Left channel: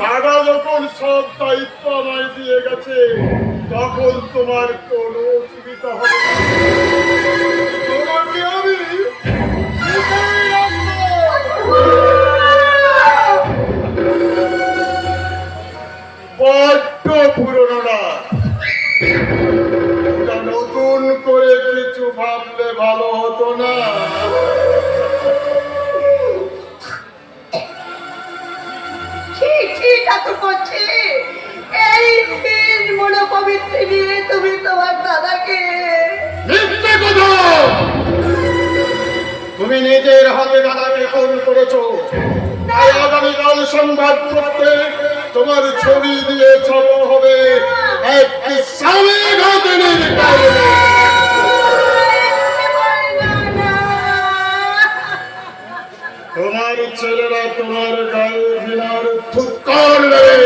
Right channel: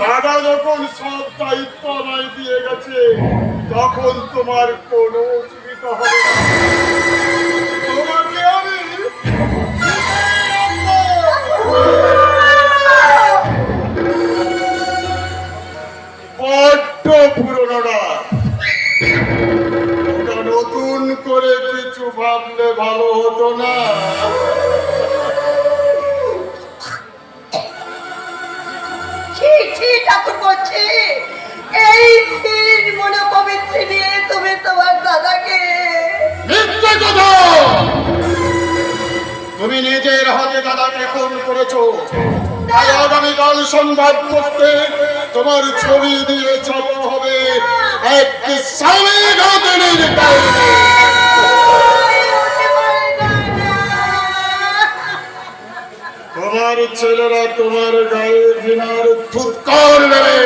দাদা যখন সব দায়িত্ব আমায় দিয়ে গেছে তখন তোমার কোনো অসুবিধা হবে না। তোমাকে আমি বড্ড পুরনো না, নতুন করে কিছু ভাবলে ভালো হতো না? তুমি তোমার দাদাকে তুমি নিজের হাতে দাদাকে খুন করেছো, তাই আগামীকাল সন্ধ্যা করতে তোমার ছবি দিয়ে ছাপা হবে এক স্বামীর হাতের কারণে। তোমার ছেলেরা তোমার গায়ে ঘৃণার ফুৎকার নেবে।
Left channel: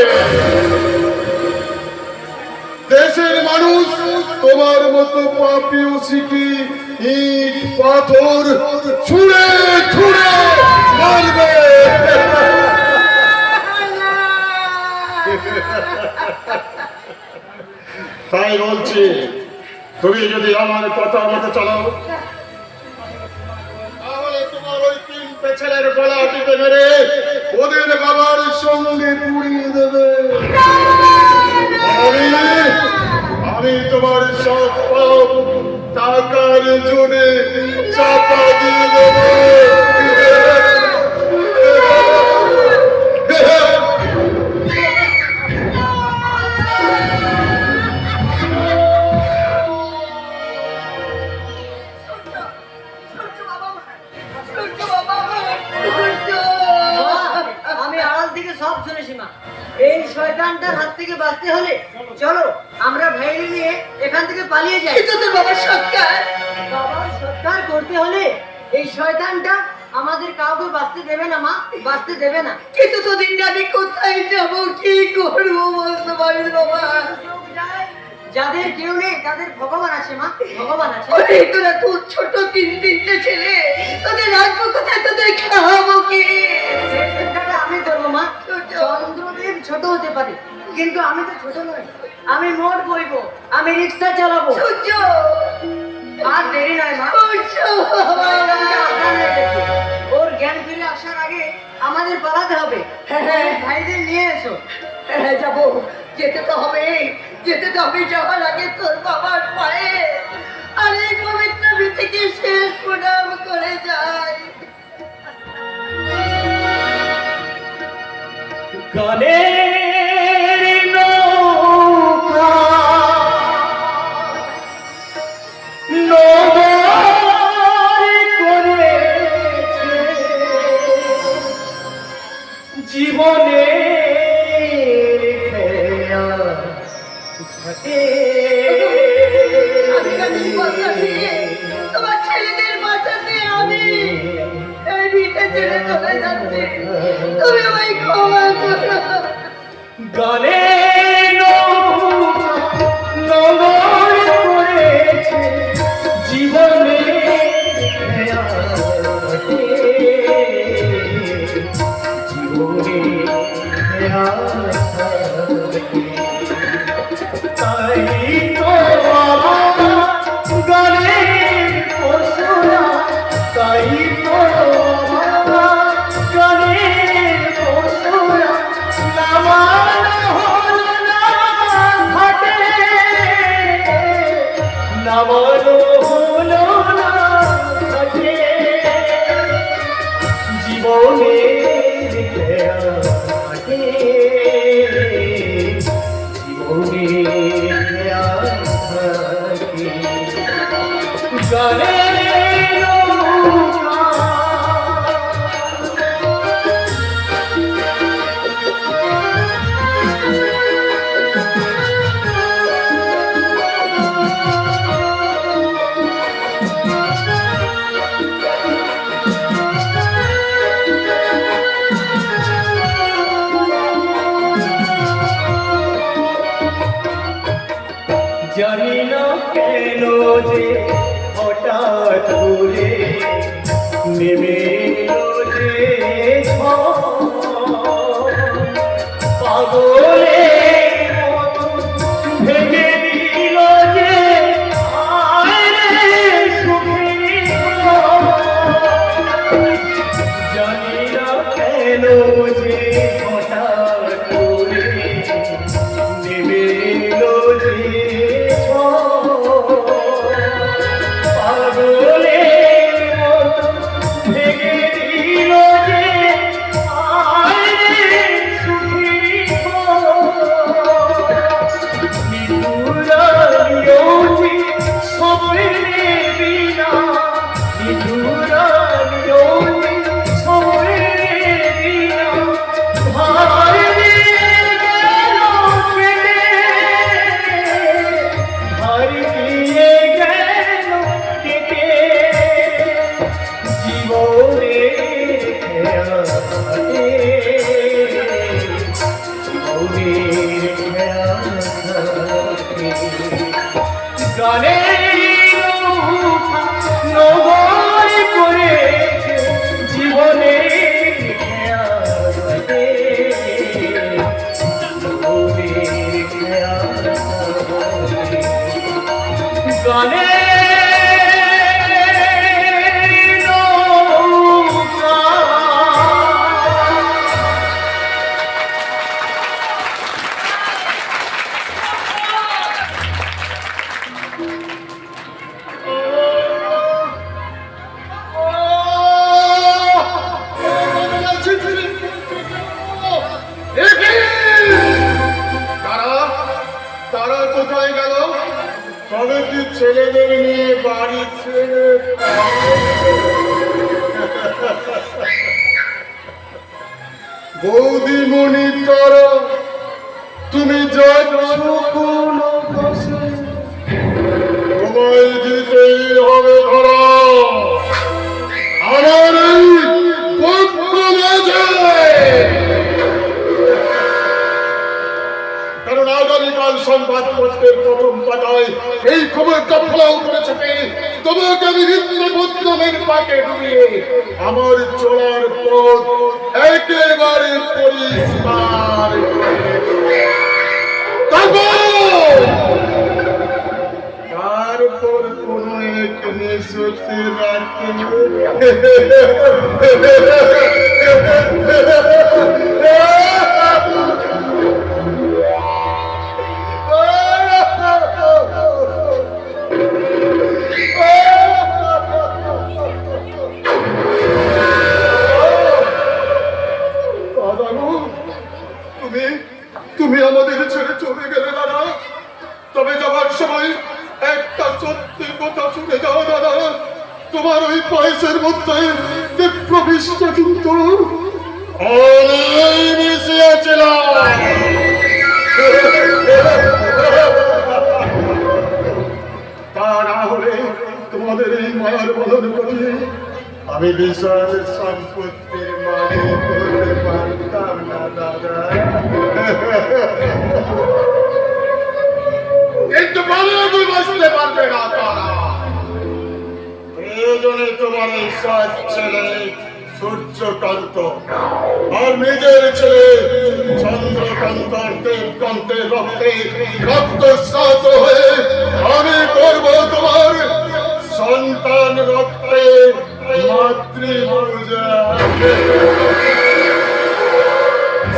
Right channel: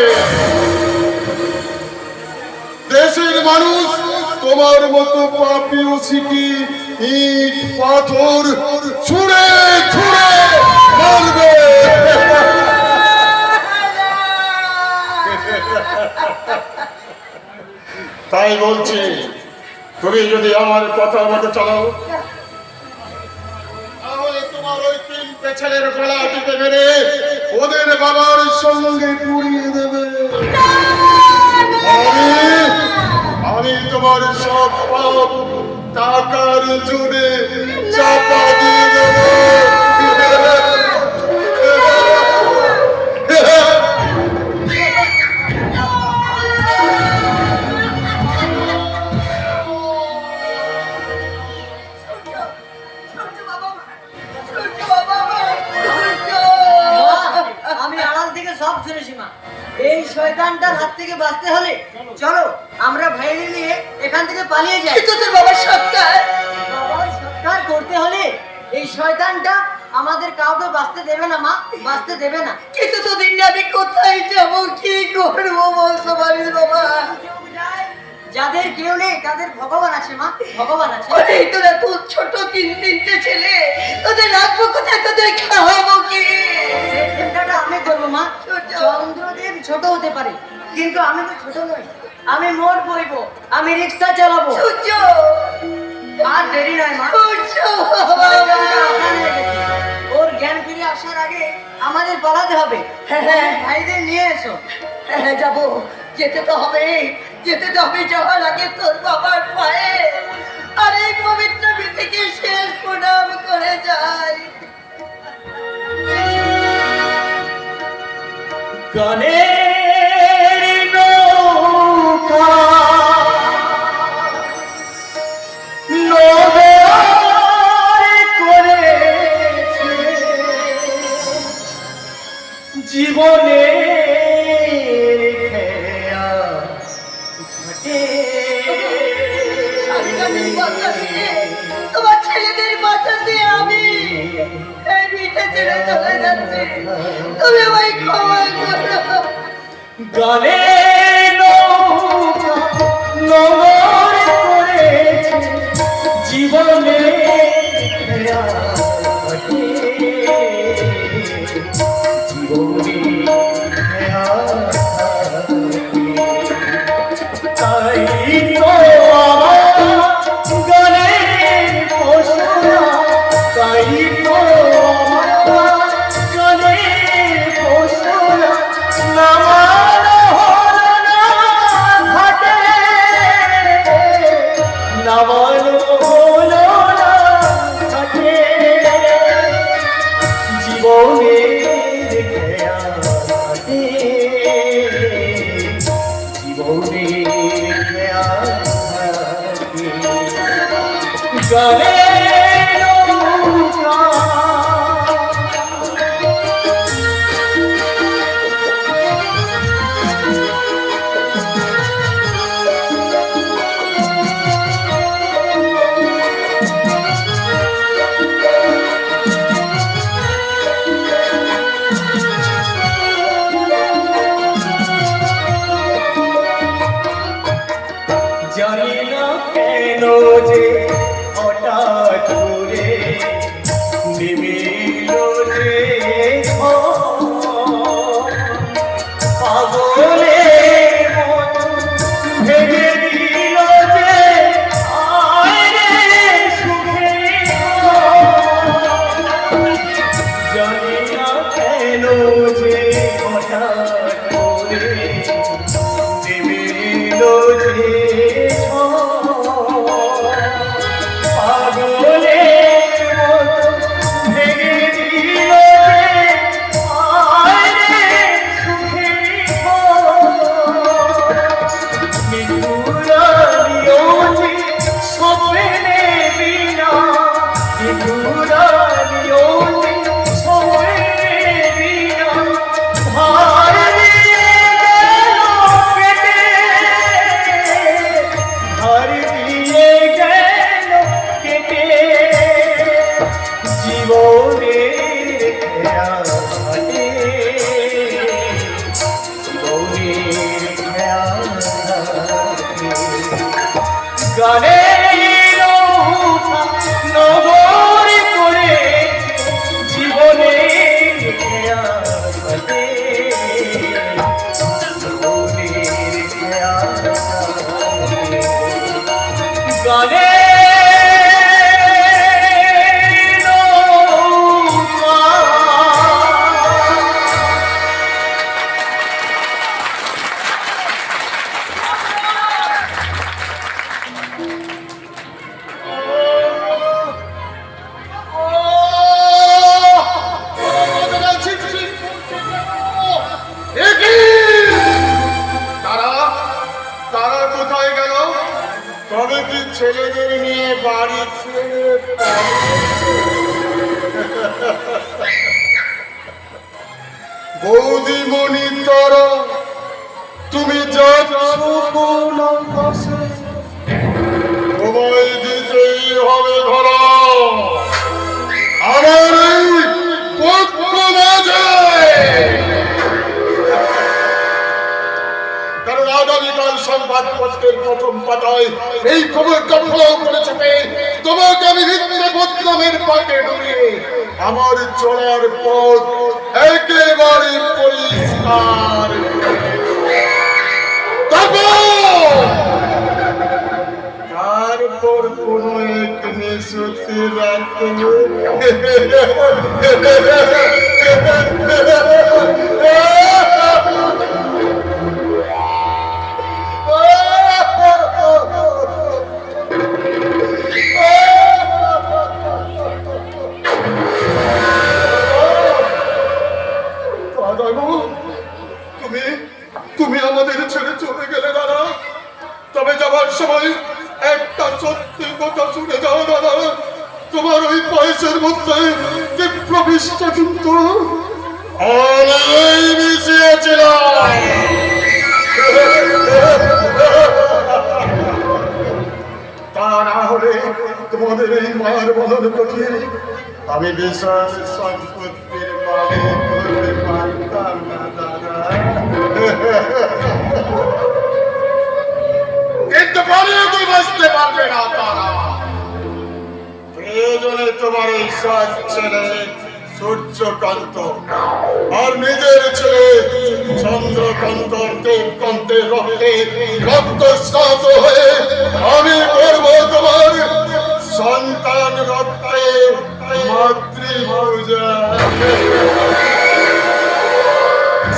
দেশের মানুষ তোমার মতো পাপিও শিখি ইট পাথর ছুঁড়ে ছুঁড়ে মারবে। তাই বলছি, তুমি যদি আমার কথা মতো চালাও তাহলে তোমার ওই তিনটে ছেলের গলা টিপে মেরে ওদের বাবার সঙ্গে পুড়িয়ে দেবে। আমি তোমার সব পাপ টাকার জোরে চাপা দিয়ে দেব। আমি আড়াল থেকে সব শুনেছি মা। এই শয়তানটার হাত থেকে বাঁচতে হলে চলো আমরা ভাইরে নিয়ে এখান থেকে পালিয়ে যাই। কিন্তু তোর বাবার সৎকার করতে হলে এই শয়তানটা আমাদের কাউকে বাঁচতে দেবে না মা, বাঁচতে দেবে না। কিন্তু তোদের আমি কোথায় যাবো, কি করবো বলতে পারিস বাবা? যাদের কেউ নেই তাদের ভগবান আছে মা, ভগবান আছে। তোরা খুব ছোট তিনটে ছেলে, তোদের রাখবো কোথায়, তোদের খাওয়াবো কি? আমি দেবো মা। চন্দ্রদেব ছোট হতে পারে কিন্তু আমি তো ছোট নই। আমি মোড় বইবো, আমি রিক্সা চালাবো। আর দেরি নয় মা। আমাদের পালাতে হবে। হ্যাঁ, ভাইদের নিয়ে এসো। হ্যাঁ যাবো, যেতে তো হবে, যেতে তো হবে। যাওয়ার আগে তোর বাবার পায়ে আর এই পবিত্র ভীতিকে শেষ প্রণাম করে যাই। গানের নৌকা নগর করেছে জীবনে তোমার ছেলেদের বাঁচাতে আমি এই ভিটে ছেড়ে চলে যাচ্ছি, তুমি আমায় ক্ষমা করো। গানে নগর করেছে জীবনে জানি না কেন যে হঠাৎ করে নেমে এলো যে পাগলে ভেঙে দিল যে জানি না কেন যে হঠাৎ করে নেমে এলো যে ছেলেদের নিয়ে বাড়ি ছেড়ে বৌদিমণি তারা তুমি যাচ্ছ কোন পাশে তোমায় দিতেই হবে ধরা আমার এই পক্ষ মাঝে, কারণ আগামীকাল সংবাদপত্রের প্রথম পাতায় এই খবরটা ফলাও করেছে তোমাকে আমি হৃদয় বদনামের পাকে ডুবিয়ে আমার চলার পথ একেবারে পরিষ্কার। তারপর কোন এক নিঃশ্বাসে রাখতে দাদা, তুমি তুমি আমাদের ছেড়ে চলে গেলে দাদা। তবে যাবার সময় একটা সত্যি কথা শুনে যাও দাদা, তোমার ওই পায়েসের মধ্যে যে প্রবিষ্ট কিন্তু আমি মিশিয়েছিলাম। তা না হলে তোমাদের এই মায়ের বদল করিয়ে আমি বিশাল সম্পত্তির মালিক হতে পারতাম না দাদা। কিন্তু বলে তুই বুঝতে পারবে না তারা। প্রয়োজনে তোমার এই সৎ ছেলে সূর্যকান্ত আর নিজের ছেলে চন্দ্রকান্ত দেবকান্তের রক্তে রক্তস্নাত হয়ে আমি করব তোমার সন্তান রক্তে মাতৃপূজা।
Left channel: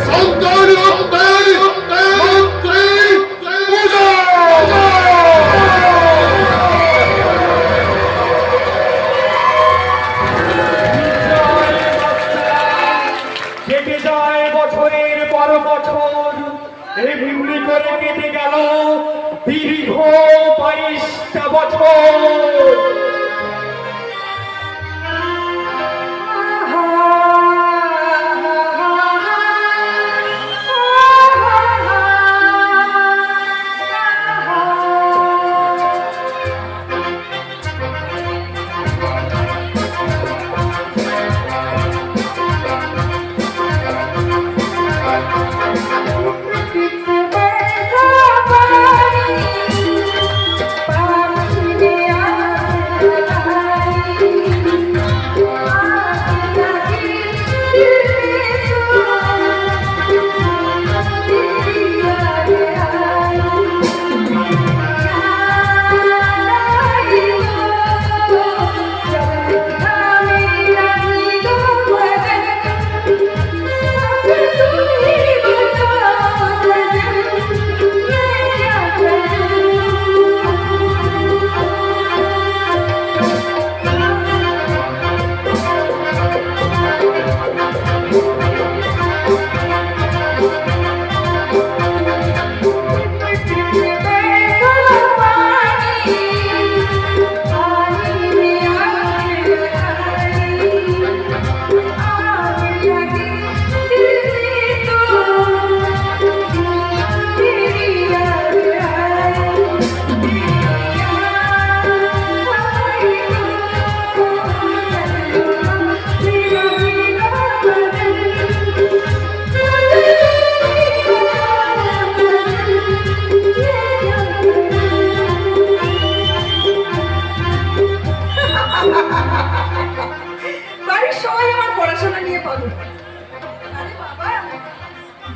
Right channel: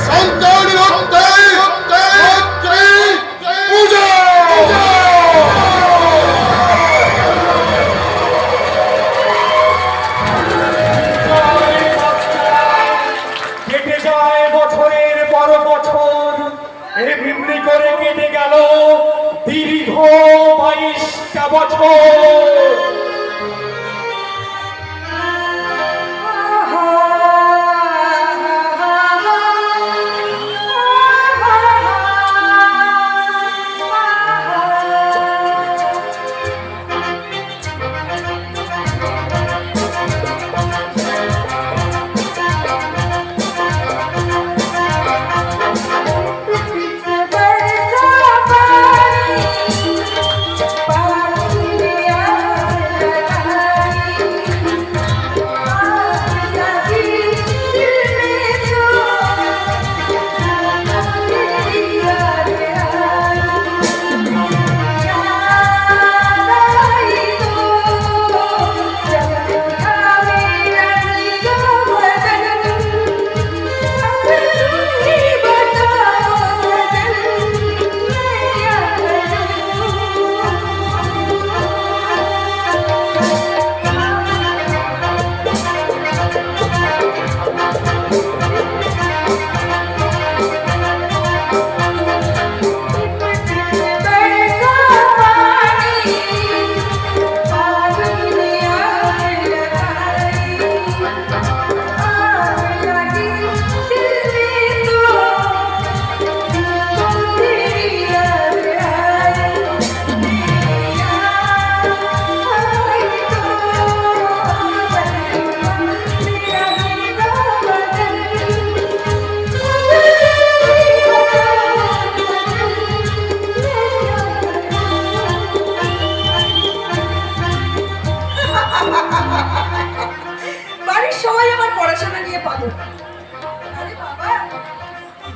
সন্তান রক্তে মাতৃপূজা। কেটে যায় বছরের পর বছর, এই ভিমড়ি করে কেটে গেল দীর্ঘ 22টা বছর।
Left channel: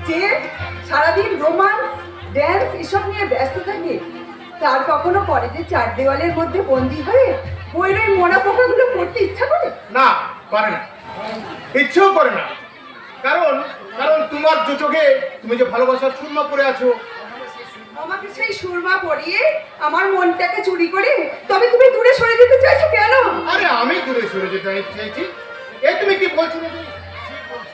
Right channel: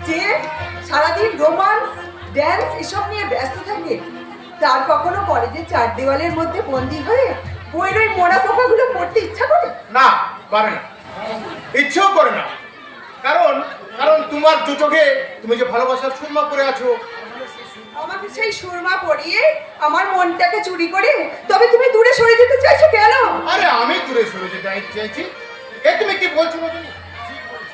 যে সারাদিন রোমান্স ড্যান্স এসব নিয়ে ব্যস্ত থাকে, তার কখনো কলেজের চার দেওয়ালের মধ্যে বন্দী হয়ে বইয়ের ওই মোড়া পোকাগুলো পড়তে ইচ্ছা করে? না, করে না, ইচ্ছেও করে না। কারণ কারণ তোমার দু চোখে তুমি যে ভালোবাসার সুরমা পরে আছো। আমাকে সেই সুরমা পরিয়ে আমার মনটাকে চুরি করে তবে তুমি দূরে সরে যেতে চাইছো কেন? আরে আমি দূরে সরে যেতে চাইছি? এ তুমি কি বলছো রজনী?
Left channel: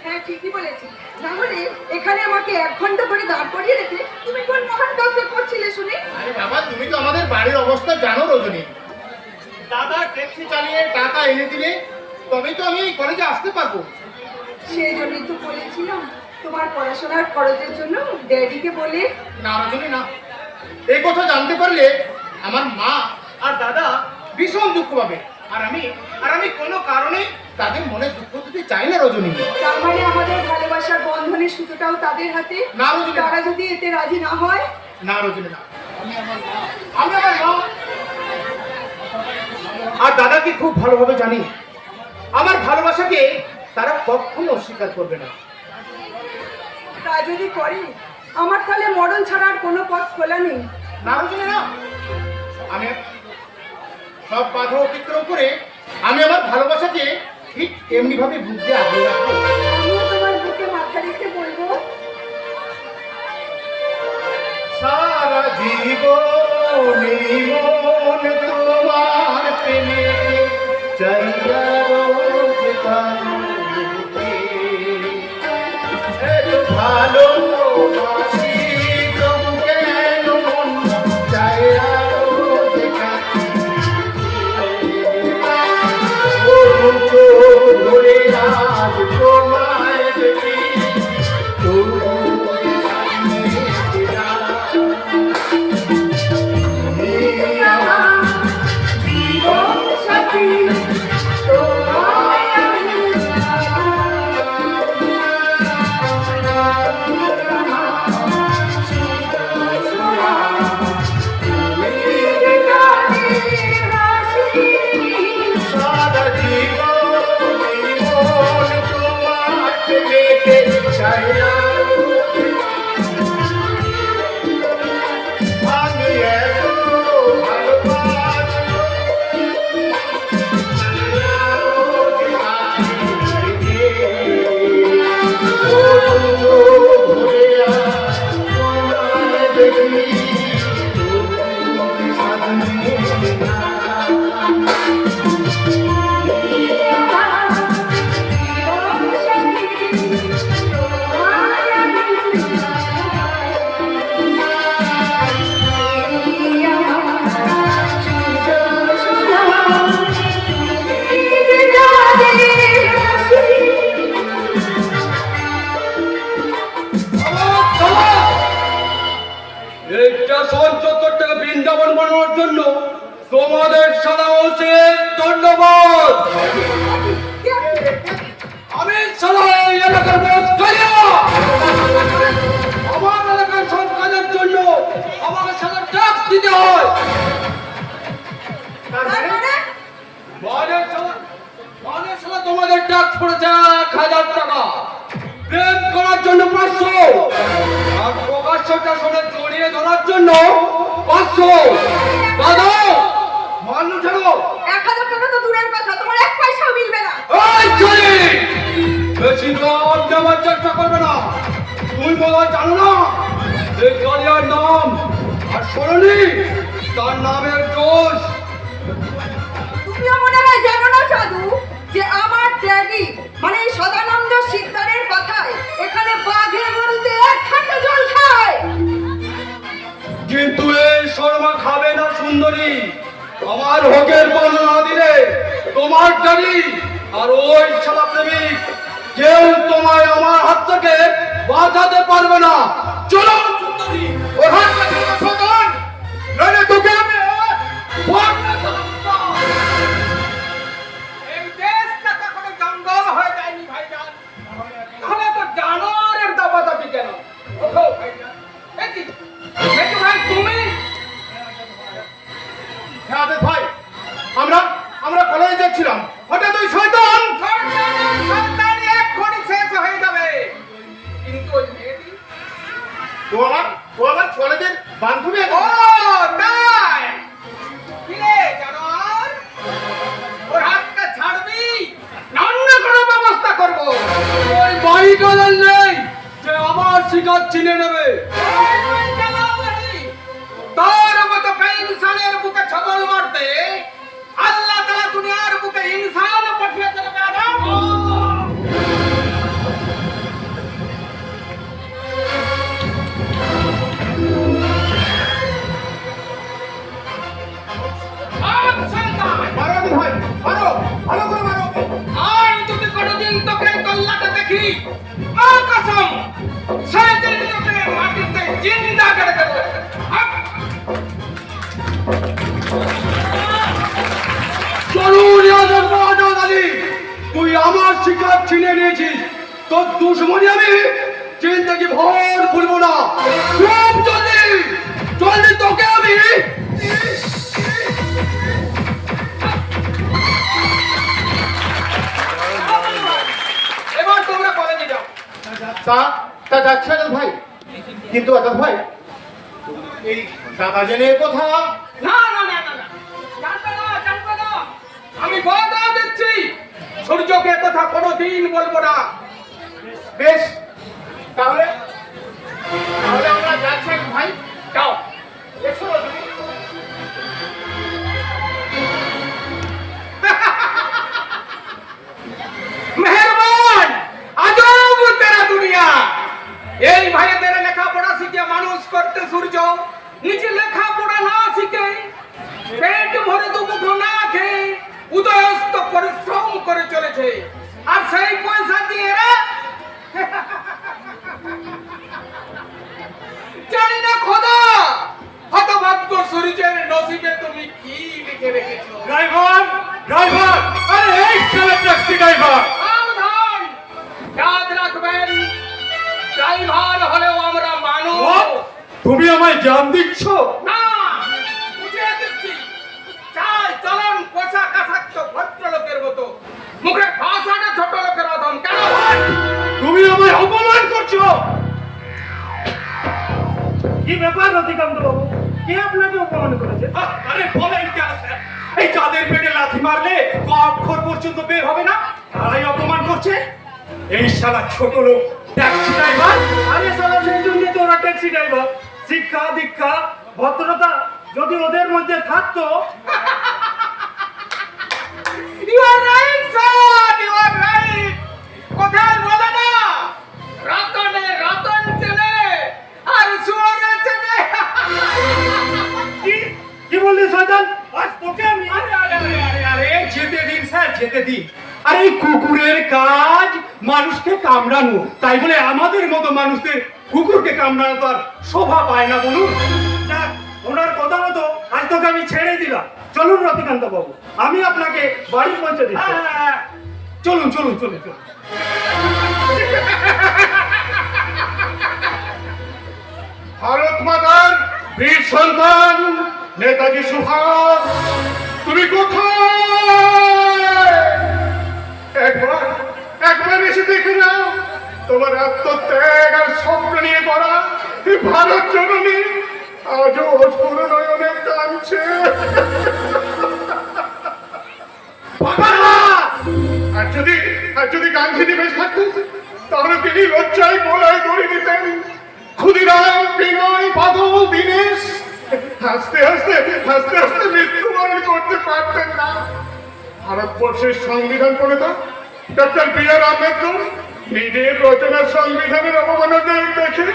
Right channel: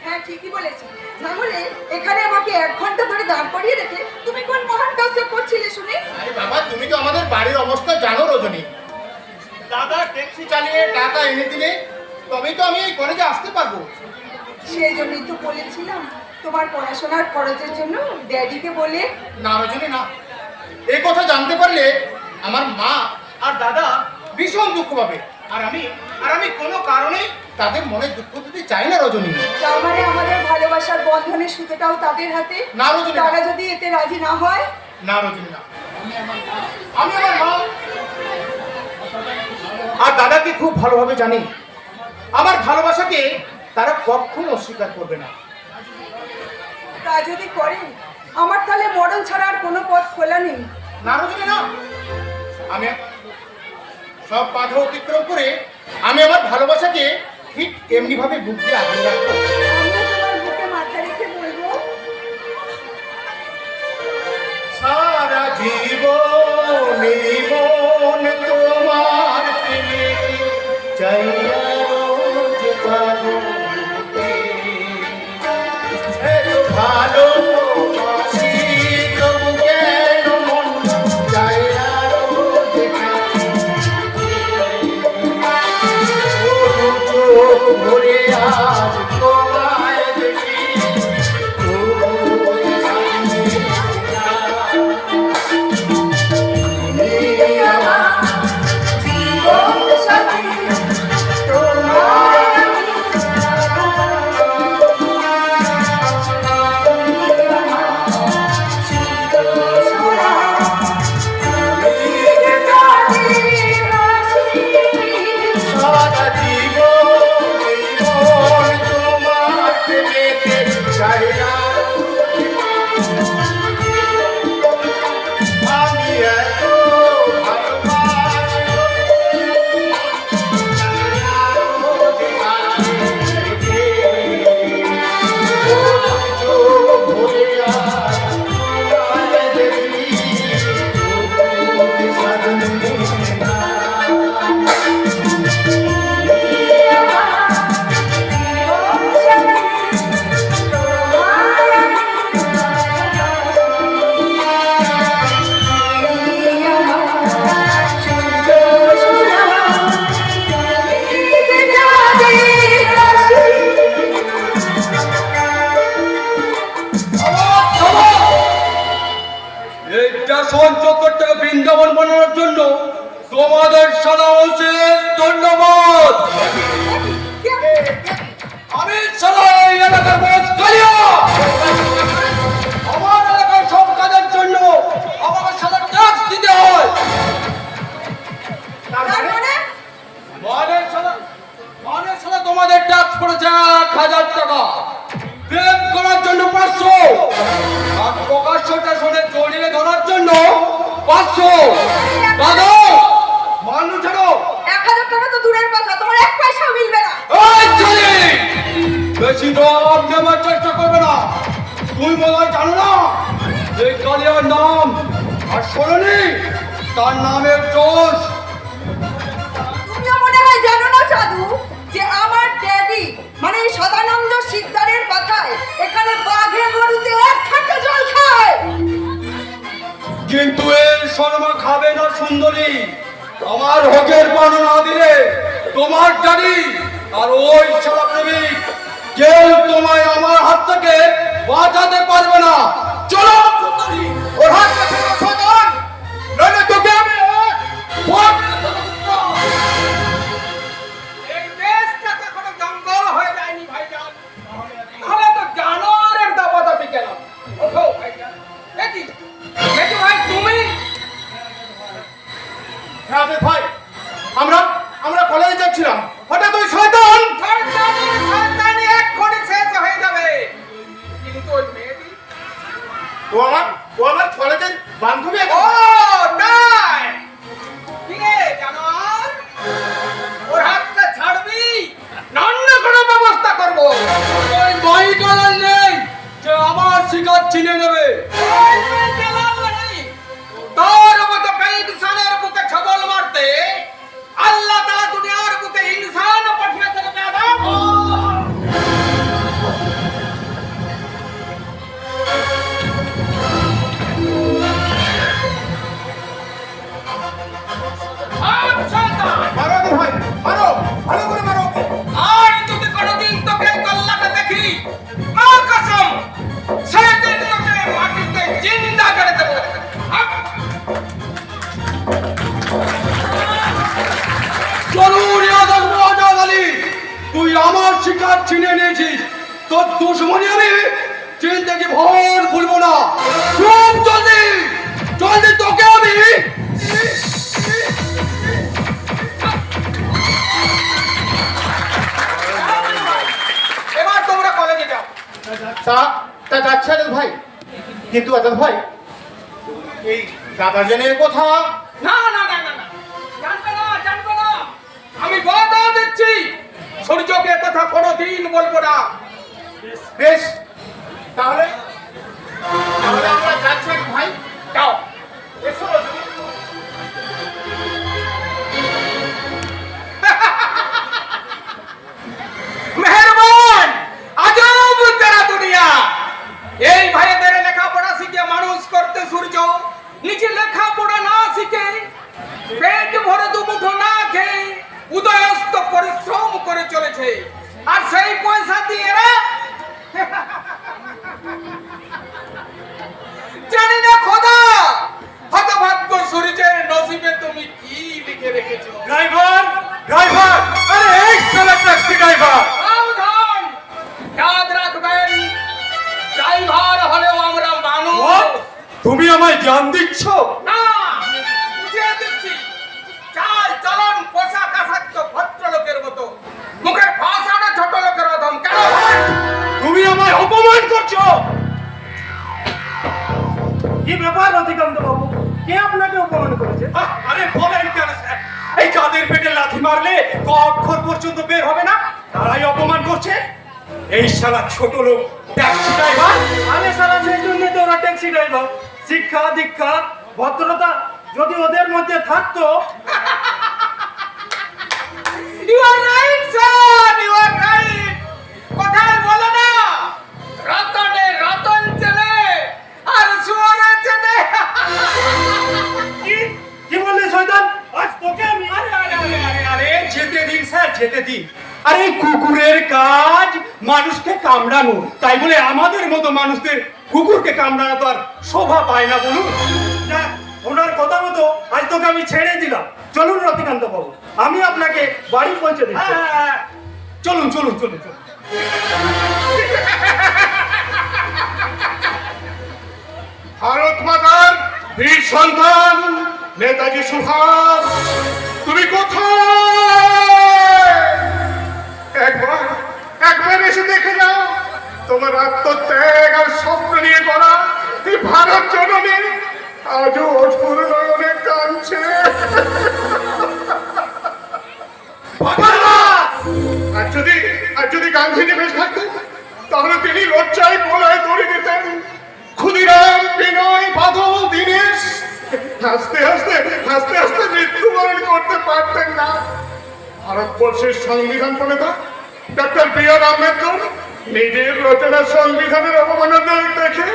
হ্যাঁ, ঠিকই বলেছি। না হলে এখানে আমাকে 1 ঘন্টা ধরে দাঁড় করিয়ে রেখে তুমি কোন মহান কাজটা করছিলে শুনি? আরে বাবা, তুমি তো আমাদের বাড়ির অবস্থা জানো রজনী। দাদা ট্যাক্সি চালিয়ে টাকা এনে দিলে তবেই তো আমি এই কলেজে আসতে পারবো। সেই জন্যই তো বলেছিলাম তোমার পড়াশোনার খরচের জন্য ড্যাডিকে বলে। না রজনী, না। এই কথা জানতে পারলে আমার মা আর দাদা ভীষণ দুঃখ পাবে। আর আমি কোনো কারণে তাদের মনে দুঃখ দিতে চাই না রজনী। তার মানে আমাদের ভালোবাসার বন্ধনের সুতোটাও তাদের হাতে? না রজনী, তারা যদি এতে রাজি না হয়? না রজনী, না। আমি আমার মা আর দাদাকে খুব ভালোভাবে জানি। আমার ভালোবাসাকে তারা কখনো অস্বীকার করবে না। তা যদি করে আমার তাহলে মরণ ছাড়া আর কোনো পথ খোলা নেই। না রজনী, না। আমি সব বাধা অতিক্রম করে আমি আমার ভালোবাসাকে ঠিক এমনি ভাবে বুক দিয়ে আগলে রাখবো। আজ তোমায় দেখি তবু জানি না তুমি আমার জীবন সাথী তোমায় সারা জীবন তোমার প্রেমেতে চাইয়া আমি এত এই স্টেশন চত্বরটাকে বৃন্দাবন বানানোর জন্য তোমাদের সারা উচিত ধন্যবাদ। আমি সারা এই এলাকার বস কালিয়া। আমার এলাকার সব কাজের জন্য আমাকে সারা ট্যাক্স দিতে হয়। মানে সারা তোমাদের ট্যাক্স পড়েছে 1000 টাকা, প্রেম করার জন্য 500, আর প্রকাশ্য স্টেশনে জড়িয়ে ধরার জন্য 500। দাদা মানুষ ছাড়ো। 1000 টাকা তো দূরের কথা, তোমার 1 পয়সাও মিলবে না। এই চলি বেশি নাম নেওয়ার চেষ্টা করবে না। তুই বলা জানো না এই কালিয়ার নাম আর শোনি তার নামের দোষ। তুমিও মনে হয় জানো না সাধু যে আমার ড্যাডি মানে এই সদানন্দ শিকদারের কথায় এখানে বাঘের গরুতে 1 খাটা জল খায়। কিন্তু এই শর্মা খাবে না সুন্দরী। আমার হকের পানি না দিলে তোমার দাড়ি আর ওই সারা প্রেমিক কেউ তোমায় আমার হাত থেকে বাঁচাতে পারবে না। চলো সুন্দরী, ওর হাত থেকে সদান, নইলে তোকে আমি এই দেশটা কখনো জঙ্গল হয়ে যায়নি ভাইজান, তাহলে তো জানোয়ারের দাপাদাপি কেন? ওঠো ভাইজান। দেখি দেখি ভাই তুমি হ্যাঁ ভাই, আমরা কলেজে যাচ্ছিলাম, হঠাৎ ওই শয়তান সন্তানে এক কোণে শেষ হয়ে যাবে। কিন্তু ওই মেয়েটি ও আমার কলেজের বান্ধবী। ও তাই কি রে জানোয়ার, ওর হাতটা ছাড়বি না অন্য কোনো ব্যবস্থা করবো? ওই মাইকালাল নেই যে আমার শিকার চিনে নেবে। তার মতো ইনসানের বুকে ছবল মারতে আল্লাহ তাআলা দুনিয়ার বুকে ইনসান পাঠিয়েছেন বেয়াদব। আজ শয়তান মারো ভাই, মারো ভালো করে মারো। আর যদি কোনোদিন তোকে কল্লাটা দেখি মা কসম সেদিন তোকে মাটিতে জিন্দা করে দেবো। চলুন ইয়াদব বাজাদ আলী, তুই আমার শিকার ছিনে নিয়েছিস, তোর দুশ্মনী আমি চিন্তাকে ভর ভুলবো না। খুব জলদি জলদি তোকে আমি এবার তোমরা কলেজে যাও। তা যাচ্ছে আজাদ ভাই, কিন্তু আজাদ ভাই এই দাদা জেনের কথা না না না না না, জানবে না জানবে না, আমি কথা দিচ্ছি সূর্যকে কথা কোনোদিন বলবো না। বেশ, তাহলে আমরা যাচ্ছি ভাই। যাও। এসো রজনী। মেহেরবান আজব তেরা দুনিয়া। এই ভাইদের লেখাপড়া শিখে মানুষ করতে সূর্য নিজে লেখাপড়া না শিখে পেট ভরে দুমুঠো না খেয়ে উদয়স্ত পরিশ্রম করে চলেছে। আর সেই পয়সা দিয়ে এরা জানি না খোদা হতভাগ্য সূর্যের নসিবে তুমি কি লিখে রেখেছো। ড্রাইভার ড্রাইভার, আরে এই শালা ট্যাক্সি ড্রাইভার, সাবধান, याद রাখবেন ড্রাইভার হলেও আমরা মানুষ। তুমি আমায় জান দিচ্ছ? না, বুঝিয়ে দিচ্ছি। চাল চলন পোশাক আশাক তো ভদ্রলোকের মতো, মুখে ভাষাটা ছোট লোকের মতন। কেন ভাই? তুমি আমায় অপমান করছো। কি ব্যাপার রতিকান্ত বাবু, কে আপনাকে অপমান করেছে? আরে বলেন কেন স্যার? এই চাঁদের পেটে লাথি মারলে ক অক্ষর পর্যন্ত বের হবে না, তারাই অপমান করছে। এই শালা ছোট লোক ট্যাক্সি ড্রাইভার। আরে সারা সেই জন্যই তো ওরা ট্যাক্সি ড্রাইভার। শিক্ষা দীক্ষা ভদ্রতা যদি ওদের মধ্যে থাকতো। You are right, son. You are right. কোথায় বলে না? রতনে রতন চেনে, আর সুয়ারে চেনে। কি কি বললি শয়তান? আজ তোকে আমি আরে আরে আরে আরে আরে যেতে দিন স্যার, যেতে দিন। আরে এই কুকুরের কাজ মানুষকে কামড়ানো, তাই বলে আমাদের মতো মানুষদের কুকুরকে কামড়ানো তো আর শোভা পায় না বলুন। যাক, ওনার কথা মতো আজ তোকে আমি ছেড়ে দিলাম। চলুন রতিকান্ত বাবু, আমি আপনাকে বাড়ি পৌঁছে দিচ্ছি। হ্যাঁ, চলুন চলুন চলুন চলুন। ভারত মাতার বীর সন্তান নেতাজি সুভাষ, তুমি কোথায়? একবার একবার এসে দেখে যাও তোমার আত্মত্যাগ আর স্বপ্ন নিয়ে করা এই ভারত জননী আজও অঝোর নয়নে কাঁদছে। আর যদি গান্ধীজি বেশ থাকতেন তাহলে তিনি লজ্জায় গোলায় দড়ি দিতেন। ক্ষুদিরাম, বিনয়, বাদল, দীনেশ হাসতে হাসতে হাসতে হাসতে মৃত্যুবরণ করতে পারতেন না। ভারতবর্ষের সংবিধান প্রণেতা ডক্টর বি.আর. আম্বেদকর নিজের রচনা সংবিধানের অবমাননা দেখে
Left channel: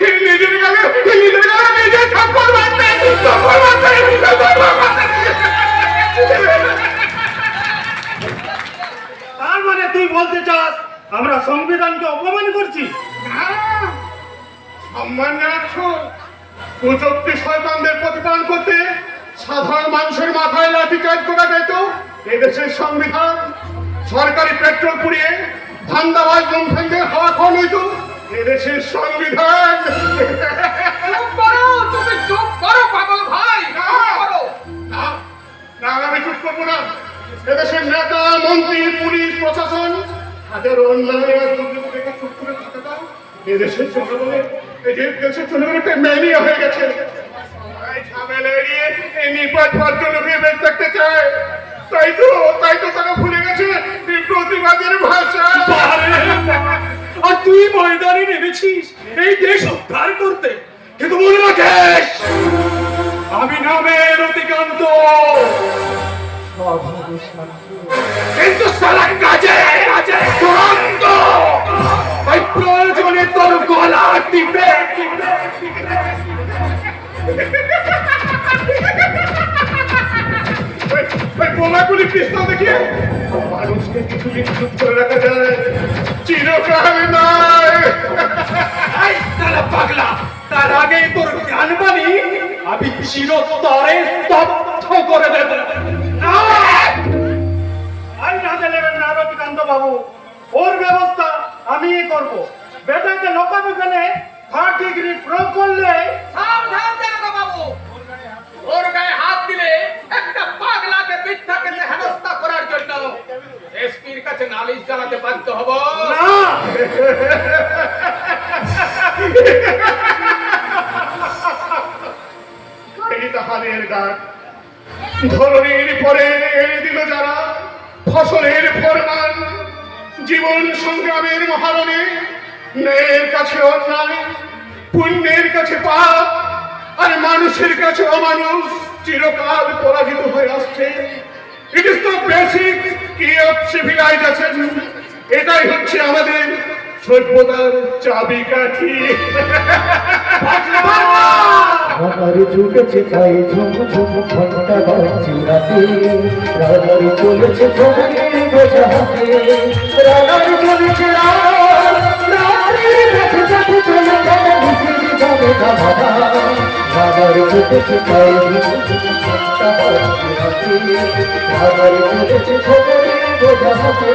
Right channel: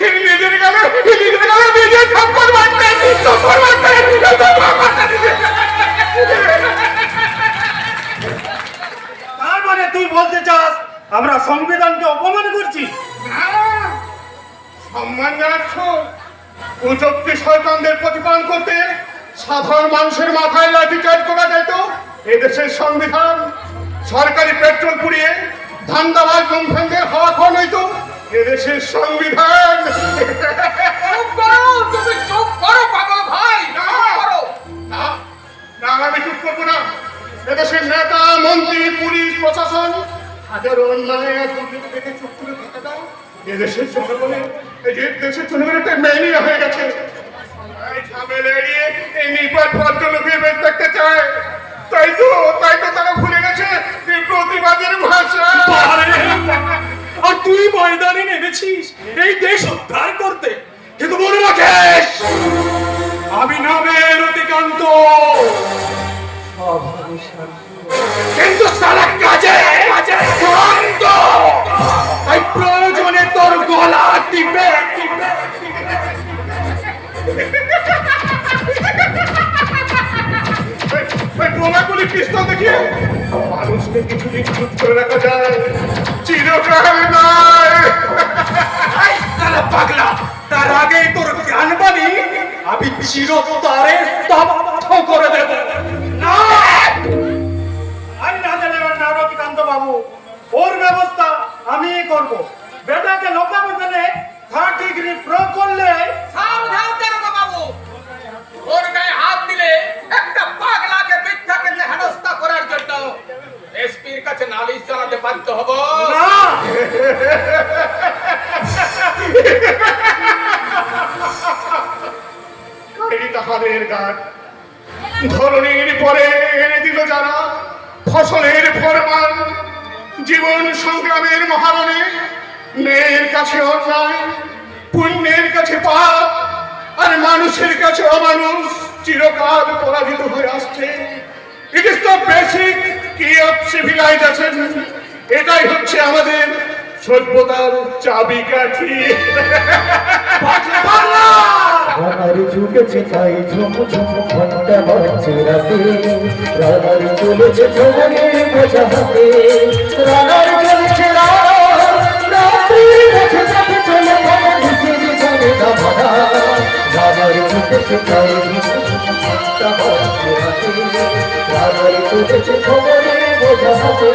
তিনি নিজের গালে নিজে থাপ্পড় মারতেন। তার মানে তুই বলতে চাস আমরা সংবিধানকে অপমান করছি? সম্মান রাখছ কুচক্তি শয়তানদের প্রতিপালন করতে সাধারণ মানুষের মাথায় লাঠিচার্জ করা যেত। এদেশের সংবিধান সরকারি পেট্রোল পুড়িয়ে ধান্দাবাজ লুণ্ঠনদের হাওয়া খাওয়ানো হইতো। এদেশের সংবিধান চুপ করো, তুমি চুপ করো পাগল ভাই, না, চুপ করো। না, না, আমি চুপ করবো না। এদেশের নেতা, মন্ত্রী, পুলিশ, প্রশাসন হাজারো অন্যায় আর দুর্নীতি দেখে চুপ করে থাকাটা এদেশের জনগণের দেশের জনগণের একটা ম্যানিয়া হয়ে গেছে। এই ঝামেলা এড়িয়ে এই নিপাট ভদ্রলোকে বেঁচে থাকতে চায়। তাই তো তারা ভুলে গেছে এই প্রতিবাদের ভাষা। আর তুই ময়দানে নেমেছিস এই দেশ উদ্ধার করতে, কিন্তু বল রাকেশ, আমি নামে রতিকান্ত, কিন্তু সারা কাজে কাজে চূড়ান্ত। তাই প্রয়োজনে তোর গলা টিপে বোমাগুলি পিস্তল দেখিয়ে মানুষকে কিছু নিশ্চিত করে রাখা যায়, চিরকাল নয়। এই শালা পাগলা, তার আগে তোর জ্ঞানবাণী আমি চিরতরে স্তব্ধ করে দেব। আই না দিলেন না রতিকান্ত বাবু, ওর ব্যবস্থা আমিই করব। বেটাকে লোকাবো গেলে 3rd ডিগ্রি প্রো করলে সাবধান দারোগা বাবু, ওর গায়ে হাত দিলে একটা পাগলাকে মিথ্যা কেসে হেনস্থা করার জন্য এসপির কাছে নালিশ জানাতে বাধ্য হব। না। এই তাহাদের গান ধরনের পরে এনে দিল যারা ফসলের ফরমান। জীবন সংগ্রামের মহারণে ন্যায়ের কাছে অন্যায়, পুণ্যের কাছে পাপ, আর মানুষের কাছে অমানুষ চিরকাল পরাজিত হয়ে আসছে। ইট ইজ দ্য বেসিক কি অফ সিভিলাইজেশন। এটাই হচ্ছে আমাদের সভ্যতার চাবিকাঠি। আমার ঝুঁকেছে তাই ঝুমঝুম ঘন্টা বাজছে রাতে, রাবার চলেছে ঝুমুরে বোঝা হাতে। খবরে বোঝা হাতে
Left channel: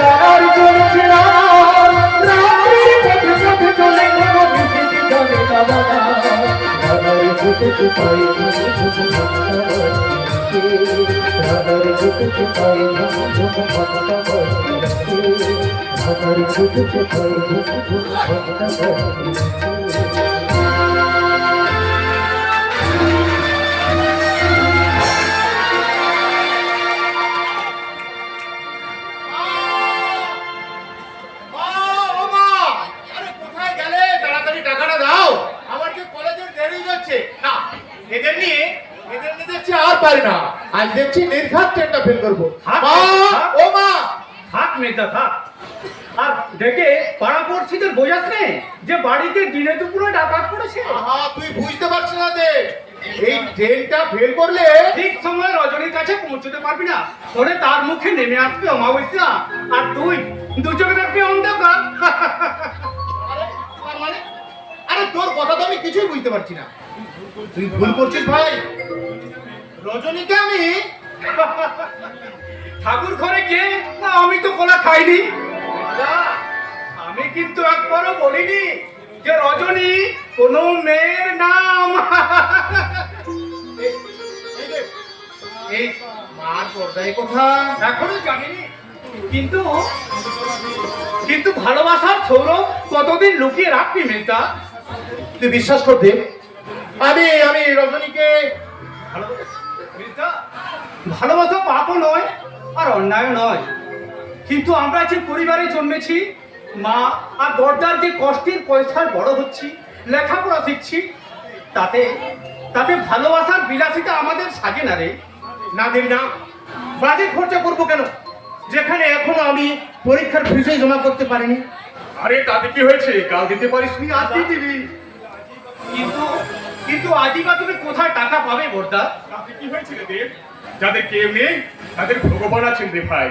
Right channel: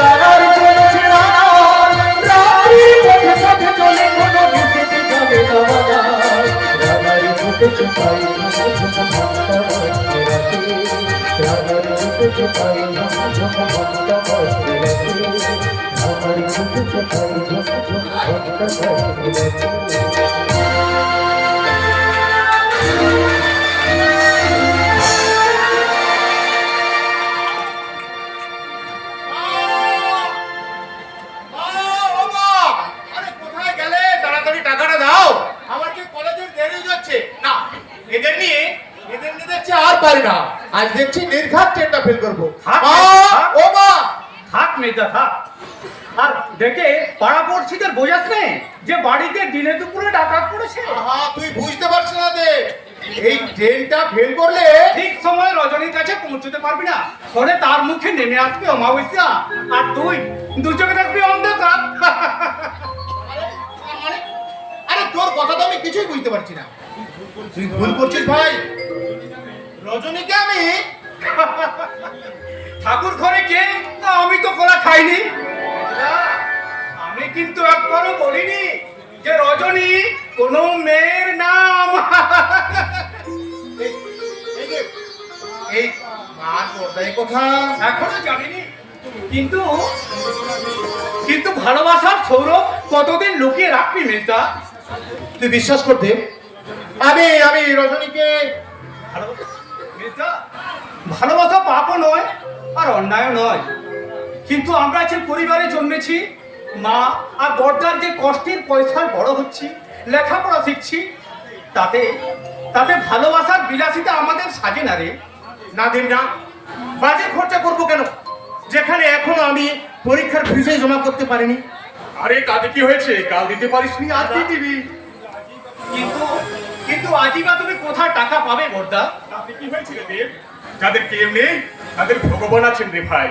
রানার চলছে রানার রাত্রির পথে পথে চলে কোনো বিচিতে যাবে না রানার ছুটে ছুটাই রানার ছুটে ছুটাই রানার ছুটে ছুটাই মা, ও মা, আরে কোথায় গেলে? তাড়াতাড়ি টাকাটা দাও, আমার যে কলেজের দেরি হয়ে যাচ্ছে। না, এদের নিয়ে দেখছি আর পারি না। আজ দেখছি নির্ঘাত ট্রেনটা ফেল করবো। মা, ও মা, থাক মেয়েটা থাক। আর দেখে পাড়া পড়শিদের বোঝাস নেই যে বাড়িতে দিনে দুপুরে ডাকাত পড়েছে। আহা, তুই বুঝতে পারছিস না যে এই ট্রেনটা ফেল করলে ঠিক সময় রজনীর কাছে পৌঁছতে পারবি না, ফলে তার মুখে নেমে আসবে অমাবস্যা, আর তুই দু চোখে থাকবি অন্ধকার। আরে, মানে, আরে তোর কথা তো আমি কিছুই বুঝতে পারছি না। তুই ভুল করছিস ভাই। রজনীকে আমি ঠাকুর ঘরে কে? না, আমি তো কলা খাইনি। না, আমি কিন্তু একবারও বলিনি যে রজনী কোনো মেয়ের নাম। এই যে, এই মার পর্দায় কথা এখনো জানিনি, কিন্তু কিন্তু ভালোবাসার সৌরভ কতদিন লুকিয়ে রাখবি মেয়েটা? তুই বিশ্বাস করতে আমি রজনীকে মেয়েটা, ভালোবাসা পাপও নয় আর অন্যায় নয়, কিন্তু আমরা যে পরিবারে জন্মেছি, মা আর বড়দার যে কষ্টের পয়সায় বড় হচ্ছি, লেখাপড়া শিখছি, তাতে তাতে ভালোবাসার বিলাসিতা আমাদের সাজে না রে। না দিন না, বাজে খরচা করবো কেন, যেখানে এখনো আমি পরীক্ষার ফিসে জমা করতে পারিনি। আরে তাতে কি হয়েছে? কাল দিতে পারিসনি, আজ দিয়ে দিবি। কিন্তু কিন্তু আজই বা তুমি কোথায় টাকা পাবে বড়দা? তাতে কি হয়েছিল দেব? যাদের কেউ নেই তাদের ভগবান আছেন রে ভাই।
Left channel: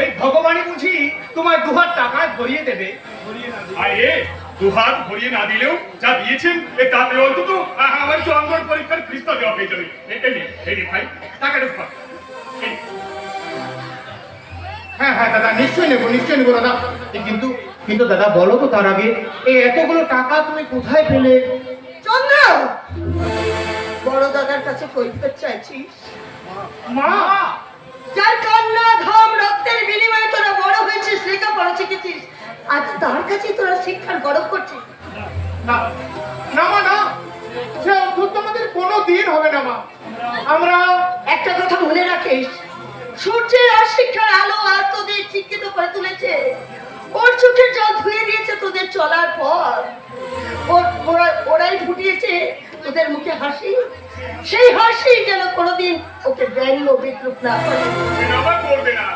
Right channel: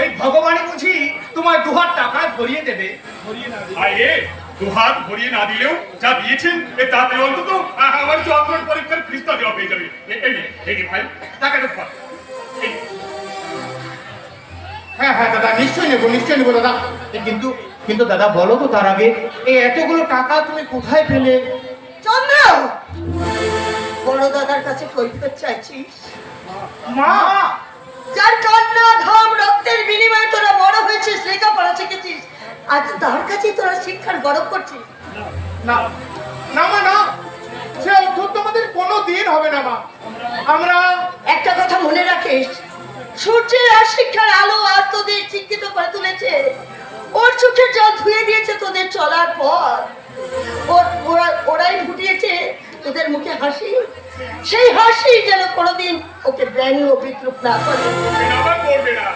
এই ভগবানই বুঝি তোমার দুহাত টাকায় ভরিয়ে দেবে। আরে দুহাত ভরিয়ে না দিলেও যা দিয়েছেন তাতে অন্তত আমার চন্দ্র পরীক্ষার ফিসটা দেওয়া হয়ে যাবে। এই নে ভাই, টাকাটা ধর। এই, হ্যাঁ হ্যাঁ দাদা, নিশ্চয়ই নেবো দাদা। কিন্তু কিন্তু দাদা বলো তো তার আগে, এই এতগুলো টাকা তুমি কোথায় পেলে? চন্দ্র, বড় দাদার কাছে কৈফিয়ত চাইছিস? মা, যার কান্না ঘাম রক্তের বিনিময়ে তোরা বড় হয়েছিস, লেখাপড়া শিখেছিস, আজ তার কাছে তোরা শিক্ষার গরব করছিস। না না মা, না, সে অদ্ভুত আমাদের কোনো দিন হবে না মা। আমরা একটা কথা মনে রাখিস, সূর্যের আর শিক্ষার আলো আর তোদের শিক্ষিত করে তুলেছে, ওর চোখের জল ধুয়ে দিয়েছে তোদের চলার পথ, ওরাই ফুটিয়েছে তোদের মুখে হাসি, সেই হাসি যেন কোনোদিন ওকে ব্যঙ্গ বিদ্রুপ না করে। আবার করবে না।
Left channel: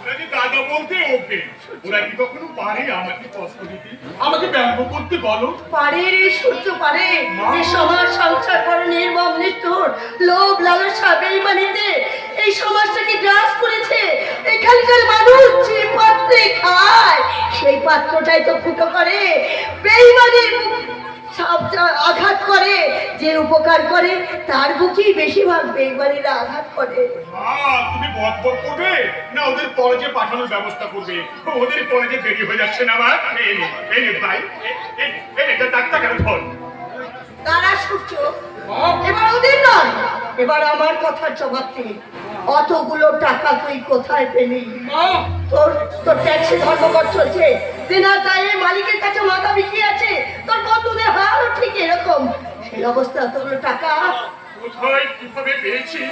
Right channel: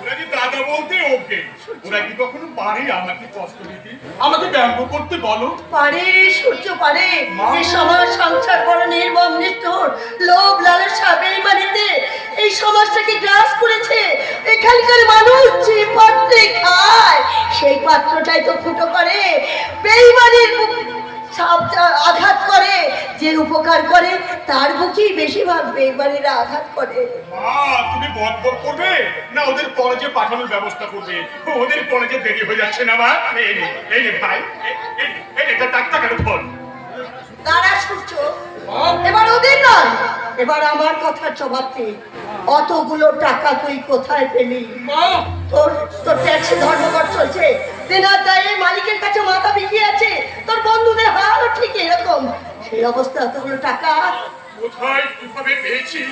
ওরা যে দাদা বলতে ওকে, ওরা কি কখনো পারে আমাকে কষ্ট দিতে, আমাকে ব্যঙ্গ করতে বলো? পারে সূর্য পারে, যে সমাজ সংসার করে নির্মম নিষ্ঠুর লোভ লালসা বেইমানিতে এই সমাজটাকে গ্রাস করেছে। এখানকার মানুষ যে পাত্রে খায় সেই পাত্রটাই তো ফুটো করে, বেইমানির আঘাত করে, যে উপকার করে তার বুকেই বেশিরভাগ বেইমানিরা আঘাত করে। মা, তুমি বকবক করবে না ওদের কলেজে পাঠানোর ব্যবস্থা করবে? ওদের কলেজে দেরি হয়ে যাচ্ছে না মা। এই নে ভাই, এই নে টাকা কেন ধর। তারা সূর্য, এবার ওদের নয়, এবার আমার কথার জবাব দে। অতগুলো টাকা তুই কোথায় পেলি? তোর তোর ট্যাক্সি ধর্মঘট চলছে, দিনার দায়ে মালিকের কাছে মাথা বিকিয়ে আছে, তোর বন্ধুদের হালও ঠিক এরকম। সেই অবস্থা এতগুলো টাকা কোথায় কিভাবে পেয়েছি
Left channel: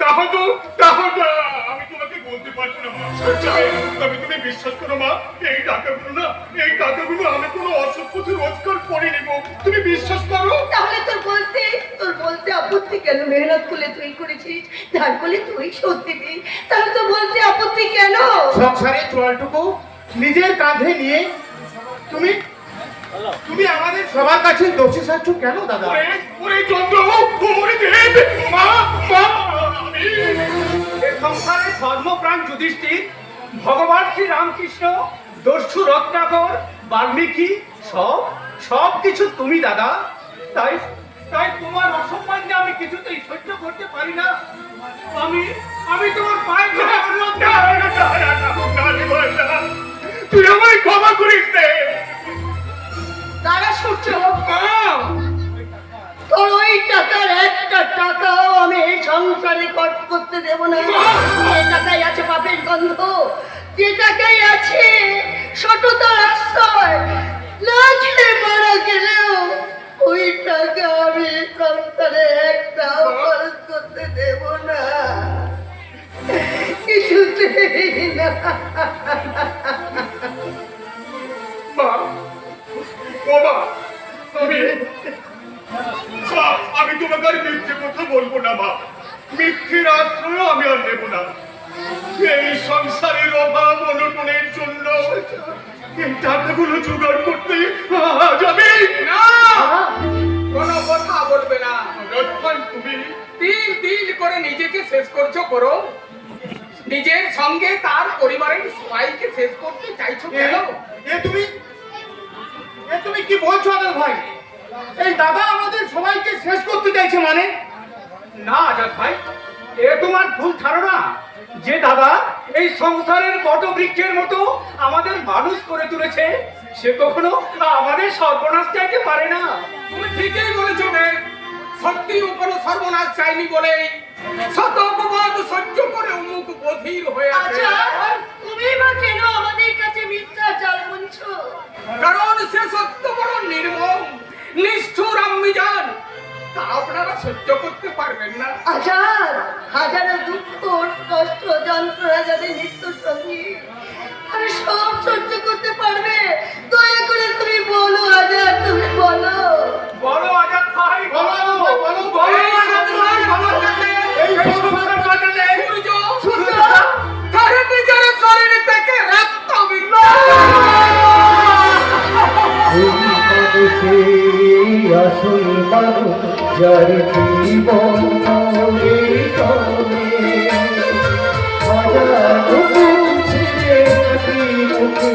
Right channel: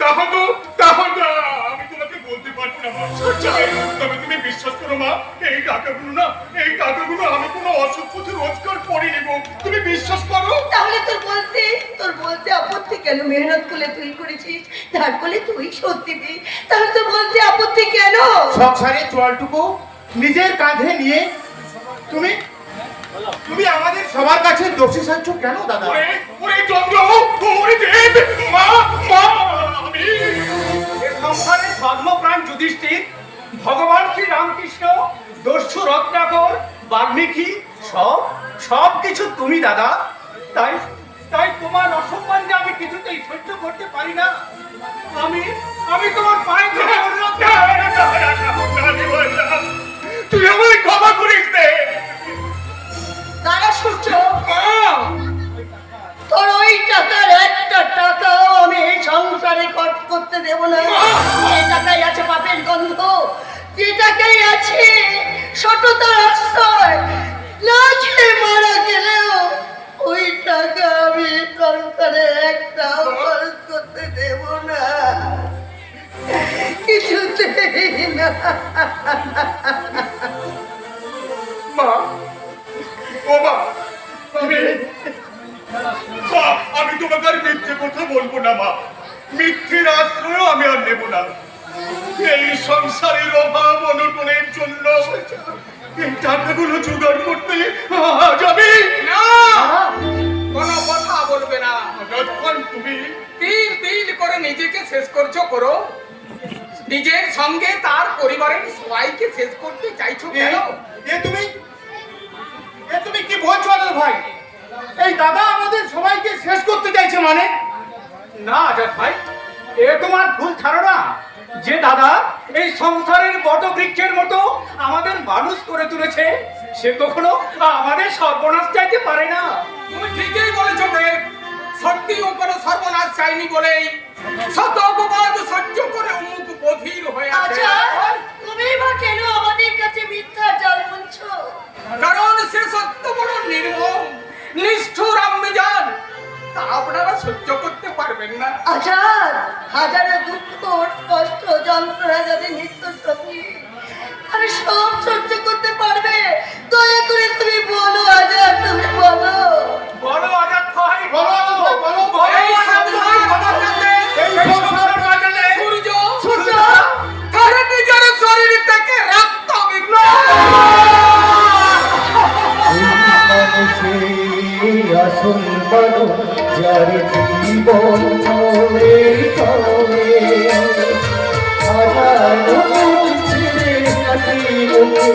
তাহলে আমি তোমাকে বলতে পারবো না মা। তবে তুমি বিশ্বাস করো মা, এই টাকাগুলো আমি কোনো অসৎ পথে রোজগার করিনি গো, তুমি বিশ্বাস করো। তাহলে তোর বলতে আপত্তি কেন? মেহনত করলে তুই করেছিস, ধার করলে তুই শোধ দিবি, তাহলে তোর বলতে আপত্তি কেন? সংসারের চোয়ালটুকু নিজের কাঁধে নিয়ে তুমি তুমি আমাদের সবার কাছে দোষী সাচ্ছ কেন দাদা? ওরে চন্দ্র, ওরে দেব, মা, আমি এ সংসারে ধর্মপ্রাণ যুধিষ্ঠির, ভগবান শ্রী রামকৃষ্ণ, দস্যু রত্নাকর, বাল্মীকি, সব কিছু তুমি দাদা। তাই তাই তোমার অসম্মানকে আমি কিছুতেই সহ্য করতে পারি না। আমি তোমার পায়ে ধরে অনুরোধ তুই আমায় ক্ষমা করিস রে। তারা সূর্য, তোর ওই টাকার একটা টাকাও আমি এই সংসারে খরচ করতে দেব না। যে টাকায় আছে পাপের গন্ধ, যে টাকায় আছে সততার আশ্রয়, লাজে মারা গেলেও ওই টাকা আমি সংসারে একটাও খরচ করতে দেব না, কিছুতেই না। মা, ও মা, আমি তোমাকে আর মিথ্যে কথা বলবো না মা। মিথ্যের আশ্রয় আমি আর নেব না। এই সংসারের অভাব অনটনের জন্য এই টাকাগুলো জোগাড় করতে আজ আমি না, কোনো কথা বলবে না। যতক্ষণ তুমি তিল তিল করে নিজেকে শেষ করছো করো, নিজের সঙ্গে তার পরিবারের সবাইকে শেষ করতে চাইছো কেন? এ তুমি কি বলছো আদর ভাই? এই দাদা আমাদের সবাইকে শেষ করতে চাইছে মানে? না আজাদ ভাই, এ তোমার ভুল ধারণা। যে দাদা এই সংসারের বটবৃক্ষের মতো আমাদের মানুষ করে তুলেছে, সে কখনো আমাদের সর্বনাশ চাইতে পারে না। তুমি ঠিকই বলেছো দেব, সত্যি ও কোনো সর্বনাশ চাইনি বলেই শত অপবাদ সহ্য করে মুখ বধির হয়ে আছে। আচ্ছা, তুমি বা কেন আমাদের কাছে মিথ্যা জাল বুনছো? কারণ সে সত্য বড় নির্মম, নিষ্ঠুর আম্মিজান, তা আপনারা সহ্য করতে পারবেন না। আজাদ, হাজারো দুঃখ কষ্ট যন্ত্রণা যাদের নিত্য সঙ্গী, তারা সব সহ্য করতে পারবে। দয়া করে তুমি বলো আজাদ, তুমি বলো। বলো আজাদ ভাই, বলো বলো এই সংসার বাঁচাতে, সূর্য তার নিজের শরীর থেকে রক্ত বিন্দু ওই মানুষের আসল মানুষ যার জীবন করে চলে, হাজার মুখ ছেড়ে কাটি মুখে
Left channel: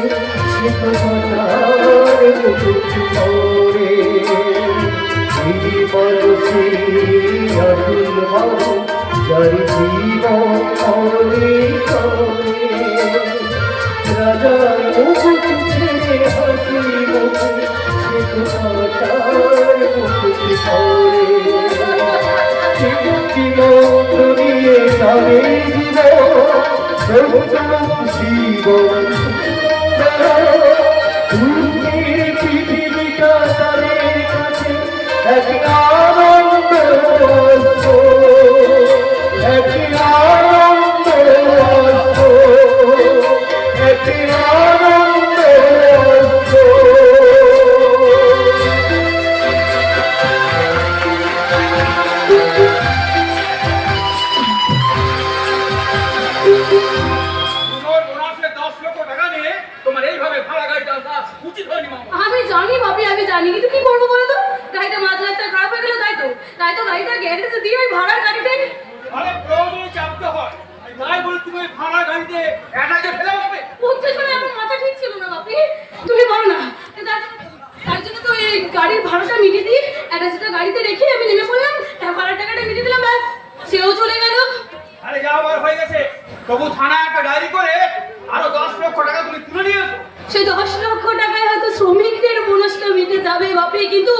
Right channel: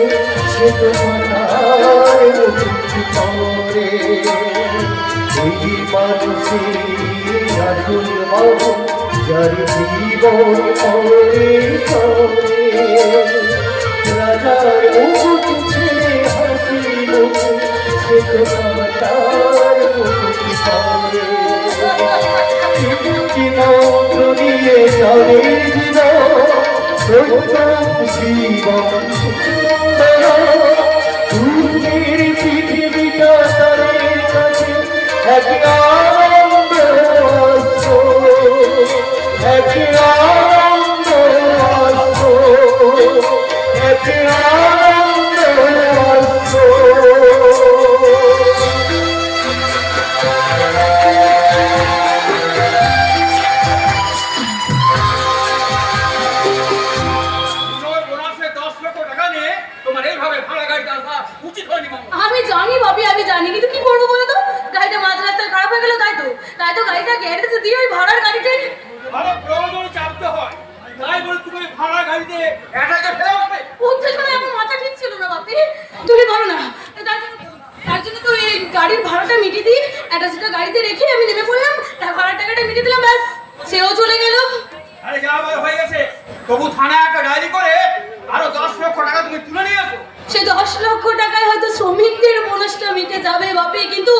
সে তো হাজার মুখ করে। ওই মানুষের আসল মানুষ যার জীবন করে চলে, রাজার মুখ ছেড়ে হাসি মুখে সে তো হাজার মুখ করে। কি মন্ত্র নিয়ে যাবে জীবন জীবন সুন্দর পৃথিবীটা তাদের কাছে এক আনন্দ, এক আনন্দ, এক আনন্দ। বোনাসে 10 লক্ষ টাকা নিয়ে তোমার এইভাবে ভাড়া গাড়িতে আসা উচিত হয়নি মামা। আমি জানি বাপি, আমি জানি, কিন্তু কি করবো বলো তো? গাড়িটা মাঝ রাস্তায় খারাপ হয়ে গেল, তাই তো গাড়িটা গ্যারেজে দিয়ে ওই ভাড়ার গাড়িটাই আরে প্রয়োজনে চাপতে হয়, তাই বলে তুমি ভাড়া গাড়িতে এটাকে ফেলে আসবে? উঠতে সময় আমার মাথা ঠিক ছিল না বাপি, তুমি পারো না। তার জন্য তো এই গাড়ির ভাড়াটা মিটিয়ে দিই, অ্যাটাচটা গাড়িতে রেখে আমি নেমে পড়লাম, ভাড়ার টাকাটা মিটিয়ে দিলাম, ব্যাস সেও চলে গেল। আরে যা আবার হয়ে গেছে, তবু থানায় একটা ডায়েরি করে আরো 10 লক্ষ টাকা তুমি তুলে নিয়ে আসো। সেই 10 লক্ষ টাকায় হয়তো শ্রমিকদের বোনাসটা মিটে যাবে বাপি, কিন্তু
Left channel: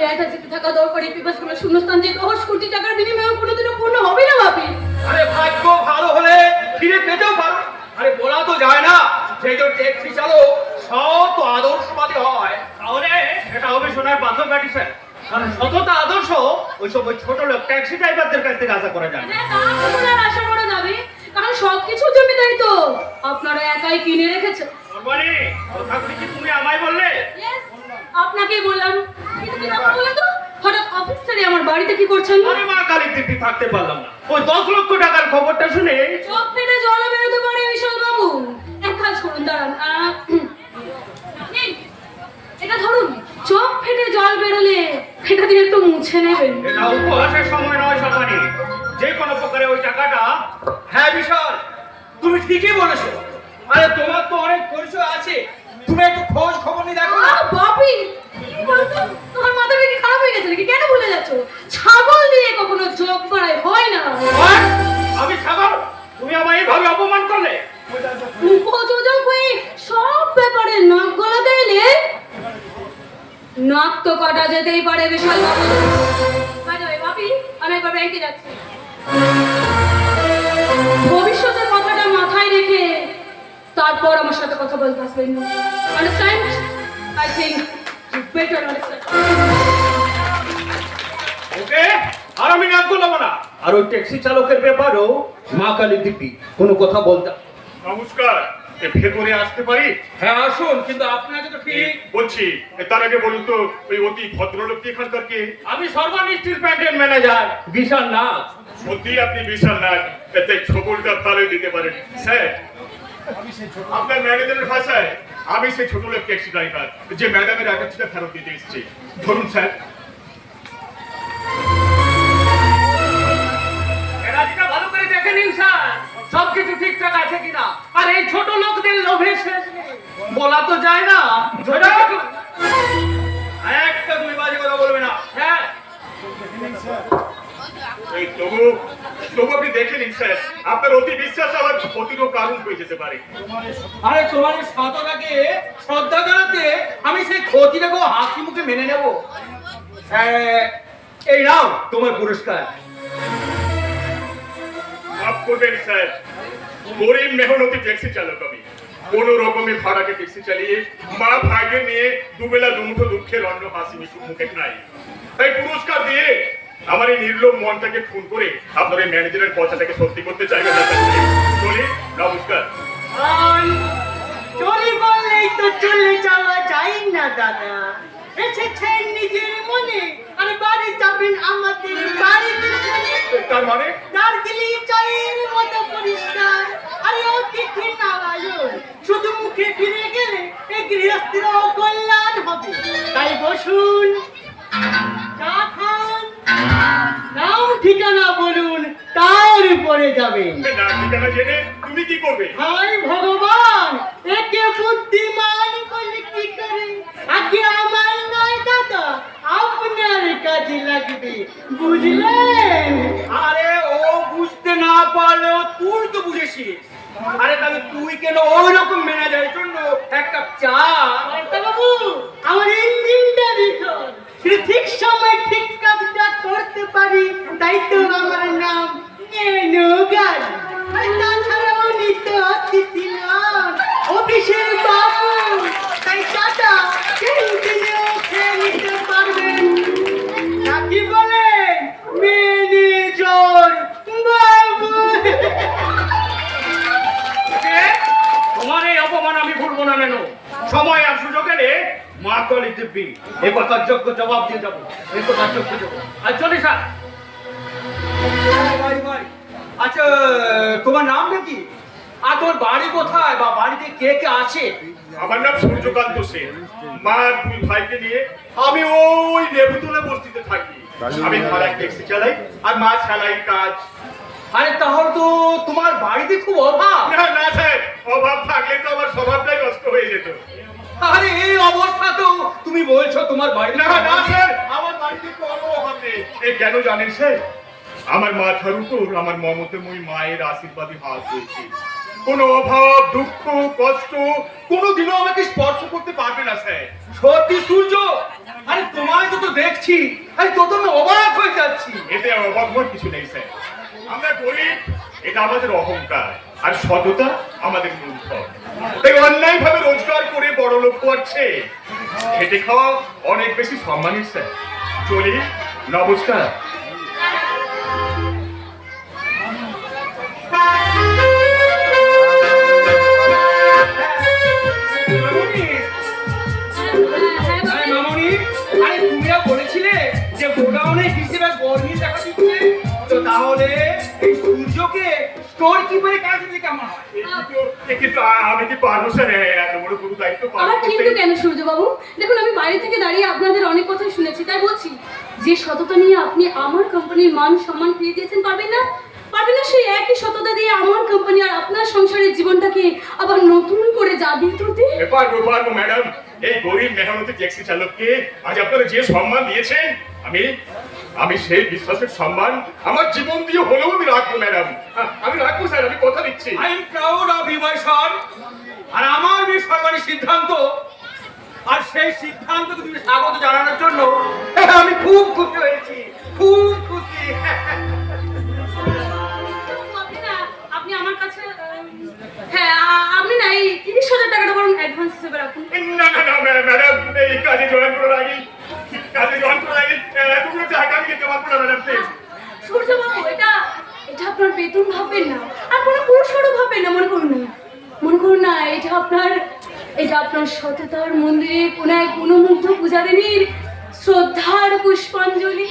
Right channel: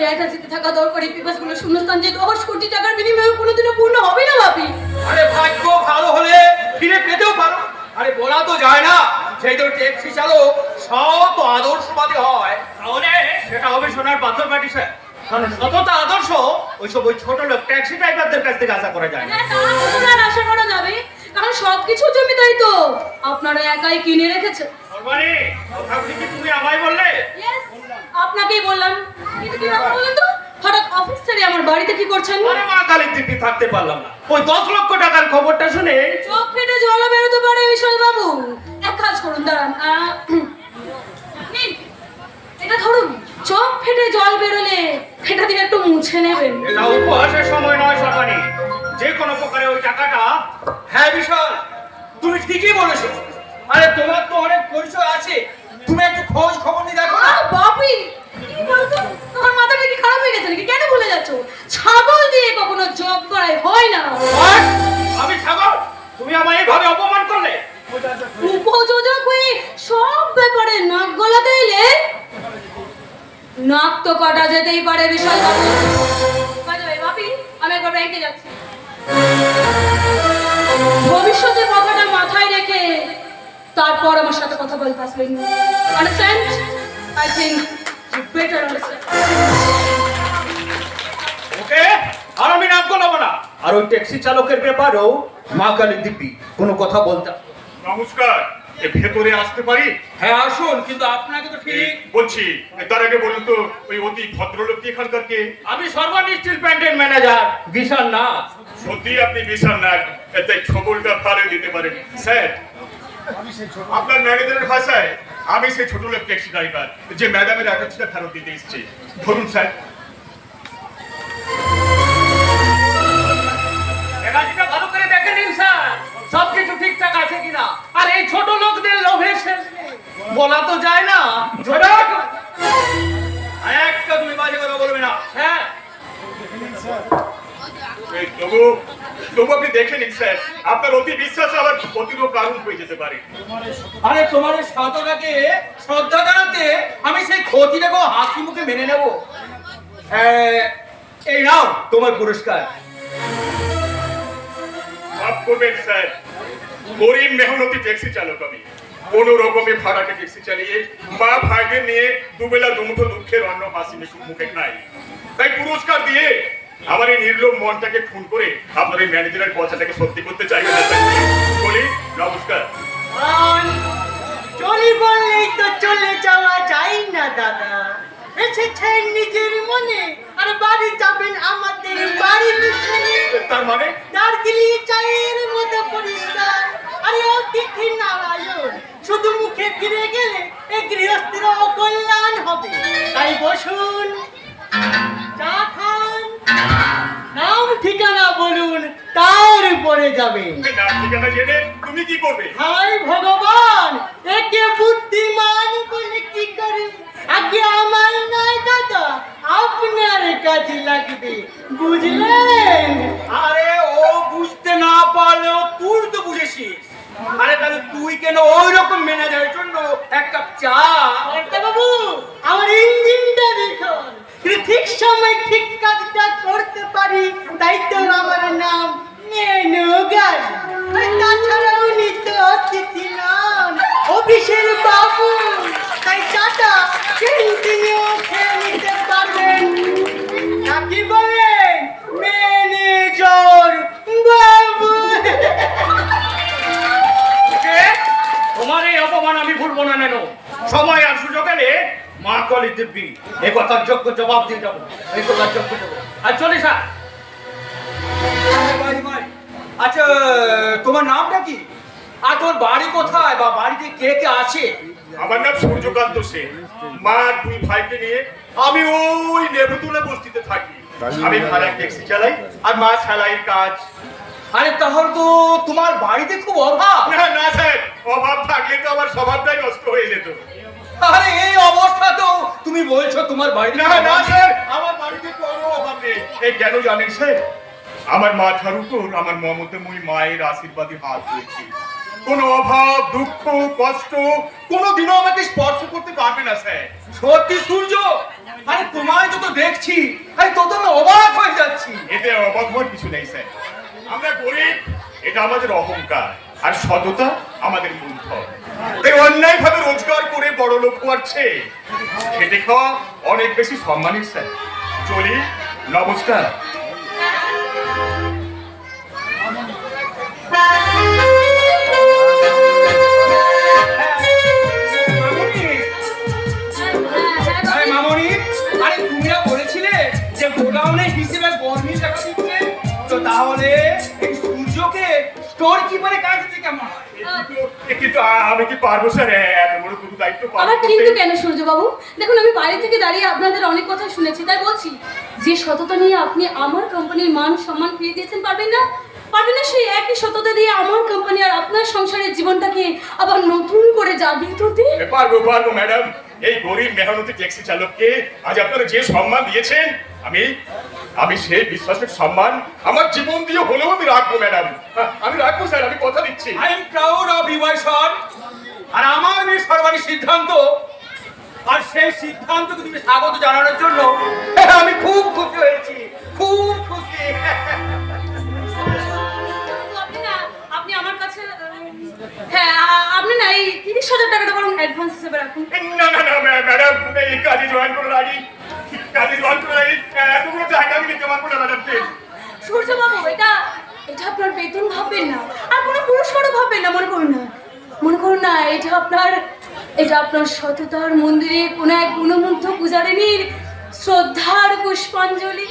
এই একটা যেতে থাকা দরকারি পিপাসগুলো শূন্যস্থান যে 10 কোটি টাকার বিনিময়ে কোনোদিনও পূর্ণ হবে না বাপি। আরে ভাগ্য ভালো হলে ফিরে পেতেও পারো। আরে বলা তো যায় না, সেই তো ট্যাক্সি চালক সব তো আদর্শবাদী হয়, তাহলে সেটা হবে সোনার বাথর প্যাটিসের। মানে সততা আদর্শ ওইসব ওই ছোট লোক ট্যাক্সি ড্রাইভারদের কাছ থেকে আশা করা যায় না। হ্যাঁ, তা তো আর আশা করা যাবে, কারণ সবকিছু জমিদারি তো আপনারা একাই কিনে রেখেছো। সর্বাণী, কথা কি তুমি আমায় বললে? ইয়েস, আপনাকেই বললাম, কিন্তু কি ব্যাপার বলেন তো? হঠাৎ অফিস ছেড়ে আমার বাড়িতে কি করছেন? আরে মা কালীর দিব্যি থাকতে পারলাম না, ওই 10 লক্ষ টাকার খবরটা শুনে চোখ ফেটে জল বেরোতে পারে বিশাল বাবু। এক কাজ করুন, দাঁড়ান, নিন, এটা ধরুন, চোখ ফেটে জল বেরোলে এটা দিয়ে একটু মুছে নেবেন। এটা উপহাসের সময় নয় সর্বাণী, যে কোনো প্রকারে ওই টাকাটা। হ্যাঁ বিশাল, তুমি ঠিকই বলেছো। আরে তোমার তো অনেক পরিচয় আছে, তুমি একটু খোঁজ খবর নিয়ে দেখো না। বাপি, কি বলছো? তোমার মাথাটা কি খারাপ হয়ে গেছে নাকি? কেন ভুলে যাচ্ছ? তো কাটা যেতেই পারে বিশাল বাবু। বাপি, আমি একবার ব্যাংকে যাচ্ছি। ভবিষ্যতের কথাটা মাথায় রেখে তারপর আমার সাথে কথা বলতে আসবেন। Understand? I think you better understand. Okay, আর আমি নাম বলবো না। আর ওই ট্যাক্সি চালকের ব্যাপারেও মা কালী দিব্যি কোনো কথা বলতাম। নমস্কার, এ ভেতরে আসতে পারি? হ্যাঁ আসুন, কিন্তু আপনাকে তো ঠিক বলছি, তার আগে বলুন তো ওই অতি ভদ্রলোক কি এখানকার কে? আমি সর্বান স্টিল প্ল্যান্টের ম্যানেজার বিশাল নাথ। সত্যি আপনি বিশাল নাক, তাই ছবলটা ভালোই দিতে পারেন। স্যার, আপনার ম্যানেজারের ভাষায় আমি সেই ছোট লোক ট্যাক্সি ড্রাইভার যে ম্যাডামের অ্যাটাচটা ফেরত দিতে এসেছি। ধরুন স্যার। রাজিটা ভালো করে দেখে নিন স্যার, সবকিছু ঠিকঠাক আছে কিনা। আর এই ছোট লোকদের লোভের শেষ নেই, বলা তো যায় না। একটা তুমি বাজে কথা বলবে না। হ্যাঁ এই তবু আপনি দেখে নিন স্যার, আপনার অতি বিশ্বাস আবার অতিরও কারণ হয়ে যেতে পারে। আরে তোমার এই সাধনাকে শ্রদ্ধা জানাতে আমি সেই ক্ষতিটাকে হাসি মুখে মেনে নেব। এই নাও তোমার পুরস্কার। মাফ করবেন স্যার, গরিব মেহনতি ট্যাক্সি চালক আমি। কোন রকমে ভাড়াকে ট্যাক্সি চালিয়ে মা ভাইদের নিয়ে দুবেলা দুমুঠো দুঃখের অন্ন হাসি মুখে খাই। তাই পুরস্কার দিয়ে আমার এই নির্লোভ মনটাকে খুন করে আপনার এই ম্যানেজারের পয়সাটাকে সত্যি করতে চাইবেন না। বলি নমস্কার। চলি বললেই তো চলে যাওয়া যায় না দাদা। এসেছেন নিজের মনে আর বাড়ি যাবেন আমাদের বাড়ির পিছনে। তার মানে দার্জিলিং চায়ের মতো পরিষ্কার আর অতিথি নারায়ণ। শুধু মুখে ফিরে গেলে এই গৃহস্থির কল্যাণ হবে। তাই বসুন, চা খান, নাম ঠিকানা বলুন, তারপরে যাবেন। নাম ঠিকানা জেনে তুমি কি করবে? হায় ভগবান, একে বুদ্ধিমান বলে কি করে? আগে আমার নয় দাদা, আপনার কাজে লাগবে, বুঝলেন? আরে ও বুঝতে না পারলেও তুই তো বুঝেছিস। আরে তাহলে তুই কেন ওই রকম ম্যানেজারের জন্য এক কাপ চা? বাবু, আমার ইঞ্জিনটা দেখুন, ঠিক সময় ঠিক কাজটা করতে পারি, তাই তো আমার নাম মেনু গাড়ি। আর তাছাড়া উনি তো অতিথি নন, অফিসের বাবু। তাই চাটা ক্যান্টিনেও খেয়ে নিতে পারবেন। নাকি বলেন ম্যানেজার বাবু? তোমার এই অপমান আমি ভুলবো না। নেন সময় আর সুযোগ এলে মা কালী দিব্যি এই কথার যোগ্য জবাব দিয়ে যাবো। এই কথার যোগ্য জবাব। আর চলিস আচ্ছা, তোমার নামটা কি? আর তোর বাড়ি কোথায় বা বাড়িতে কে কে আছে? আমার নাম সূর্যকান্ত সেন। মা দুই ভাইকে নিয়ে আমি ওই নেবুতলা বস্তিতে থাকি। আমি ভাড়ায় ট্যাক্সি চালাই আর মা সেলাই কাজ। আরে তাহলে তো তোমার বাড়িতে খুব অভাব। না না স্যার, অভাব থাকলে তো আমার স্বভাবটাই নষ্ট হয়ে যেত। আরে এই অবস্থাতেও তুমি বলছো তোমার বাড়িতে না না স্যার, আমার বাড়িতে কোনো অভাব নেই। এই কেন জানেন স্যার? আমার মাথার উপর আমার মমতাময়ী মায়ের আশীর্বাদী হাত রয়েছে। কোনো অভাব, দুঃখ, কষ্ট কোনোদিনও আমাকে স্পর্শ করতে পারবে না স্যার। সত্যি সূর্য? আরে তোমায় তো দেখছি, আরে তো আমি অবাক হয়ে যাচ্ছি। এতে অবাক হওয়ার কিছু নেই স্যার। আমরা গরিব, এটা আমাদের অহংকার, আর সততা আমাদের মূলধন। তাই অন্যায় ভাবে রোজগার করে বড় লোক হওয়ার চেয়ে খেটে খাওয়া অনেক বেশি সম্মানের স্যার। চলি, নমস্কার। মামনি, আরে তুমিরা বলেছিলে যে গোডাউনে হিসেবে বর্মি দেখা দিচ্ছে, তো তাহলে এই সূর্যকে স্টোর কিপারে কাজ দিতে কেমন হয়? কিন্তু আমি কি পারবো স্যার এত বড় গুরু দায়িত্ব পালন আমার করতে? কিন্তু কেন সূর্যবাবু, দেখুন আমি বাইরে থেকে দাঁড়িয়ে আপনাদের অনেক কথা শুনেছি, তাই বলছি যে সততা নিয়ে আপনি আমার কোম্পানির মান সম্মান ফিরিয়ে দিয়েছেন, পারবেন না? পারবেন না সেই একই সততা দিয়ে আমার কোম্পানি আর আপনার সংসারের জীবনটাকে আবার নতুন করে জাগিয়ে তুলতে? পারবো ম্যাডাম। এই গরিব মেহনতি ট্যাক্সি চালককে আজ আপনারা যে সম্মান দিয়েছেন, আমি সেই বিশ্বাসের সম্মান আমার জীবন দিয়ে হলেও আমি রাখবো ম্যাডাম। আমি রাখবো স্যার, আমি কথা দিচ্ছি। I am proud of you my son. আর আমার এই সর্বাধিক সিদ্ধান্ত আর সেই সিদ্ধান্তকে তুমি স্বাগত জানানোর জন্য আমি খুব খুশি হয়েছি, খুব খুশি। আপনি আমার কাছে হ্যাঁ আপনি না এই 30,000 টাকাটা বরং অ্যাডভান্স হিসেবে রাখুন। না না না ম্যাডাম, এই কাজে জয়েন করার আগে এতগুলো টাকা আমি নিতে পারবো না ম্যাডাম, প্লিজ। সূর্যবাবু, এটা আপনার বেতন ভাববেন না, আর কোনো পুরস্কারও ভাববেন না, মনে করুন না এটা আপনার সততার মন্দিরে কোনো এক গুণমুগ্ধ পূজারিনীর শ্রদ্ধার পুষ্পাঞ্জলি।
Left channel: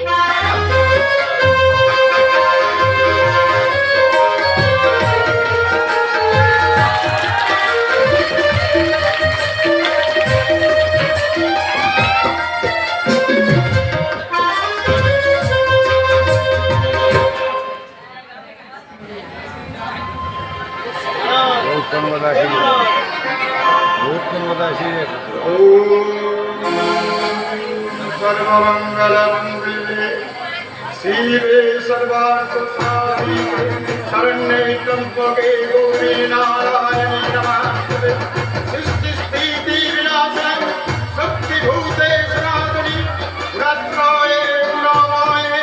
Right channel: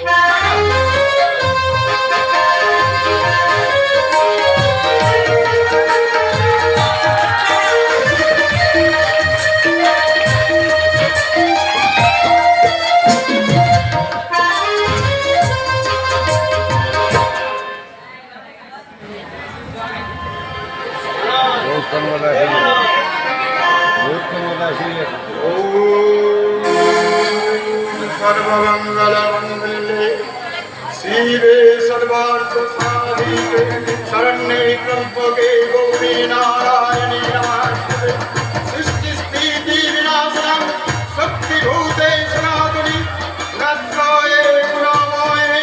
सर्वमंगलमंगले शिवे सर्वार्थसाधिके शरण्ये त्र्यंबके गौरी नारायणी नमोस्तुते सृष्टि स्थिति विनाशनं शक्तिभूते सनातनी नमस्ते गुणाय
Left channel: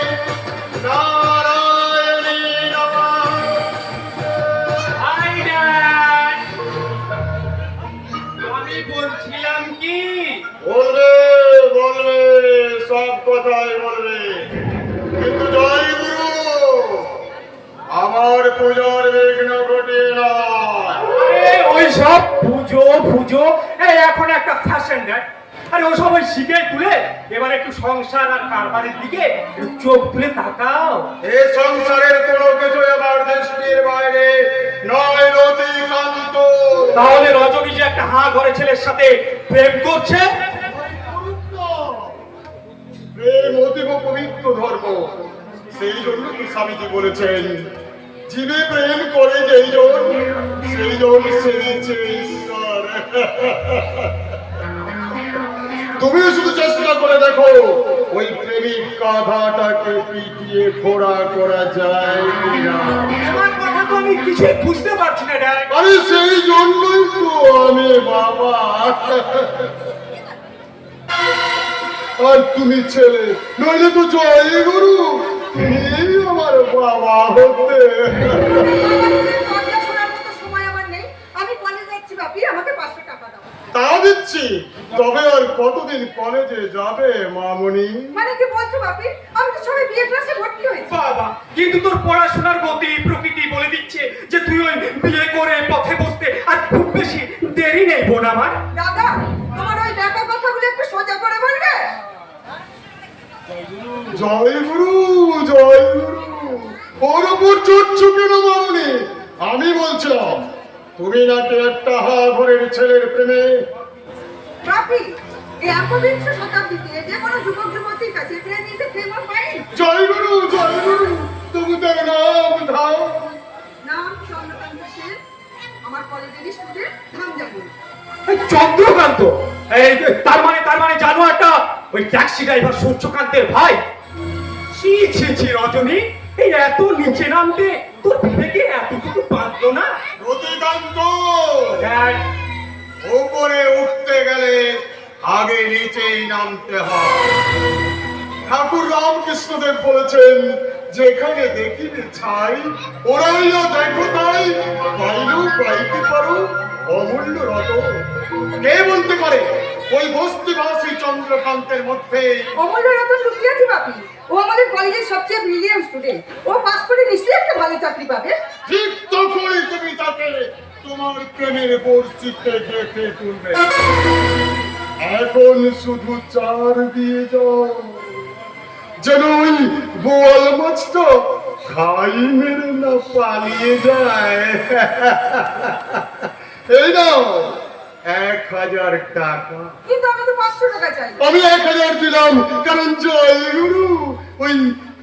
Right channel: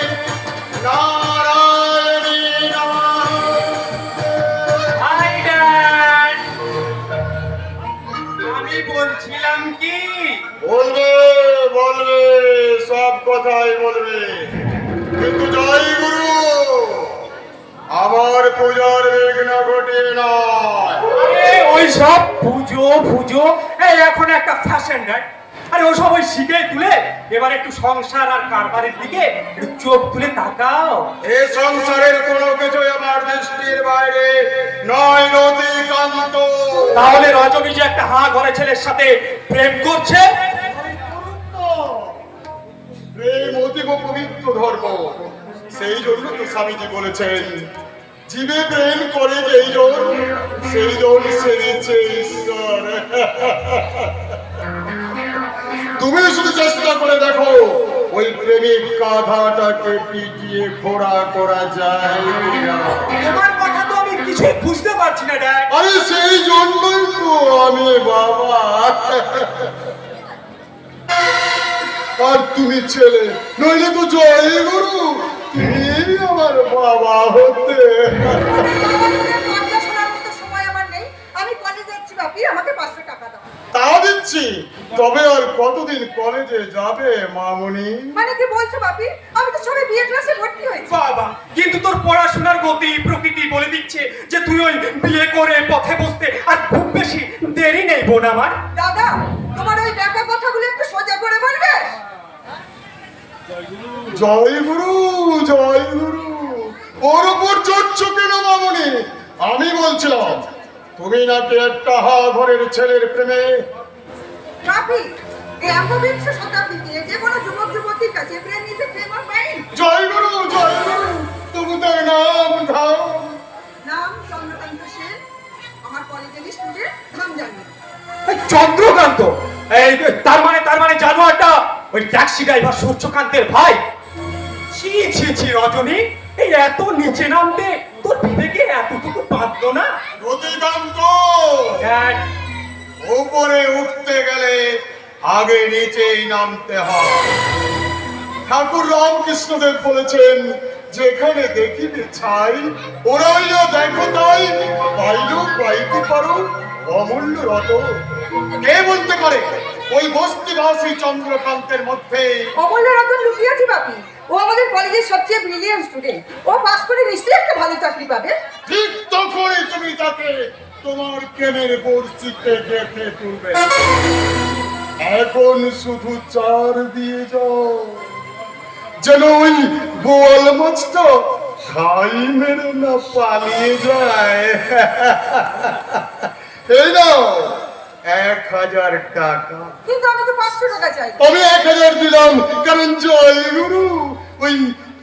नारायणी আমি বলছিলাম কি, বলবে সব কথাই বলবে, কিন্তু জয় গুরু, আমার পূজার বিঘ্ন ঘটে নয়। ওই সব পুজো এখন একটা ফ্যাশন, দেখ। আরে ওসব ওই শিখে তুলে এবার একটু সংসার আর কারবারের দিকে একটু চোখ তুলে তাকাও। এ সংসারের কোনো কিছু এবার দৃষ্টির বাইরে নয় নদীকান্ত। তাহলে রজনী যে একটা হাঁ ঘরে ছেলের সাথে প্রেম করছে, প্রেম অতীব পবিত্র ধর্ম, সেই জন্য তো স্বামীজি বলেছেন জীবে প্রেম করে যেই জন সেই জন সেরেছে ঈশ্বর। তুমি শুধু চেষ্টা করে দেখো ওই প্রেমিক গাধাটাকে পিটিয়ে খোড়া করা যায় কিনা। তোমার কথা তো আমি কিছুই বুঝতে পারছি না, দেখ। আরে সেই জন্যই তো আমি বাবা, আর তুমি ছেলে, নইলে তো জয় গুরু তুমি আমার বাবা হতে। সময় আমার নেই, আমি কলেজে যাচ্ছি বাপি, আমাকে 500 টাকা দাও। তা দিচ্ছি, তবে আর কতদিন কলেজে যাবে মামুনি? মানে কি বলছো বাপি? আমি তো সবে বিয়ে ক্লাসে ভর্তি হয়েছি। বাবা, কিন্তু তোর পড়াশোনার গতি প্রকৃতি বলে দিচ্ছে যে তুই ওই বিয়ে করে পথে বসতে আর খুব বেশি দেরি নেই বোন আমার। দাদা, তোমার ওই দেখা কথাগুলো একটু সোজা করে বলবে? জয় গুরু, জয় গুরু, ওর উপর চড়ছো কেন মামুনি? আমি বলছিলাম তুমি নাকি একটা হা ঘরের ছেলের প্রেমে। বাপি, এই 21শ শতাব্দীতে যে কোনো যুবক যুবতীর কাছে প্রেম ইজ এ ফেমাস মাইন্ড। জয় গুরু, তবু তার নাম ধাম। নাম চন্দ্রকান্ত সেন, আমার কলেজের স্টুডেন্ট, নাম জানি। চন্দ্রকান্ত? এই তার মানে জানোয়ারটা ওই ট্যাক্সি ড্রাইভার সূর্যকান্তের ভাই। ছি রজনী, এই এত নিচে নামতে তোর বিবেকে এতটুকু বাঁধলো না? রতিকান্ত, দেখ, উপরে উঠতে গেলে আগে নিচেই নামতে হয়। ঠাকুর রামকৃষ্ণদেব বলেছেন যেখানে দেখিবে ছাই ওরাইয়া দেখো তাই, পাইলেও পাইতে পারো অমূল্য রতন। কে বলতে পারে ওই বস্তিবাসী চন্দ্রকান্তের মধ্যে অমূল্য রতন লুকিয়েছে বাপি। ও আমাদের কলেজের সবচেয়ে ব্রিলিয়ান্ট স্টুডেন্ট। ও পাস করে নিশ্চয়ই একটা ভালো চাকরি পাবে। ঠিক তখনই তুমি তাকে তোমার প্রেমের বর্ষিতে দেখে তুলবে। এখন শুধু চার দিয়ে যাও, যেন ওই বোয়াল মাছটা খাই মেরে না পালিয়ে যায়। এই নাও 1000 টাকা। কিন্তু আমি তো 500 টাকা চাই। আমি 1000 দিলাম, কারণ জয় গুরু ওই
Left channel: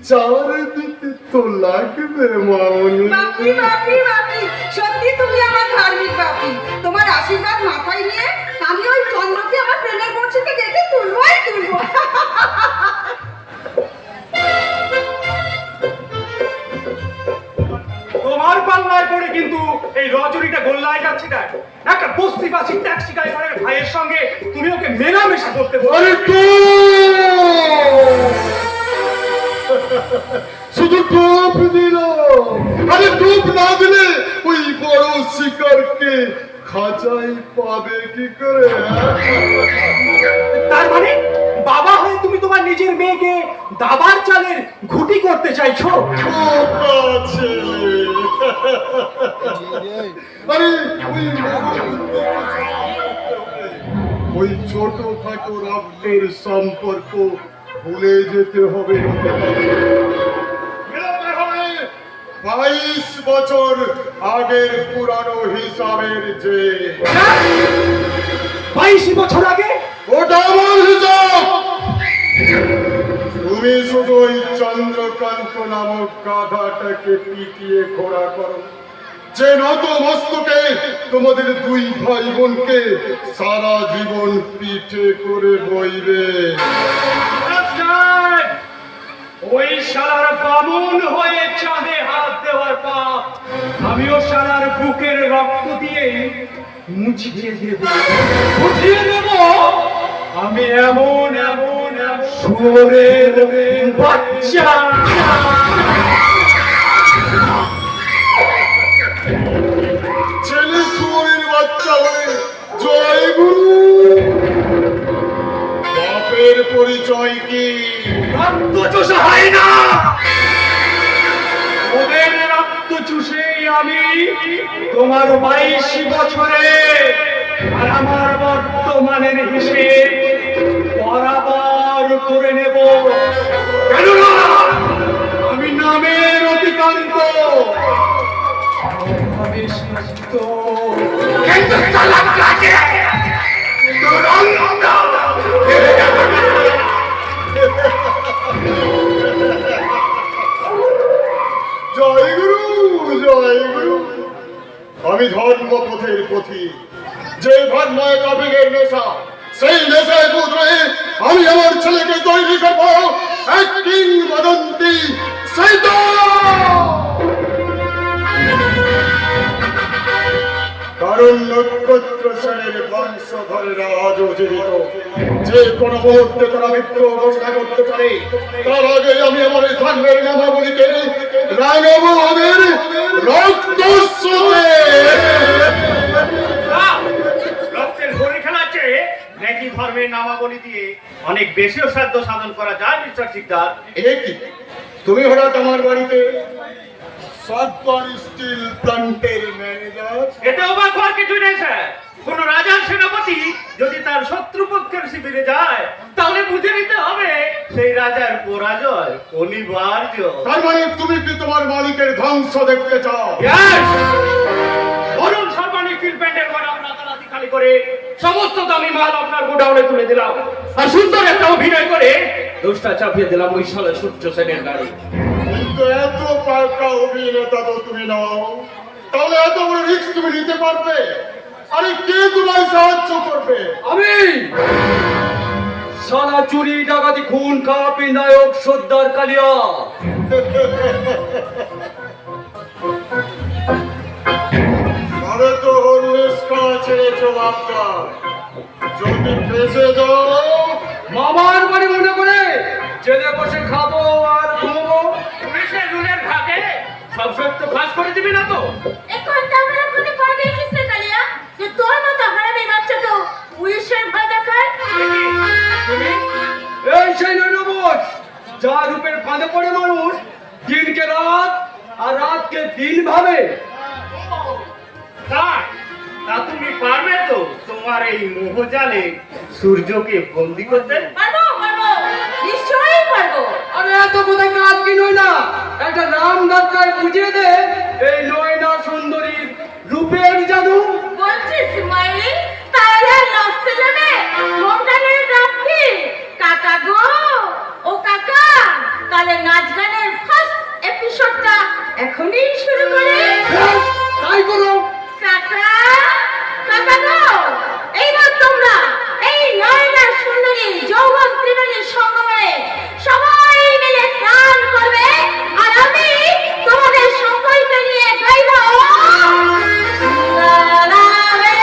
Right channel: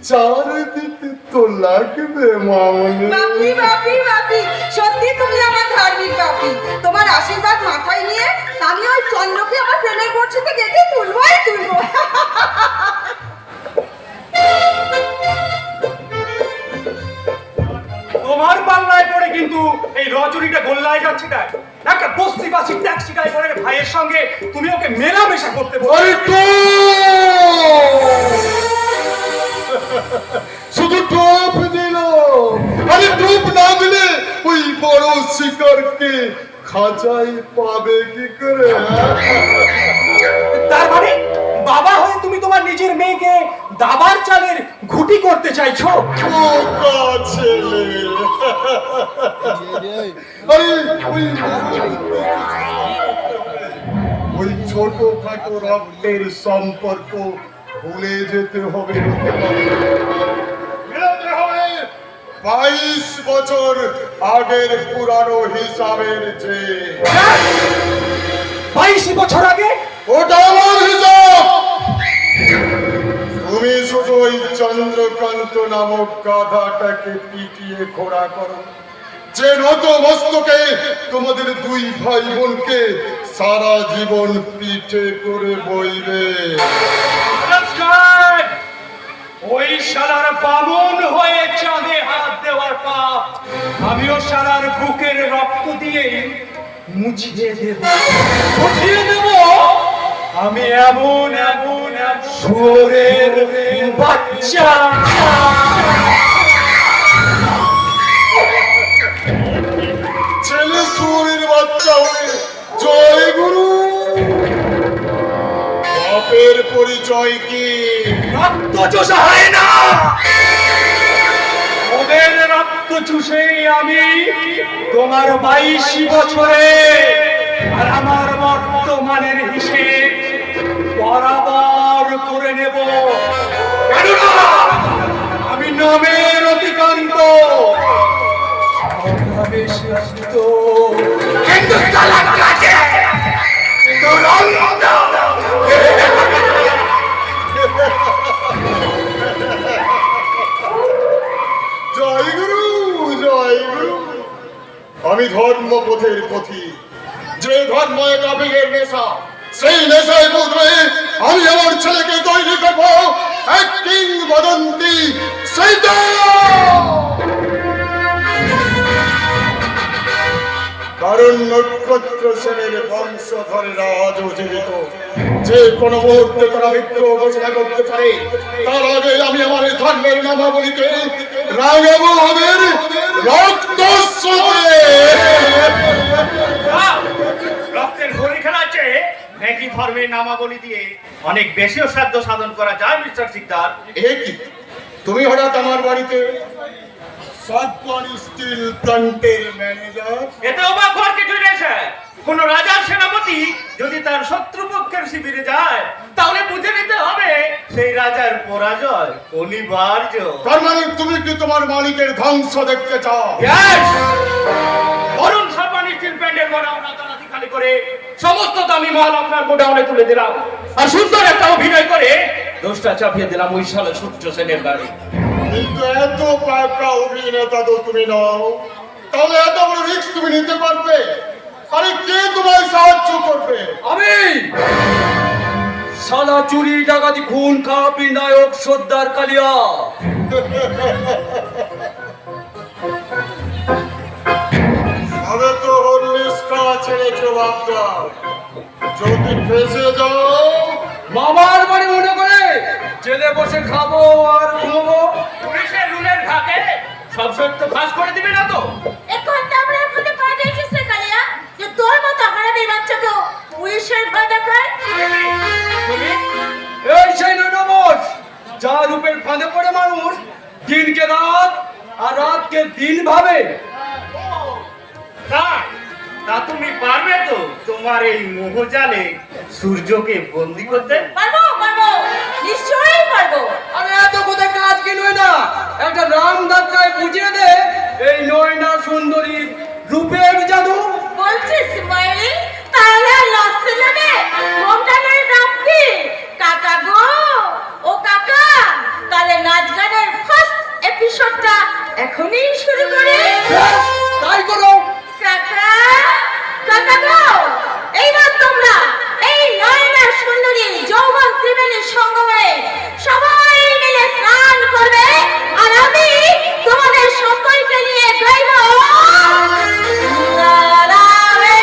চার দিতে তো লাগবে মামনি। বাপি, সত্যি তুমি আমার ধার্মিক বাপি। তোমার আশীর্বাদ মাথায় নিয়ে আমি ওই চন্দ্রকে আমার প্রেমের বর্ষিতে গেছে তুলবো। তোমার পাল্লায় পড়ে কিন্তু এই রজনীটা গোল্লায় যাচ্ছে। দেখ, একটা বস্তিবাসী ট্যাক্সি ড্রাইভারের ভাইয়ের সঙ্গে তুমি ওকে মেলামেশা করতে বলো? আরে শুধু টোপ দিল। আরে টোপ না দিলে ওই বড় শিকারকে খাঁচায় পাবে কি করে? তার মানে বাবা হয়ে তুমি তোমার নিজের মেয়েকে দাবার চালের ঘুঁটি করতে চাইছো? বোকা ছেলে। আরে ওই ছোটখাটো রক্তের সম্পর্ক ভুলে যেতে হবে। 22 বছর আগের পুরানো হিসাবের যে 22 বছর আগে? ওটা আমার হিসাব। তুমি শুধু ওই চন্দ্রকান্ত নামক গাধাটাকে পিটিয়ে খোড়া করো, যে নত মস্তকে তোমাদের দুই ভাই বোনকে সারা জীবন পিঠে করে বইবে। ওই শালার বামুন হয়ে চাঁদে হাত দেওয়ার পাপ আমিও শালার বুকের রক্ত দিয়ে মুছিয়ে দেব, মুছিয়ে দেব। আমি এমন এমন শুয়োরের বাচ্চা। ছেলে শুয়োরের বাচ্চা হয়ে জয় গুরু। বাপের পরিচয় কি? রক্ত চোষা হয় না, ওদের রক্ত চুষে আমি তোমার 22 বছরে আর আমার বর্তমানের হিসেব বরাবর করে নেব। কেননা আমি নামের অতিক্রান্ত, কিন্তু তালাক লাগে জয় গুরু, জয় গুরু। আমি ধর্মপথের পথি, যে ধর্মে কবিরের নেশা, সেই নেশায় পুত্রে আমি আমার ছেলেকে তৈরি করবো এক কিংবদন্তি সেটা। কারণ নক্ষত্র সেনের বংশধরেরা আজও জীবিত, যে কোনো মুহূর্তে তারা মৃত্যু ঘোষণা করতে পারে। তার আগে আমি আমার ধর্মের নামাবলিকে রাঙাবো ওদের রক্তস্রোতে। রক্তের হোলি খেলাচ্ছে নাকি ধর্মের নামাবলী দিয়ে অনেক বেশি শ্রাদ্ধ সাধন করা যায় মিস্টার সিকদার? এ কি, তুমি হঠাৎ আমার বাড়িতে? সাতবান স্টিল প্ল্যান্টের ম্যানেজার। এতে অবাক হওয়ার কিছু নেই স্যার। কোন রাজার সেনাপতি যদি তার শত্রুপক্ষের শিবিরে যায় তাহলে বুঝে নিতে হবে সেই রাজার পরাজয় অনিবার্য। তার মানে তুমি কি তোমার মালিকের ধ্বংস দেখতে চাও? Yes! অরুণ শর্মা স্টিল প্ল্যান্টের গোডাউন রাতারাতি খালি করে সমস্ত দামি মাল আপনার গোডাউনে তুলে দিলাম, আর সুন্দর একটা অভিনয় করে দোষটা চাপিয়ে দিলাম ওই শালা সূর্য সেনের গাড়ি। কিন্তু এত পাকা অভিনেতা তো তুমি নাও, তাহলে এত বড় রিস্ক তুমি নিতে পারবে? আরে কে তোমায় সাহায্য করবে? আমি সালা চুরি ডাকাতি খুন খারাপি নায়ক সর্দার কালিয়া। তবে তো হরলিস্কা ছেড়েছো বাপটা, যদি ফেসে যাও মামার বাড়ি মনে করে জেলে বসে খাবো আর ঘুমাবো। পুলিশের রুলের ভাগে সব শর্ত ফাঁস করে দিবি না তো? এখন তো আমরা মনে ভয় দেখিস কালিয়া যে তোর মতো হারামি বাচ্চাকেও পুলিশের ভয় দেখায়। তুমি এই সেই নৈনবস যা রূপের ফাঁদে পড়ে মানুষ দিনকে রাত আর রাতকে দিন ভাবে। তা তুমি পারবে তো তোমার এই মোহজালে সূর্যকে বন্দি করতে? পারবো পারবো, নিশ্চয়ই পারবো। আরে এত কোথায় কাজ কি নয় না, একটা রাম ধাক্কায় বুঝিয়ে দে এই নয়না সুন্দরীর রূপের জাদু। বলছিস মাইলি তাহলে লস্তে যাবে হোমটানের রাখি কাকা গো। ও কাকা, তাহলে নাচ গানের ফার্স্ট এপিসোডটা এখনই শুরু করি। তাই করো। কাকা কাকা গো, এইবার তোমরা এই নয়না সুন্দরী যৌবন ত্রিবেণীর সঙ্গমে সবাই মিলে স্নান করবে, আর আমি তোমাদের সকলকে নিয়ে গাইব লা লা লা রে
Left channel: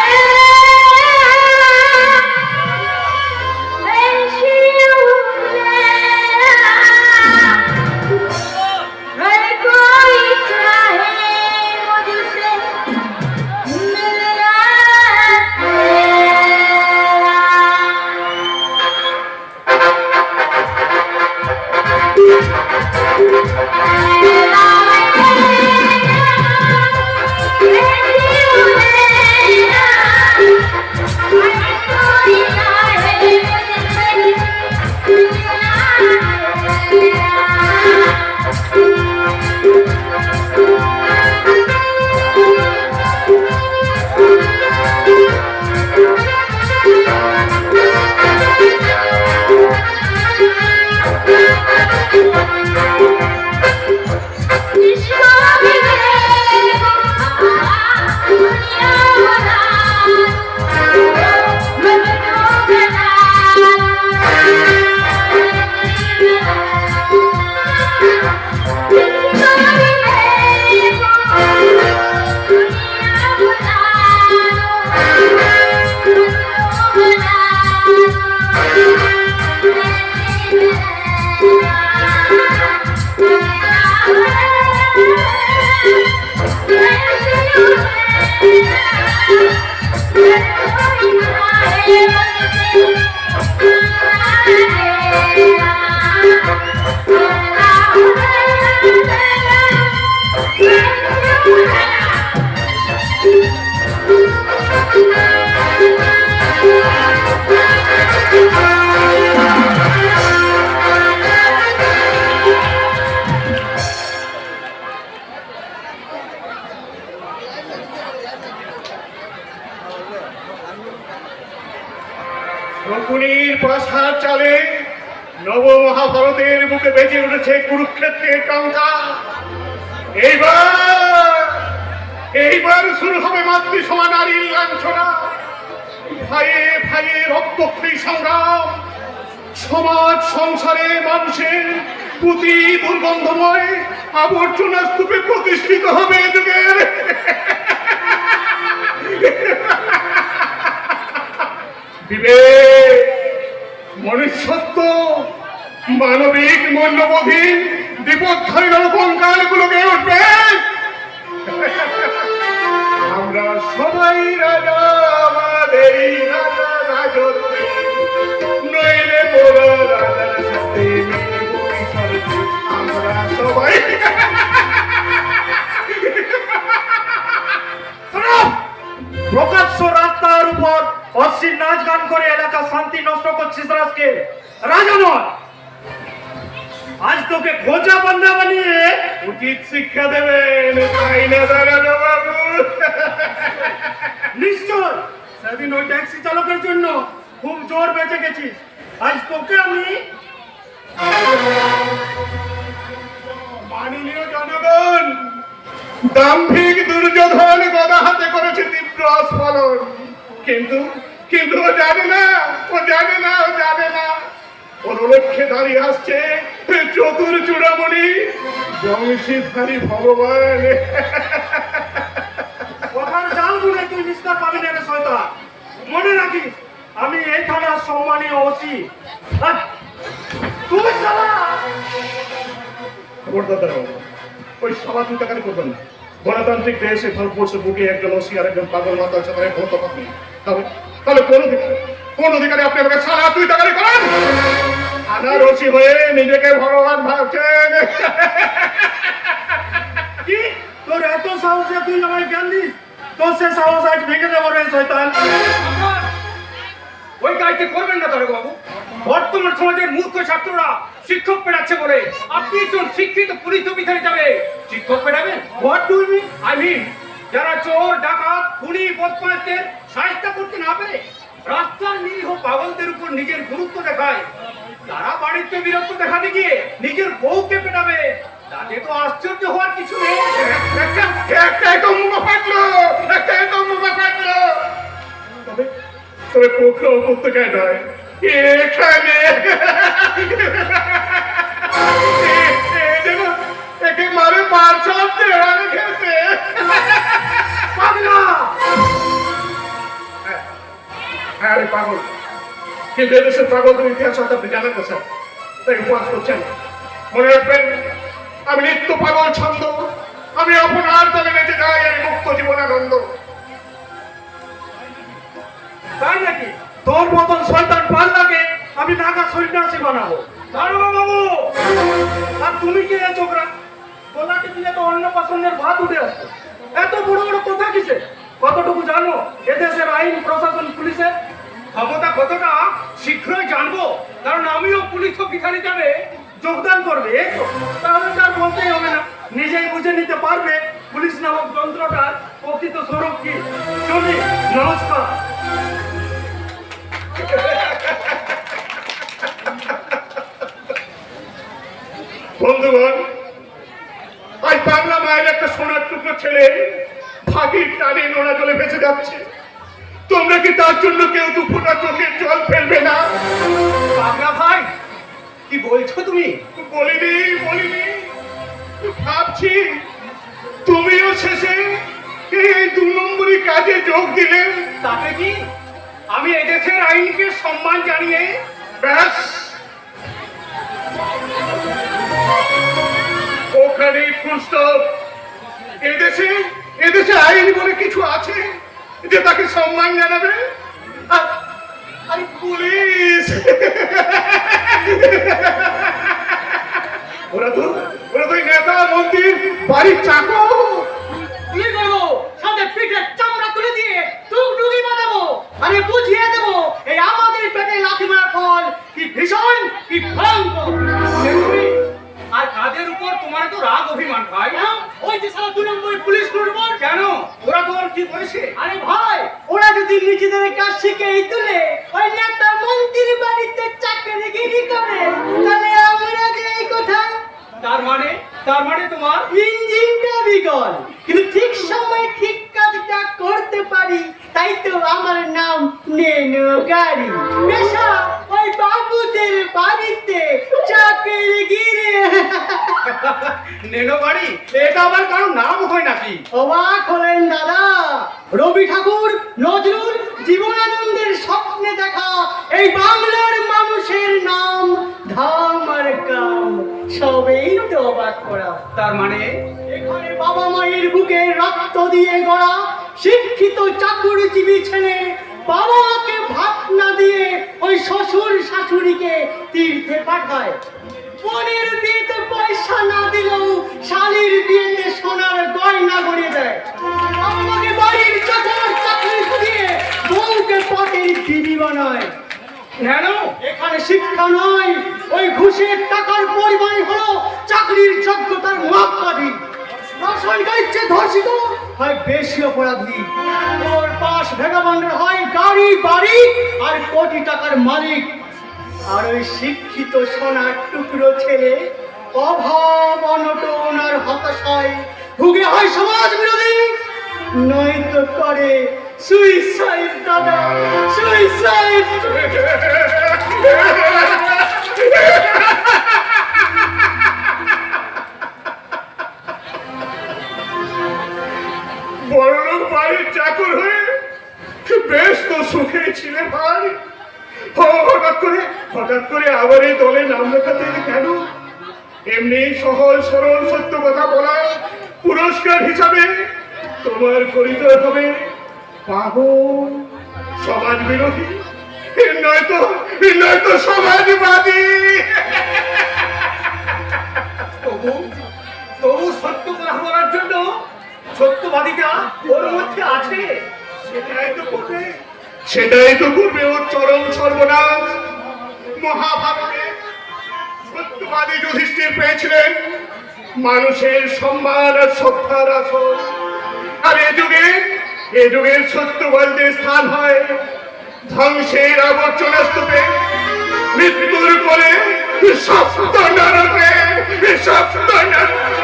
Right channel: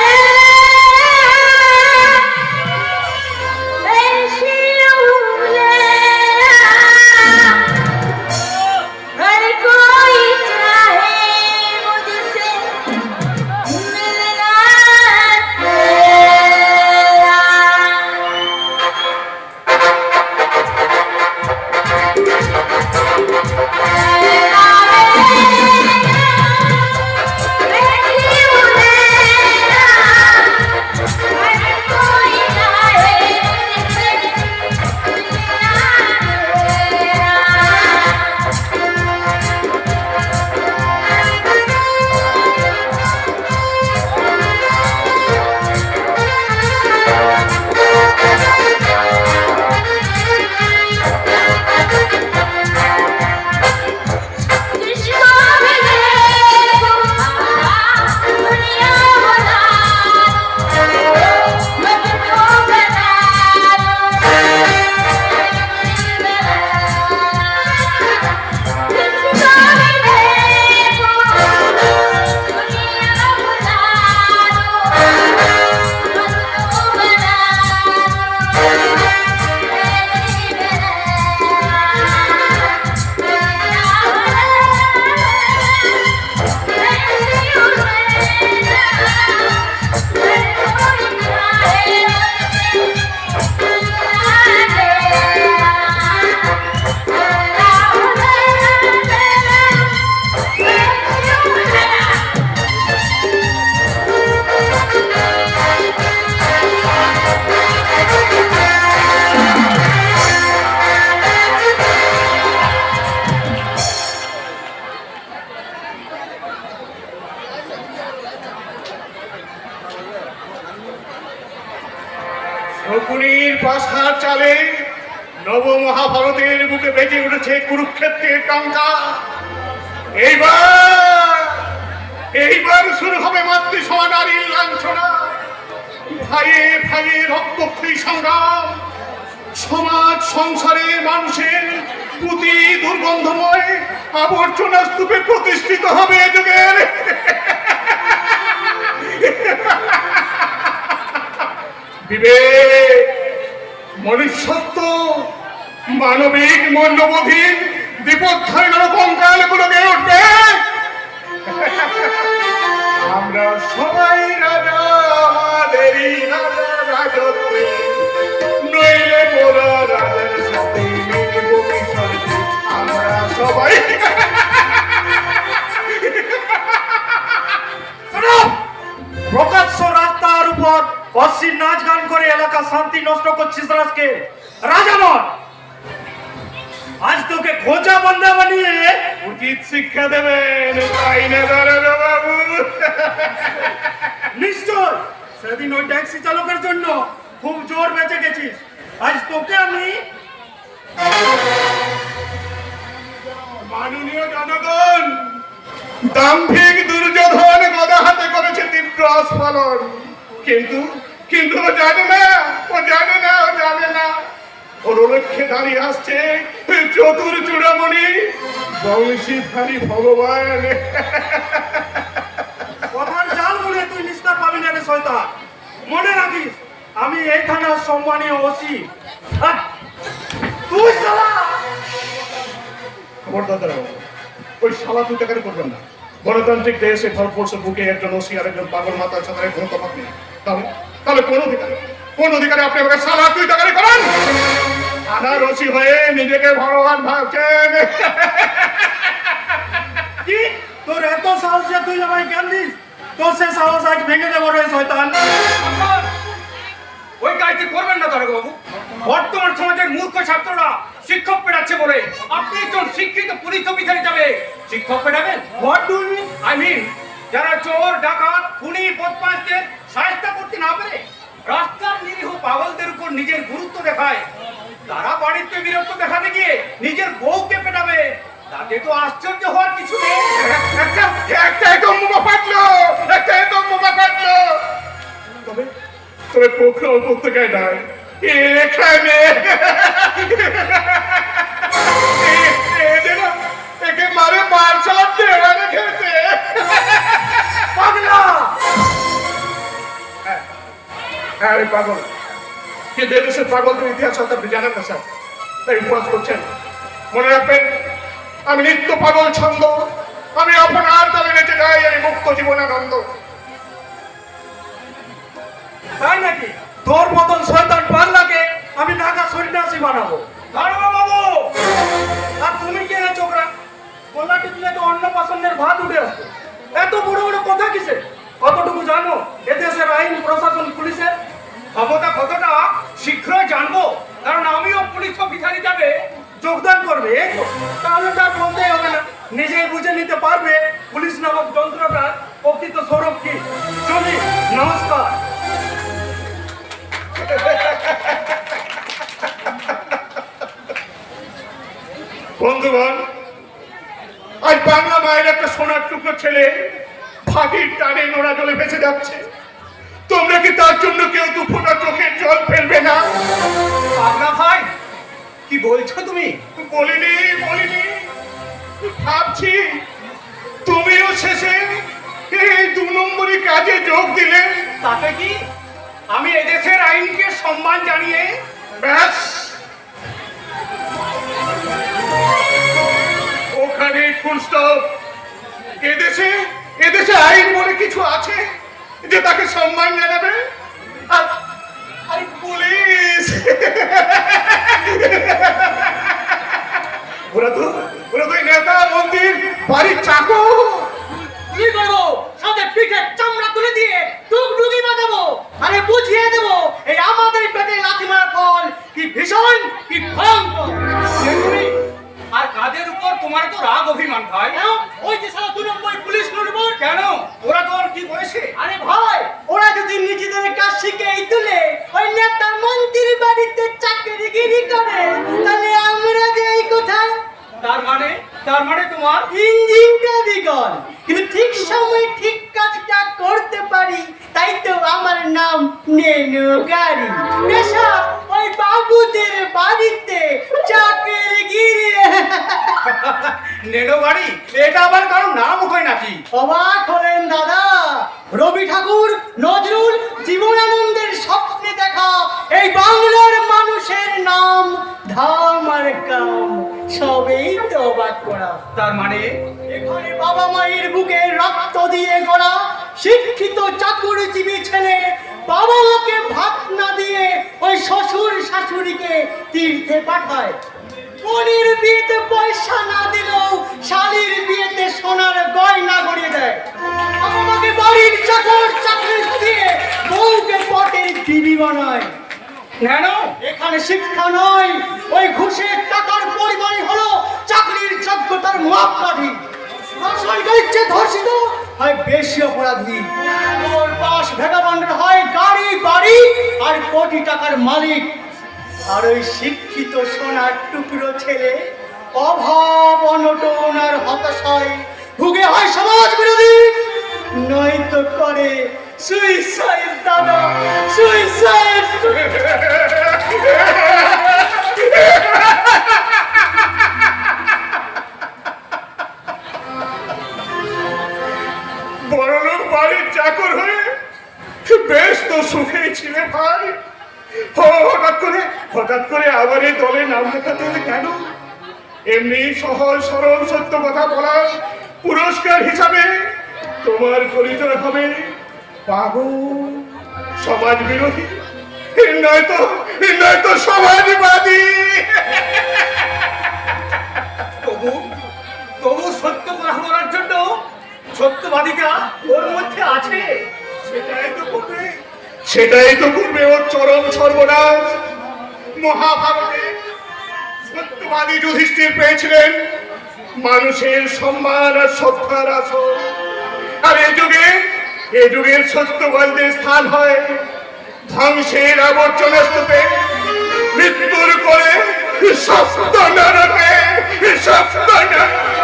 শকুনির পাশার চালে নব মহাভারতের বুকে বেজে উঠেছে কুরুক্ষেত্রের টঙ্কা। এইবার শুরু হবে মাতৃ সমানারীর লাঞ্ছনা, ভাইয়ে ভাইয়ে রক্তক্ষয়ী সংগ্রাম, সমাজ সংসারে মানুষের প্রতি দুর্গন্ধময় আবর্জনা স্তূপে প্রতিষ্ঠিত হবে এ যুগের বিবেক, মনুষ্যত্ব, মানবিক মূল্যবোধীন বিপক্ষের নরকঙ্কালগুলোকে উঠবে। আমরা সবাই রাজা, আমাদেরই রাজা রাজত্বে, নইলে মোরা রাজার সাথে মিলব মিশনে। আমরা সবাই প্রকাশ্য রাস্তার উপর অশ্লীল নাচ গান করে এলাকা শান্তি নষ্ট করছিস রাজকে, রাজা নয়। আজ তোকে খোঁজা বান্ধা বানিয়ে উচিত শিক্ষা দেবেন, তাই না দাঁড়ানো বাবু? নিশ্চয় সেদিন ওই ট্যাক্সি চালকের জন্য খুব জোর বেঁচে গেছিস। আজ তোকে আমি মাননীয় জনগণ, দাম্ভিক দুর্যোধন গদা হাতে করেছে তীব্র আস্ফালন, কিন্তু কিন্তু ও জানে না, ও জানে না, ও জানে না ওর লক্ষ্যে দাঁড়িয়ে আসছে চতুর চূড়ামণি বংশীধারী ভগবান। কথার জাল বুড়ে তুই নিস্তার পাবি না রে শয়তান। মনে রাখিস আমি এই থানার সম্মানীয় ওসি। আর তুই শালা খবরদার, ওই শালা তুই টাকারি করবেন না। গণতান্ত্রিক দেশে ভারতবর্ষের বুকে একজন ওসি আর একজন পাগল মাতার সাথে কোন তফাৎ নেই। তাহলে কোন অধিকারে আপনি আমাকে শালা তুই টাকারি করেন? থানার ওসি হয়ে নিজেকে ভগবান ভাবছেন। কি তোর এত সাহস যে তুই আমায় জ্ঞান দিস? তোর সে সাহস আজ ভেঙে দেবো রে শয়তান। ওই কাজটি করবেন না দারোগা বাবু। বর্তমান সমাজের মূর্খ ছাত্ররা শিক্ষক পেড়াচ্ছে বলে আপনি একজন শিক্ষিত পুলিশ অফিসারে যাবে শিক্ষক পেড়াবেন? What do you mean? I mean যারা চোর, ডাকাত, খুনি, বদমাশদের সাহায্য করতে না পারে, রাস্তার নিরীহ পাগলদের উপর নিজের গুরুত্ব দেখায়, তারা বাড়িতে বীরত্ব দেখাতে গিয়ে নিজের বউকে পেটাবে, তাতে তো আশ্চর্য হওয়ার কিছু নেই। তবে পোখরা উপত্যকায় নয়, এখানে একে মারে মার ছাড়তে রেখেছে। হ্যাঁ রে পাগল, কিন্তু এদেশের পাগলদের ইতিহাস আপনি জানেন না স্যার, তাই উপহাস করছেন। মনে রাখবেন, আমি নিত্য পাগল ছন্দ, আমি আপনার তলে নেচে যাই এই মুক্ত জীবনানন্দ। তাই নাকি? তোর মতন শয়তান পাল্লাকে আমি ঢাকা সন্ন্যাসী বানাবো। দারোগা বাবু, আর তুমি কে রে চোখরা? গলা টিপলে তো অন্য পছন্দের ভাত উঠে আসবে। এত বড় বড় কথা কিসে? কতটুকু জানবো এদেশের আইন, প্রশাসন, পুলিশের ক্ষমতা কতটা শীঘ্রই জানবো, কারণ আমিও পুলিশ অফিসার হিসাবে যোগদান করবে। তাহলে তার বলতেই হবে না, নিজেই বুঝে নিতে পারবে পুলিশ নামক যন্ত্রটার প্রকৃত স্বরূপ কি। চলি, নমস্কার। বন্ধুগণ, আজ বাংলা মায়ের একটা সোনার টুকরো ছেলে ফাঁকির টানে নোনা জলে ভেসে যাচ্ছে। তোমরা কি তার জন্য কেউ দু ফোঁটা চোখের জল ফেলবে না? পাগলা ভাই, কি বলছো তুমি? বলিনি, ভাবছি তুমিও শেষে এই 2 নম্বরই কাজে যোগ দিলে। তাতে কি? আমি এদেশের আইনকে সম্মান জানিয়ে ব্যাস ওখানে ফুল স্টপ। এদেশে আইন বলে কিছু আছে যে তাকে সম্মান জানাবে? আরে পুলিশ, ওরা তো নেতা, মন্ত্রীর বাড়ির চাকর। কি করবো? সাথে পিঠে চামড়া তুলে দিয়ে তুক ডুগি বাঁধাবো, আরে বুঝিয়ে দেবো এই আমাদের পেটে লাথি মারা ফল কি ভীষণ, কি ভয়ঙ্কর। আর কাদের উপর তোমার তো রাগ অভিমান ভাই? ওই যে সারা 2 নম্বর পুলিশ নুরবর। কেন? ওরা তোর কি বয়সে? আরে ভাই, ওরা যদি নিজেদের কাজ শিখে তুলে ওই নেতা মন্ত্রী তার মানে তোমার ইঞ্জিনটা বিকল, কিন্তু ঠিক সময় ঠিক কাজটা করতে পারি, তাই তো আমার নাম নেনু গাড়ি। নেশা ওই বাবুদের বাড়িতে চাকরি গিরে। নেনো গাড়ি, এটা আবার কারো নাম হয় নাকি? অবাক হলেন দাদা? রবি ঠাকুর, নজরুল, জীবনানন্দের স্বপ্নে দেখা এই বাংলার মানুষের নাম ধাম আর কাম, সবেই তো অবাক করা। তার মানে এখানে বাবা মায়ের বুকে রক্ত দিয়ে গড়া শিক্ষিত চাকরিজীবী ছেলে বাবা মাকে ভাত না দিয়ে ওই শ্বশুর শাশুড়িকে তীর্থে পাঠায়। বোনের বিয়েতে পয়সা না দিলেও শালির বিয়েতে সোনার গয়না গড়িয়ে দেয়। আমাকে বাড়ির চাকর চাকরি খুঁজিয়ে বউকে পটের বিবি বানায়। কেন? এখানে শিক্ষা নয়, ওই ঘুষের টাকার পরিমাণ হলো চাকরির যোগ্যতার মাপকাঠি। সরকারের চেয়ে ধর্ষিত হয় বেশি অপরাধী, ওর পাশ ভেগাবন্ডের হয় গাড়ি বাড়ি আর কোটি টাকার মালিক। আর ওই শিক্ষিত সোনার টুকরো ছেলে অভাব অনটন আর হতাশায় ভুগে হয় সমাজ বিরোধী, নয়তো করে সুইসাইড। দাদা, সুইসাইড। বড়লোক বাড়ির চাকর হয়ে বেশ তো সুখে ছিলে ভাই। হঠাৎ করে আবার এই দলে নাম লেখাতে এলে কেন? এমনি সহজ সরল সত্য কথা বলার পুরস্কার হিসাবে তোমার পরিচয় হবে পাগল, সমাজ বিরোধী, নয়তো সমাজবাদী। তবু সত্য কথা বলার জন্য সত্যবাদিতা ওর মধ্যে আছে। সেটাই তো করবে ওর চরম সর্বনাশ। মহাভারতে সত্যবাদী যুধিষ্ঠির পেয়েছিলেন মানুষের সম্মান আর শ্রদ্ধার আসন, আর এ যুগের সত্যবাদীদের স্থান হয় ধ্বংসের আবর্জনা স্তূপে, মৃত্যুর পরে সপ্ত নরকে, সপ্ত নরকে।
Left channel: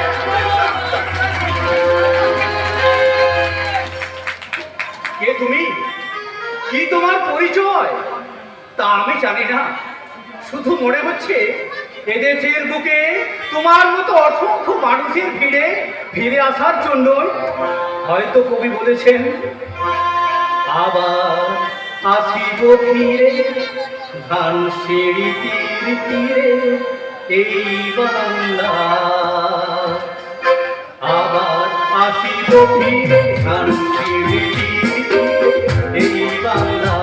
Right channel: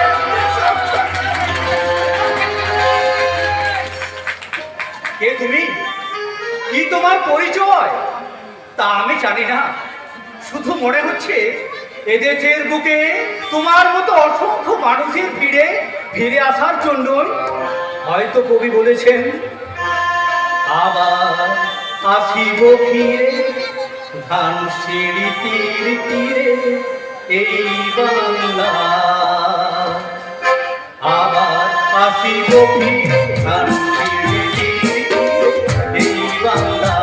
কে তুমি? কি তোমার পরিচয়? তা আমি জানি না, শুধু মনে হচ্ছে এদেশের বুকে তোমার মতো অসংখ্য মানুষের ফিরে আসার জন্য হয়তো কবি বলেছেন, আবার আসিব ফিরে ধানসিঁড়ি তীর তীরে এই বাংলা, আবার আসিব ফিরে ধানসিঁড়ি তীর তীরে এই বাংলা।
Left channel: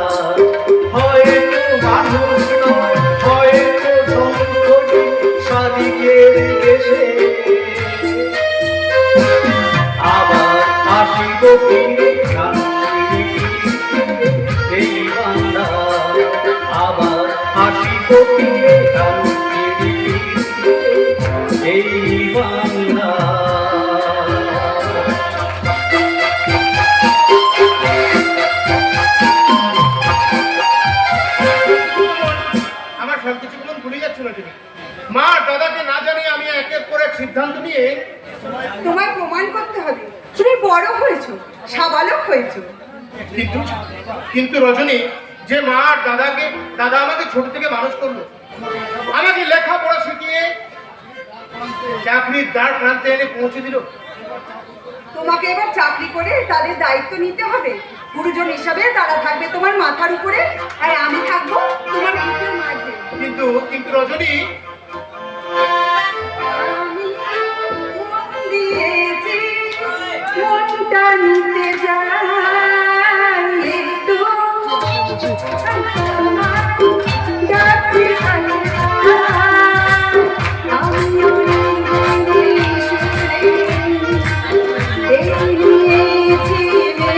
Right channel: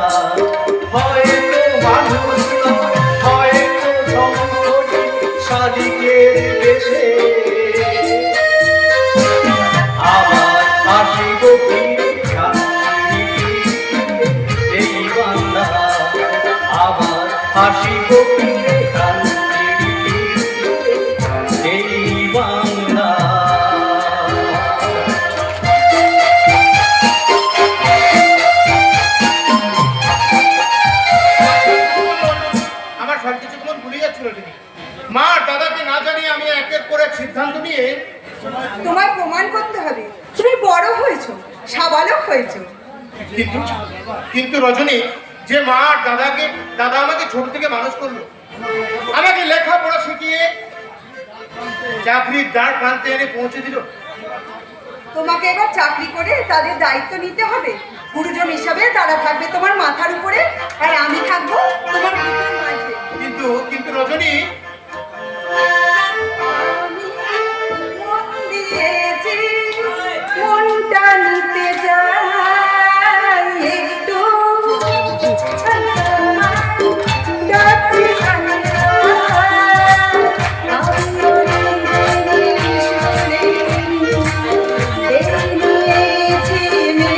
হয়তো মানুষ নয়, হয়তো ধনকড়ি সাদিকের দেশে, আবার আসিব ফিরে ধানসিঁড়ি তীরে এই বাংলা, আবার আসিব ফিরে ধানসিঁড়ি তীরে এই বাংলা। আমার সব কিছু ভুলে যাচ্ছিল তুমি। মা দাদাকে না জানিয়ে আমি একের পর এক সিদ্ধান্ত নিয়ে তোমার প্রমাণ করতে হবে তুমি বড় হয়েছো, সাবালক হয়েছো। কিন্তু রজনী, যে মা আর দাদা আমাকে ছোট থেকে মানুষ করলো, আমাকে লেখাপড়া শিখিয়ে চাকরির দ্বার প্রান্তে এনে পৌঁছে দিল, তোমাকে এবার চাকরি করে তাদের দায়িত্ব নিতে হবে। গুরুজন হিসাবে তারা থাকবে তোমার মাথার উপরে, আর আমি থাকবো তোমার বুকের মাঝে। কিন্তু রজনী, আমি মন দিয়েছি, মনটা নিতে যাই একটু, ডাকছে আল্লাহ, আমিও নিজের সুরে এই নিয়েছি নে,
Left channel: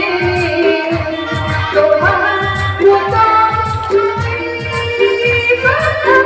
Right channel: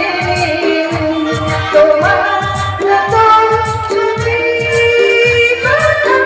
তোমার মতো ছবি কথা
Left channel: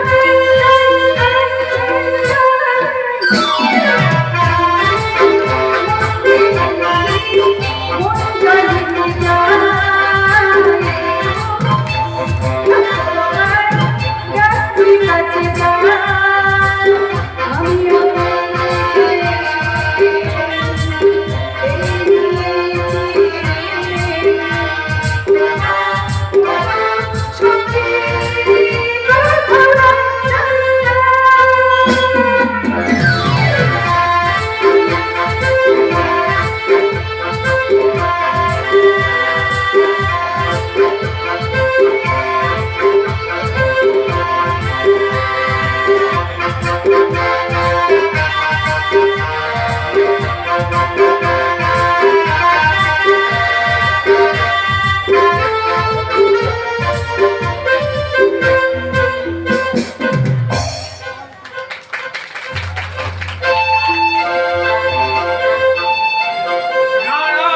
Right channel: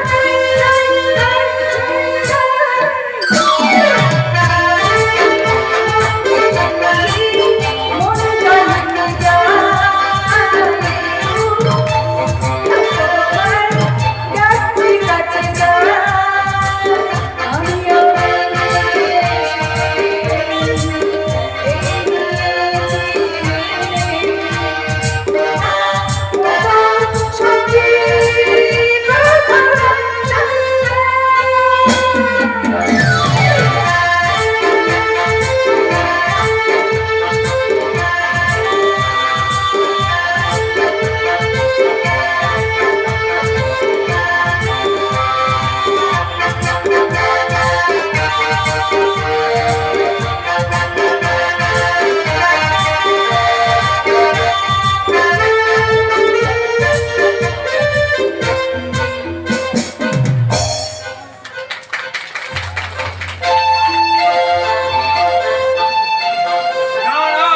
না না,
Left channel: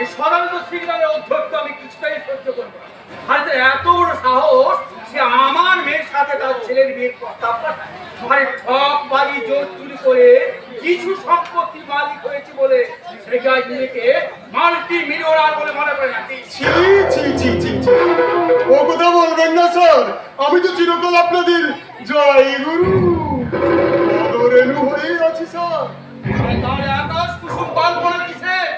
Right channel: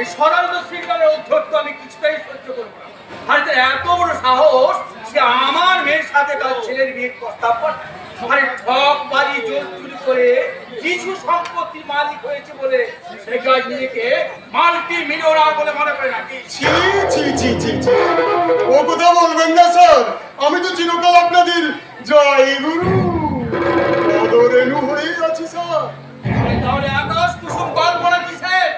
এই সদানত সিগন্যালের অধ্যক্ষ আমি কিছুটাই সহ্য করবো না। আর তার এত বড় সাহস, সে আমার মেয়ের সাথে তার ছেলের বিয়ের প্রস্তাব পাঠায়। মানে ঠক বাড়ি জোর চুরি করে কিছু সম্পত্তির মালিক হয়েছে বলে সে কি আজ নিজেকে মাল্টি মিলিয়নার বলে মনে করে নাকি? ছি ছি ছি ছি ছি। ও কথা বলবেন না স্যার, আমি তো চিরকাল আপনাদের জয় গুরু রেণু হয়ে আছি স্যার। আরে তাহলে আকাশ কুসুম কল্পনা কিসের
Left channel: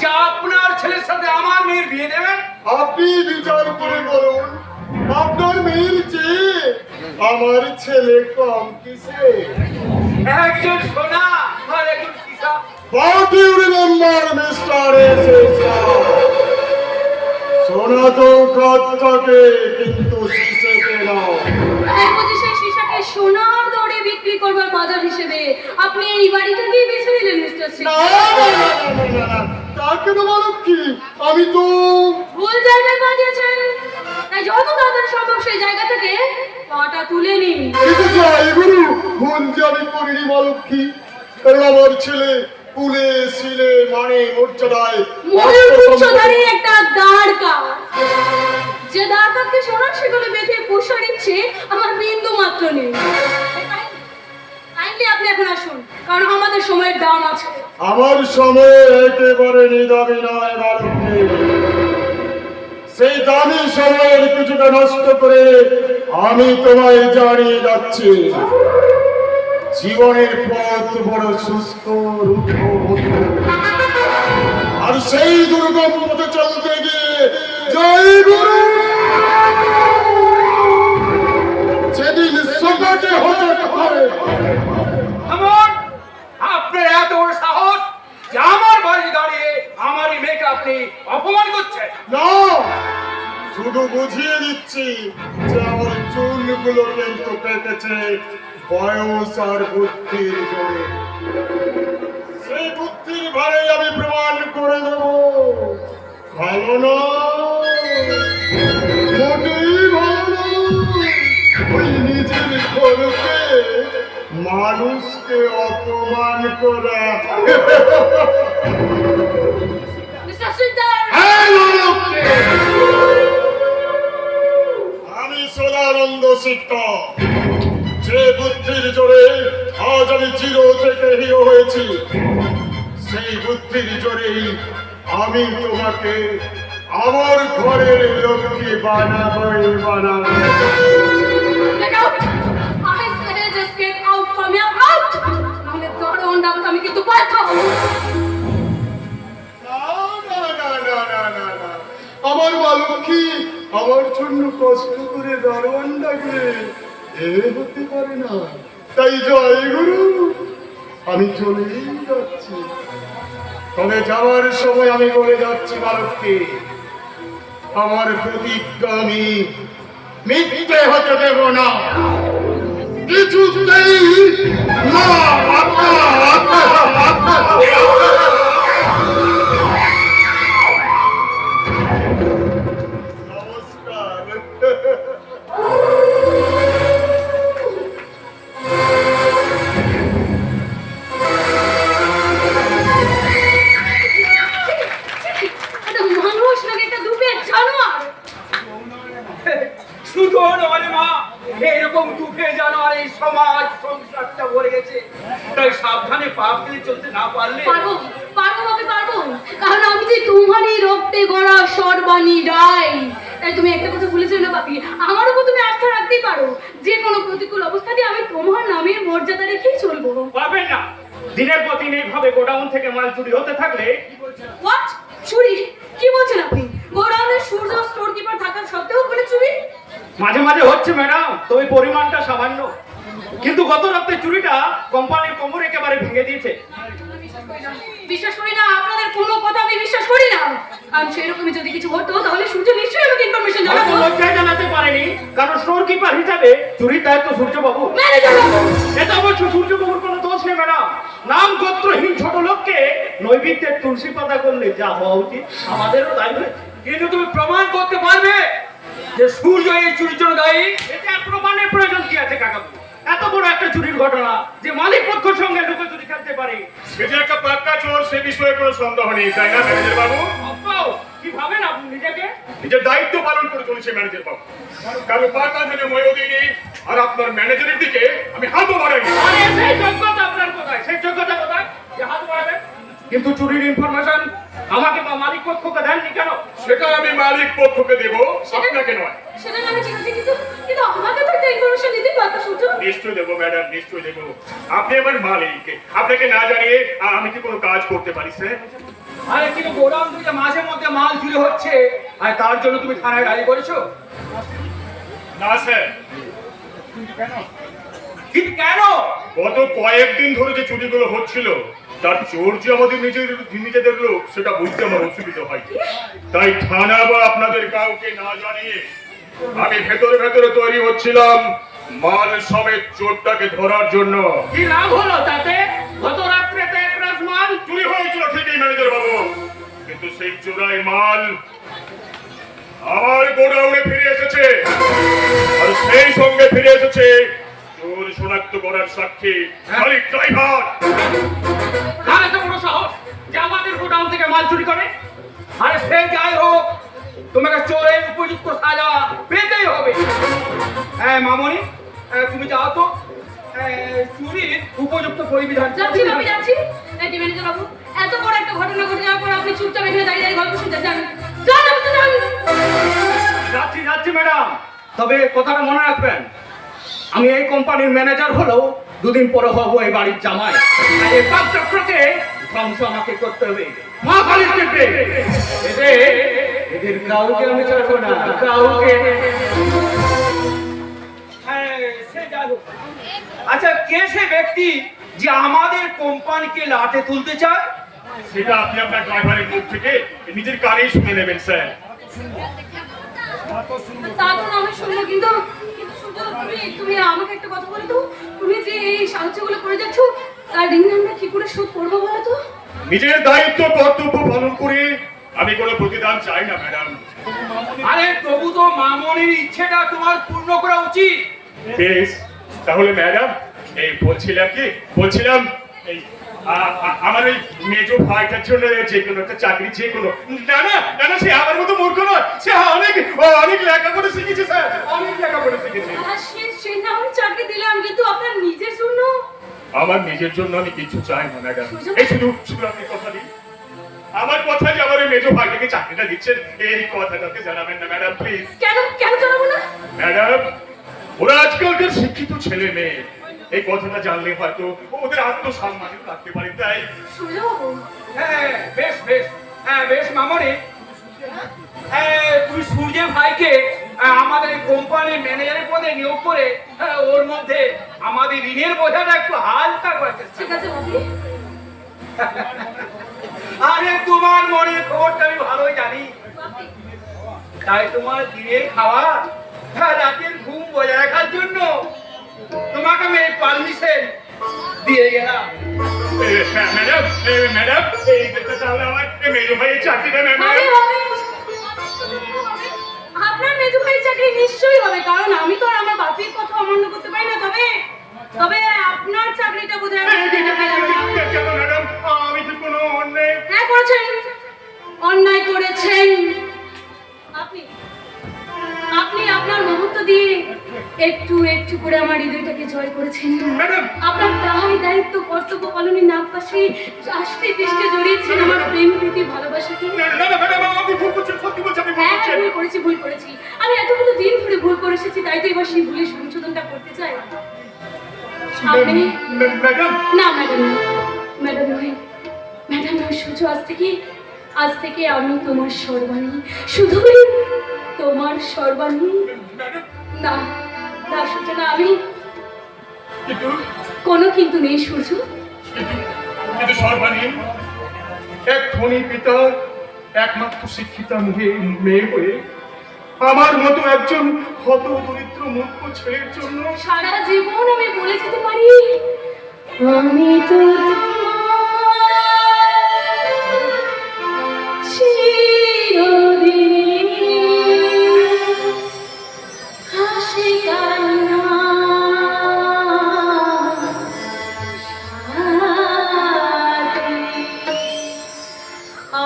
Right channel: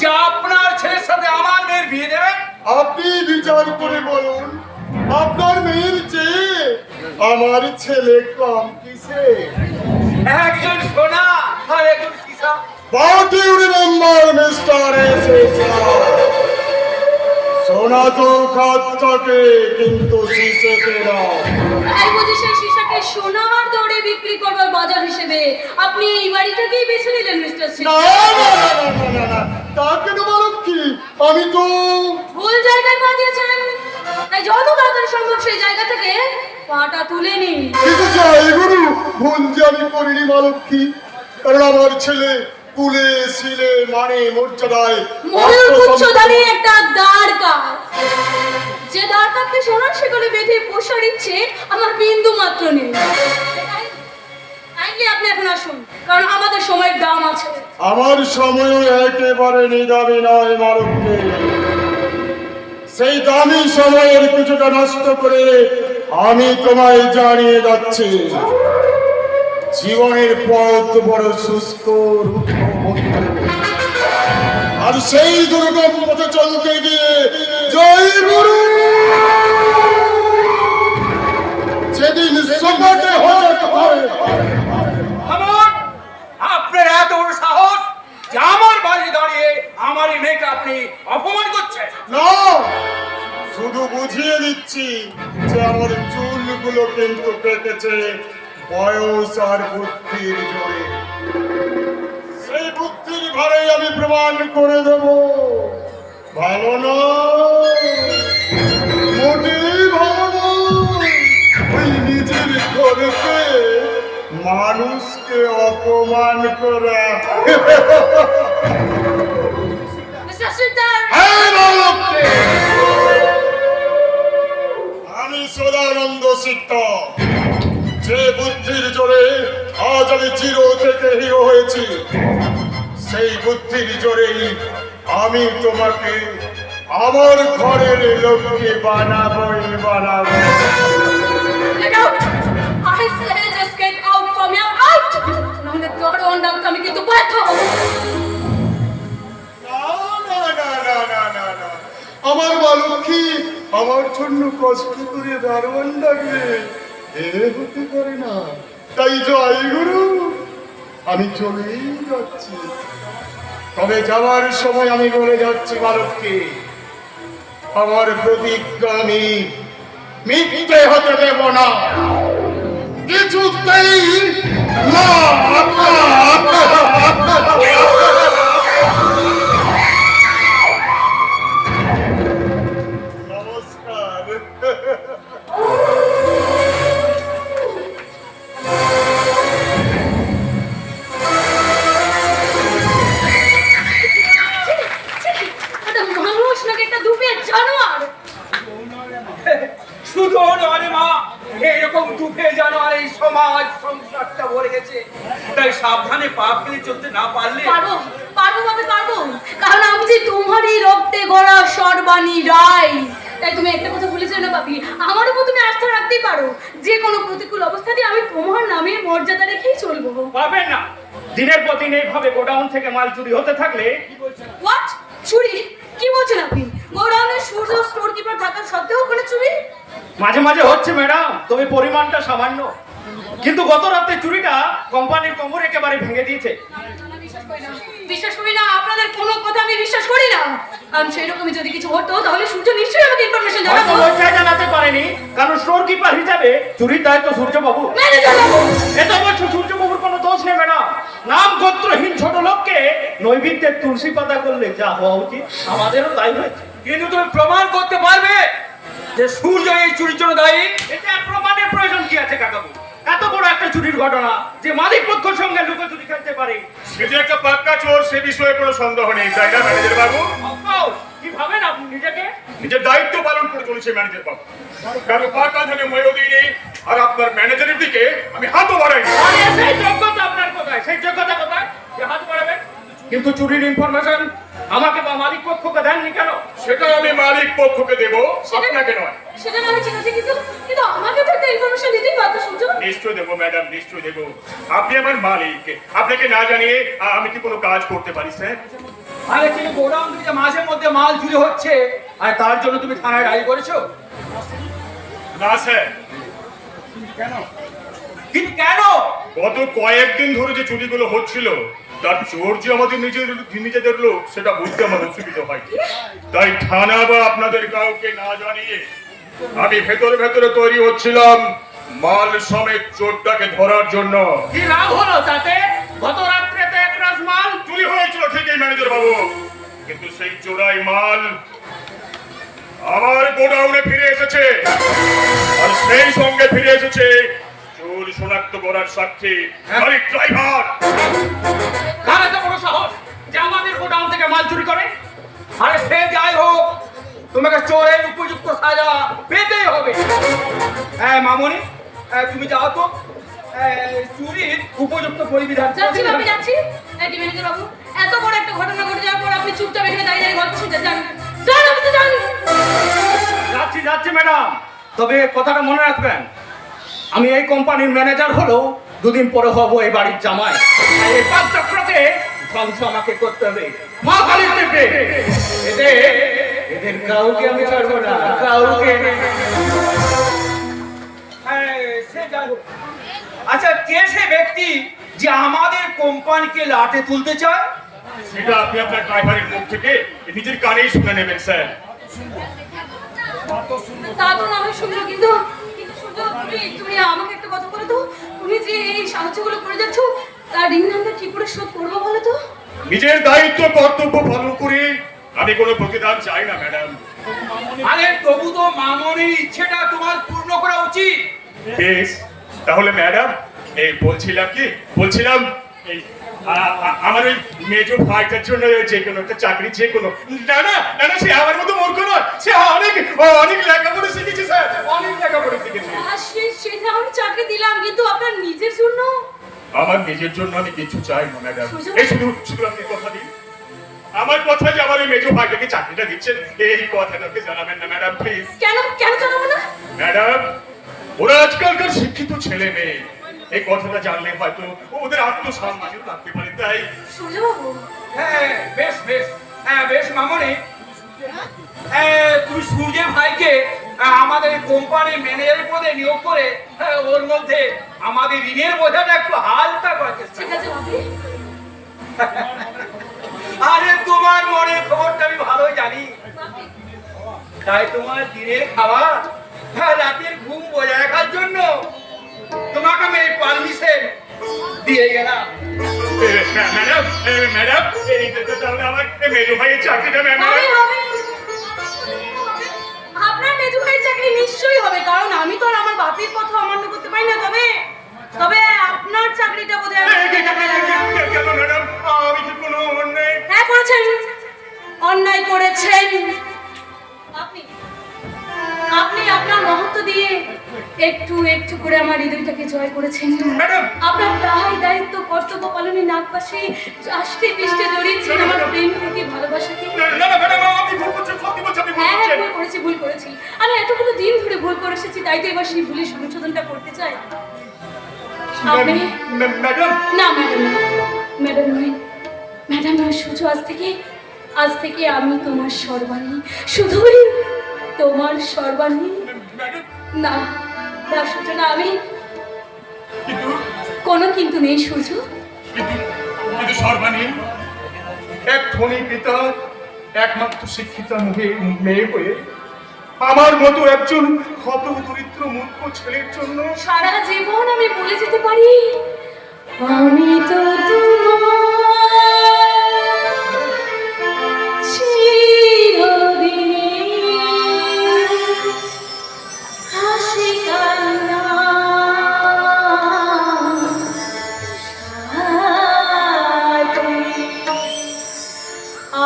যে আপনার ছেলের সাথে আমার মেয়ের বিয়ে দেবেন? আপনি বিচার করে বলুন, আপনার মেয়ের চেয়ে আমার ছেলে কম কিসে? একজন সোনা আর একজন সীসা। What do you remember, Mr. SSR? সোনা তো খাত থাকে কিন্তু শিশেতে নয়। তাই বুঝি সেই সীসাকে সোনার দরে বিক্রি করবার বাজার হিসেবে আপনি এই বাড়িটাকেই বেছে নিলেন মিস্টার সিং? না না না না না না, তা কেন মানব কি? আমি তো ভুল জায়গায় পা দিয়েছেন। তাই যত তাড়াতাড়ি সম্ভব সেই জায়গা থেকে পাটা তুলে নিন। ঠিক আছে গুরু, ভুল যে আমি করিনি মালক কি, কারণ আমার ছেলে কুলে শিলে মানে মর্যাদায় ময়ূর উচ্চধারী একটা দ্বারকা, যে দ্বারকাকে সোনার শিকলে বেঁধে পোষার ইচ্ছে আমার বিন্দু মাত্র নেই। কাইন্ডলি আপনি এখন আসুন, কারণ আমাদের সময়ের দাম আছে। আমার সময়ে একেবারে নিদামি নয় মালককে, সেই দামি সময়ের কিছুটা নষ্ট করে আমি তোমায় জানিয়ে যাচ্ছি, জীবনের পথ বড় শুষ্ক রুক্ষ বন্ধু। আর সেই দুর্গম পথে চলতে গিয়ে জয় গুরু যেদিন সমাজে হঠাৎ করে আমার আপনার এত বড় সাহস যে আমার বাড়ি দাঁড়িয়ে আমার এই মেয়েকে আপনি অপমান করছেন? না, শুধু বুঝিয়ে দিচ্ছি যে আমার চুলগুলো কিন্তু কেটেছে বয়স আর বুদ্ধির জোরে। সেই বুদ্ধির ভারে আমি প্রমাণ করে দেব ভালো না, মোটেই ভালো নয়। ওই নিজের ঘরকে মানুষকে অপমান করা। মিস্টার সিকদার, হ্যাঁ, মানবকে। আমি সদানন্দ শিক্ষক, যে বুদ্ধির জোরে আজ আমি জিরো থেকে হিরো হয়েছি, সেই বুদ্ধির জোরেই আমি তোমাকে আমার ঘরের লোককে বানাবই বানাবো। get out! I say just get out from here, out! নাহলে দরওয়ান ডাক আমি কিন্তু বাধ্য হব। না না না না না না না, আমার বালকী আমার জন্য কষ্ট করে দারোয়ান ডাকবে, এ হতে পারে না। তাই জয় গুরু, আমি চলেই যাচ্ছি। তবে যাওয়ার সময় আমি বলে যাচ্ছি বালককে, আমার প্রতিজ্ঞা আমি মিথ্যে হতে দেব না, কিছুতেই না। নমস্কার। এটা মানুষ নাকি একটা দুপের জানোয়ার? শুধু নয় মা, এরকম দুঃখে জানার এই সমাজ সংসারটা ভরে গেছে। তাই সাবধানে পা ফেলে চলতে না পারলে পারবো পারবো ভাবে পারবো, কারণ আমি যে তোমারই রক্তে গড়া সর্বাণী রায়। তাই তুমি একটা কথা ভুলেছিলে না পাপি, আমার উপর তুমি আস্থা রাখতেই পারো। যে কোনো প্রতিকূল অবস্থাতে আমি তোমার নামের মর্যাদা রেখেই চলবো। পারবেন না। দিনের পর দিন এইভাবে গোডাউন থেকে মাল চুরি হতে থাকলে হোয়াট? চুরি? কি বলছেন আপনি? গোডাউনে সূর্য স্টোর কিপার থাকা সত্ত্বেও ওখানে চুরি? মাঝে মাঝে হচ্ছে ম্যাডাম, তবে পরিমাণটা সামান্য। কিন্তু গত রাতে চুরিটা কোম্পানির কোমর একেবারে ভেঙে দিয়েছে। বিশ্বাস করি না, বিশ্বাস করি না, আপনাদের কোনো কথা আমি বিশ্বাস করি না। কারণ সেরকমই যদি কিছু হতো তাহলে সূর্য নিশ্চয়ই আমাকে ইনফরমেশন হয়তো জানাতো। লজ্জায় জানাতে পারেনি, কারণ স্টোর কিপার হিসাবে চুরির দায়িত্ব সূর্যবাবু। ম্যানেজার বাবু, এটা অবশ্য সূর্যবাবুর কোনো দোষ নেবে না। নাম গোত্রহীন ছোট লোককে নৈবেদ্যের তুলসী পাতা করলে যা হওয়া উচিত আমাদেরও তাই হয়েছে। কিন্তু তুমি প্রমাণ করতে পারবে যে সূর্য এই চুরির জন্য দায়ী? এটা আর প্রমাণের প্রয়োজন কি আছে কাকাবু? এত বড় একটা চুরির ঘটনা যে মালিক পক্ষের সঙ্গে লুকোচুরি খেলতে পারে। সে যে একটা পাক্কা চোর সে বিষয়ে কোনো সন্দেহ নেই, তাই না ম্যানেজার বাবু? আব্বাও, কি ভাবেন আপনি নিজেকে? নিজের দায়িত্ব পালন করে চলেছে ম্যানেজার বাবু। কারণ পাকা ধরে ময়ও দিইনি, আর আপনার ম্যানেজারের দিকে আমি হাতও বাড়াইনি। আরে সেই যোগ্যতা আপনার কোথায়? সেই যোগ্যতা কোথায় যে হাত বাড়াবেন? কিন্তু চুরির ইনফরমেশন আমাকে বা মালিক পক্ষকে দেননি কেন? সেটা আমি মালিক পক্ষকে দেব, আপনাকে নয়। সেটা না ঠিক আছে, কিন্তু কিন্তু আমাকে তো একটা ইনফরমেশন দিতেই পারতো সূর্য। নিশ্চয় দেবো ম্যাডাম, নিশ্চয় দেবো। আপনি আমার মালিক, আপনাকে না জানিয়ে আমি কি কোনো কাজ করতে পারি স্যার? আরে কিন্তু গোডাউন থেকে মাঝে মধ্যে মাল চুরি হচ্ছে, আর তার জন্য তুমি থানায় ডায়েরি করেছো? না স্যার। কিন্তু কেন? গত কয়েকদিন ধরে যে চুরিগুলো হচ্ছিল তার চোর যে আমাদের নিজেদের লোক সেটা বুঝতে আমার অসুবিধা হয়। তাই থানা বা আপনাদের কাউকে না জানিয়ে আমি ভেতরে ভেতরে তৈরি হচ্ছিলাম মাল সমেত চোরটাকে ধরার জন্য। কি লাভ হলো তাতে? গত রাত্রে তো এক রাজ মাল চুরি হয়েছিল ঠিকই ম্যানেজার বাবু, কিন্তু সেই চোরাই মাল আমার গোডাউনে ফিরে এসেছে, আর সেই সঙ্গে ফিরে এসেছে চোর শনাক্ত করার সাক্ষী মালিক ড্রাইভার। কার এত বড় সাহস যে আমাদের গোডাউন থেকে মাল চুরি করে? আরে সে যাই হোক, তোমাকে চোরের উপযুক্ত সাজা পেতেই হবে। হ্যাঁ মামনি, তুমি যাও তো চুরির উপযুক্ত পরিবিধান। যাচ্ছি আমি যাচ্ছি। এই ম্যানেজার বাবু, এত বড় একটা ঘটনা ঘটে যাওয়ার পর আপনি চুপচাপ এখানে দাঁড়িয়ে দাঁড়িয়ে গল্প শুনতে যান। যান অফিসে যান। যাচ্ছি যাচ্ছি ম্যাডাম, তবে কথাটা মনে রাখবেন, আমি এই কোম্পানির ম্যানেজার হলেও দুদিন পরে হবো এই বাড়ির জামাই। আর এই পাপ চক্রকে ধ্বংস আমাকে করতে হবে। মা কালীর টিপে এদের কাউকে আমি ছাড়বো না, কাউকে। সে যাই হোক, আচ্ছা কে সে ব্যক্তি যে আমাদের কোম্পানিকে লাটে তুলতে চায়? সেটা আপনি আপনার ড্রাইভারের মুখ থেকে নিজের কানেই শুনে নেবেন স্যার। তা তো না হয় শুনলো, কিন্তু কিন্তু সূর্য, তুমি আমাকে একটা কথা বলো তো, তুমি যে এই সাহায্যগুলো করে যাচ্ছ তার ঋণ আমরা কি করে শোধ করবো বলো তো? নিজের দায়িত্ব কর্তব্য পালন করে আমি কোনো প্রতিদান চাই না ম্যাডাম। আরে তবু তো মামনির ইচ্ছেটা তোমার পূর্ণ করা উচিত। বেশ, তাহলে ম্যাডাম এই বলছিলাম এই আমার ওই মেজো ভাইটার জন্য যে কোনো একটা চাকরি, যে কোনো না না না না, সে আমার মতো মূর্খ নয়, সে অনেক লেখাপড়া শিখেছে স্যার, অনেক লেখাপড়া শিখেছে। সে না আমি চাকরি দিলাম, কিন্তু আপনার নিজের জন্য? আমার নিজের জন্য আমি কিছু চাই না ম্যাডাম। এই শুধু আপনি কথা দিন, আমার কথা যে আমার ওই মেজো ভাইটাকে চাকরিটা দিচ্ছেন এই কথাটাকে জানাবেন না ম্যাডাম প্লিজ। কেন কেন জানাবো না? ম্যাডাম, ওরা আজকালকার শিক্ষিত ছেলে মেয়ে, এই কথাটা জানলে হয়তো ওদের আত্মসম্মানও থাকতে পারে। তাই সুযোগ। হ্যাঁ বেশ বেশ, হ্যাঁ বেশ মামনি, তুমি সূর্যের ভাইকে আমাদের কোম্পানির ম্যানেজারের পদে নিয়োগ করে ওর মধ্যে আমাদের ঋণের বোঝাটা একটু হালকা করে চেষ্টা ঠিক আছে বাবু। আরে তোমার মনের খবরটা আমি ভালোই জানি, তাই তোমার দিনের খাওয়া রাতের ঘুম বজায় রাখার জন্য তোমাকে আমি এই পারমিশন দিয়ে গেলাম। ম্যাডাম এইটা তাহলে আমার মেজো ভাইয়ের চাকরিটা হবে, ম্যাডাম। হবে। আপনার মেজো ভাইয়ের চাকরি নিশ্চয়ই হবে, কারণ আমি তো আর আমার বাপের কথা অমান্য করতে পারি না। তবে তবে আপনার চাকরিটা বোধহয় কেন ম্যাডাম, আমি কি কোনো অন্যায়? হ্যাঁ করেছেন, অন্যায় করেছেন। আপনি আপনি আপনার মহত্ব দিয়ে একটু একটু করে আমার হৃদয়টাকে জয় করেছেন। ম্যাডাম, আপনার দায় দায়িত্ব কর্তব্য পালনের নাক পাশে আষ্টে পৃষ্ঠে জড়িয়েছেন আমার প্রেম প্রীতি ভালোবাসাকে। না না ম্যাডাম, আপনি ভুল করছেন, সত্যি বলছেন, আপনি ভুল হ্যাঁ করছেন। ভুল করেছি। আমি এতগুলো দিন ধরে ভুল করে এসেছি, তাই তো এবার সেই ভুলের সংশোধনটা করতে চাই। আপনি ম্যাডাম, না ম্যাডাম না, ম্যাডাম নয় সূর্য, আজ থেকে আমি তোমার সর্বাণী, শুধুই তোমার সর্বাণী। ম্যাডাম, না না সূর্য না, আমি কিন্তু কোনো কিন্তু নেই সূর্য। কিন্তু সর্বাণী, এক ধনী পিতার একমাত্র শিক্ষিতা মেয়ে হয়ে আমার মতো একজন হত দরিদ্র মূর্খ ছেলের জন্য সারা জীবন আমি বলে যেতে পারি আমি তো তোমার চিরদিন হাসি কান্না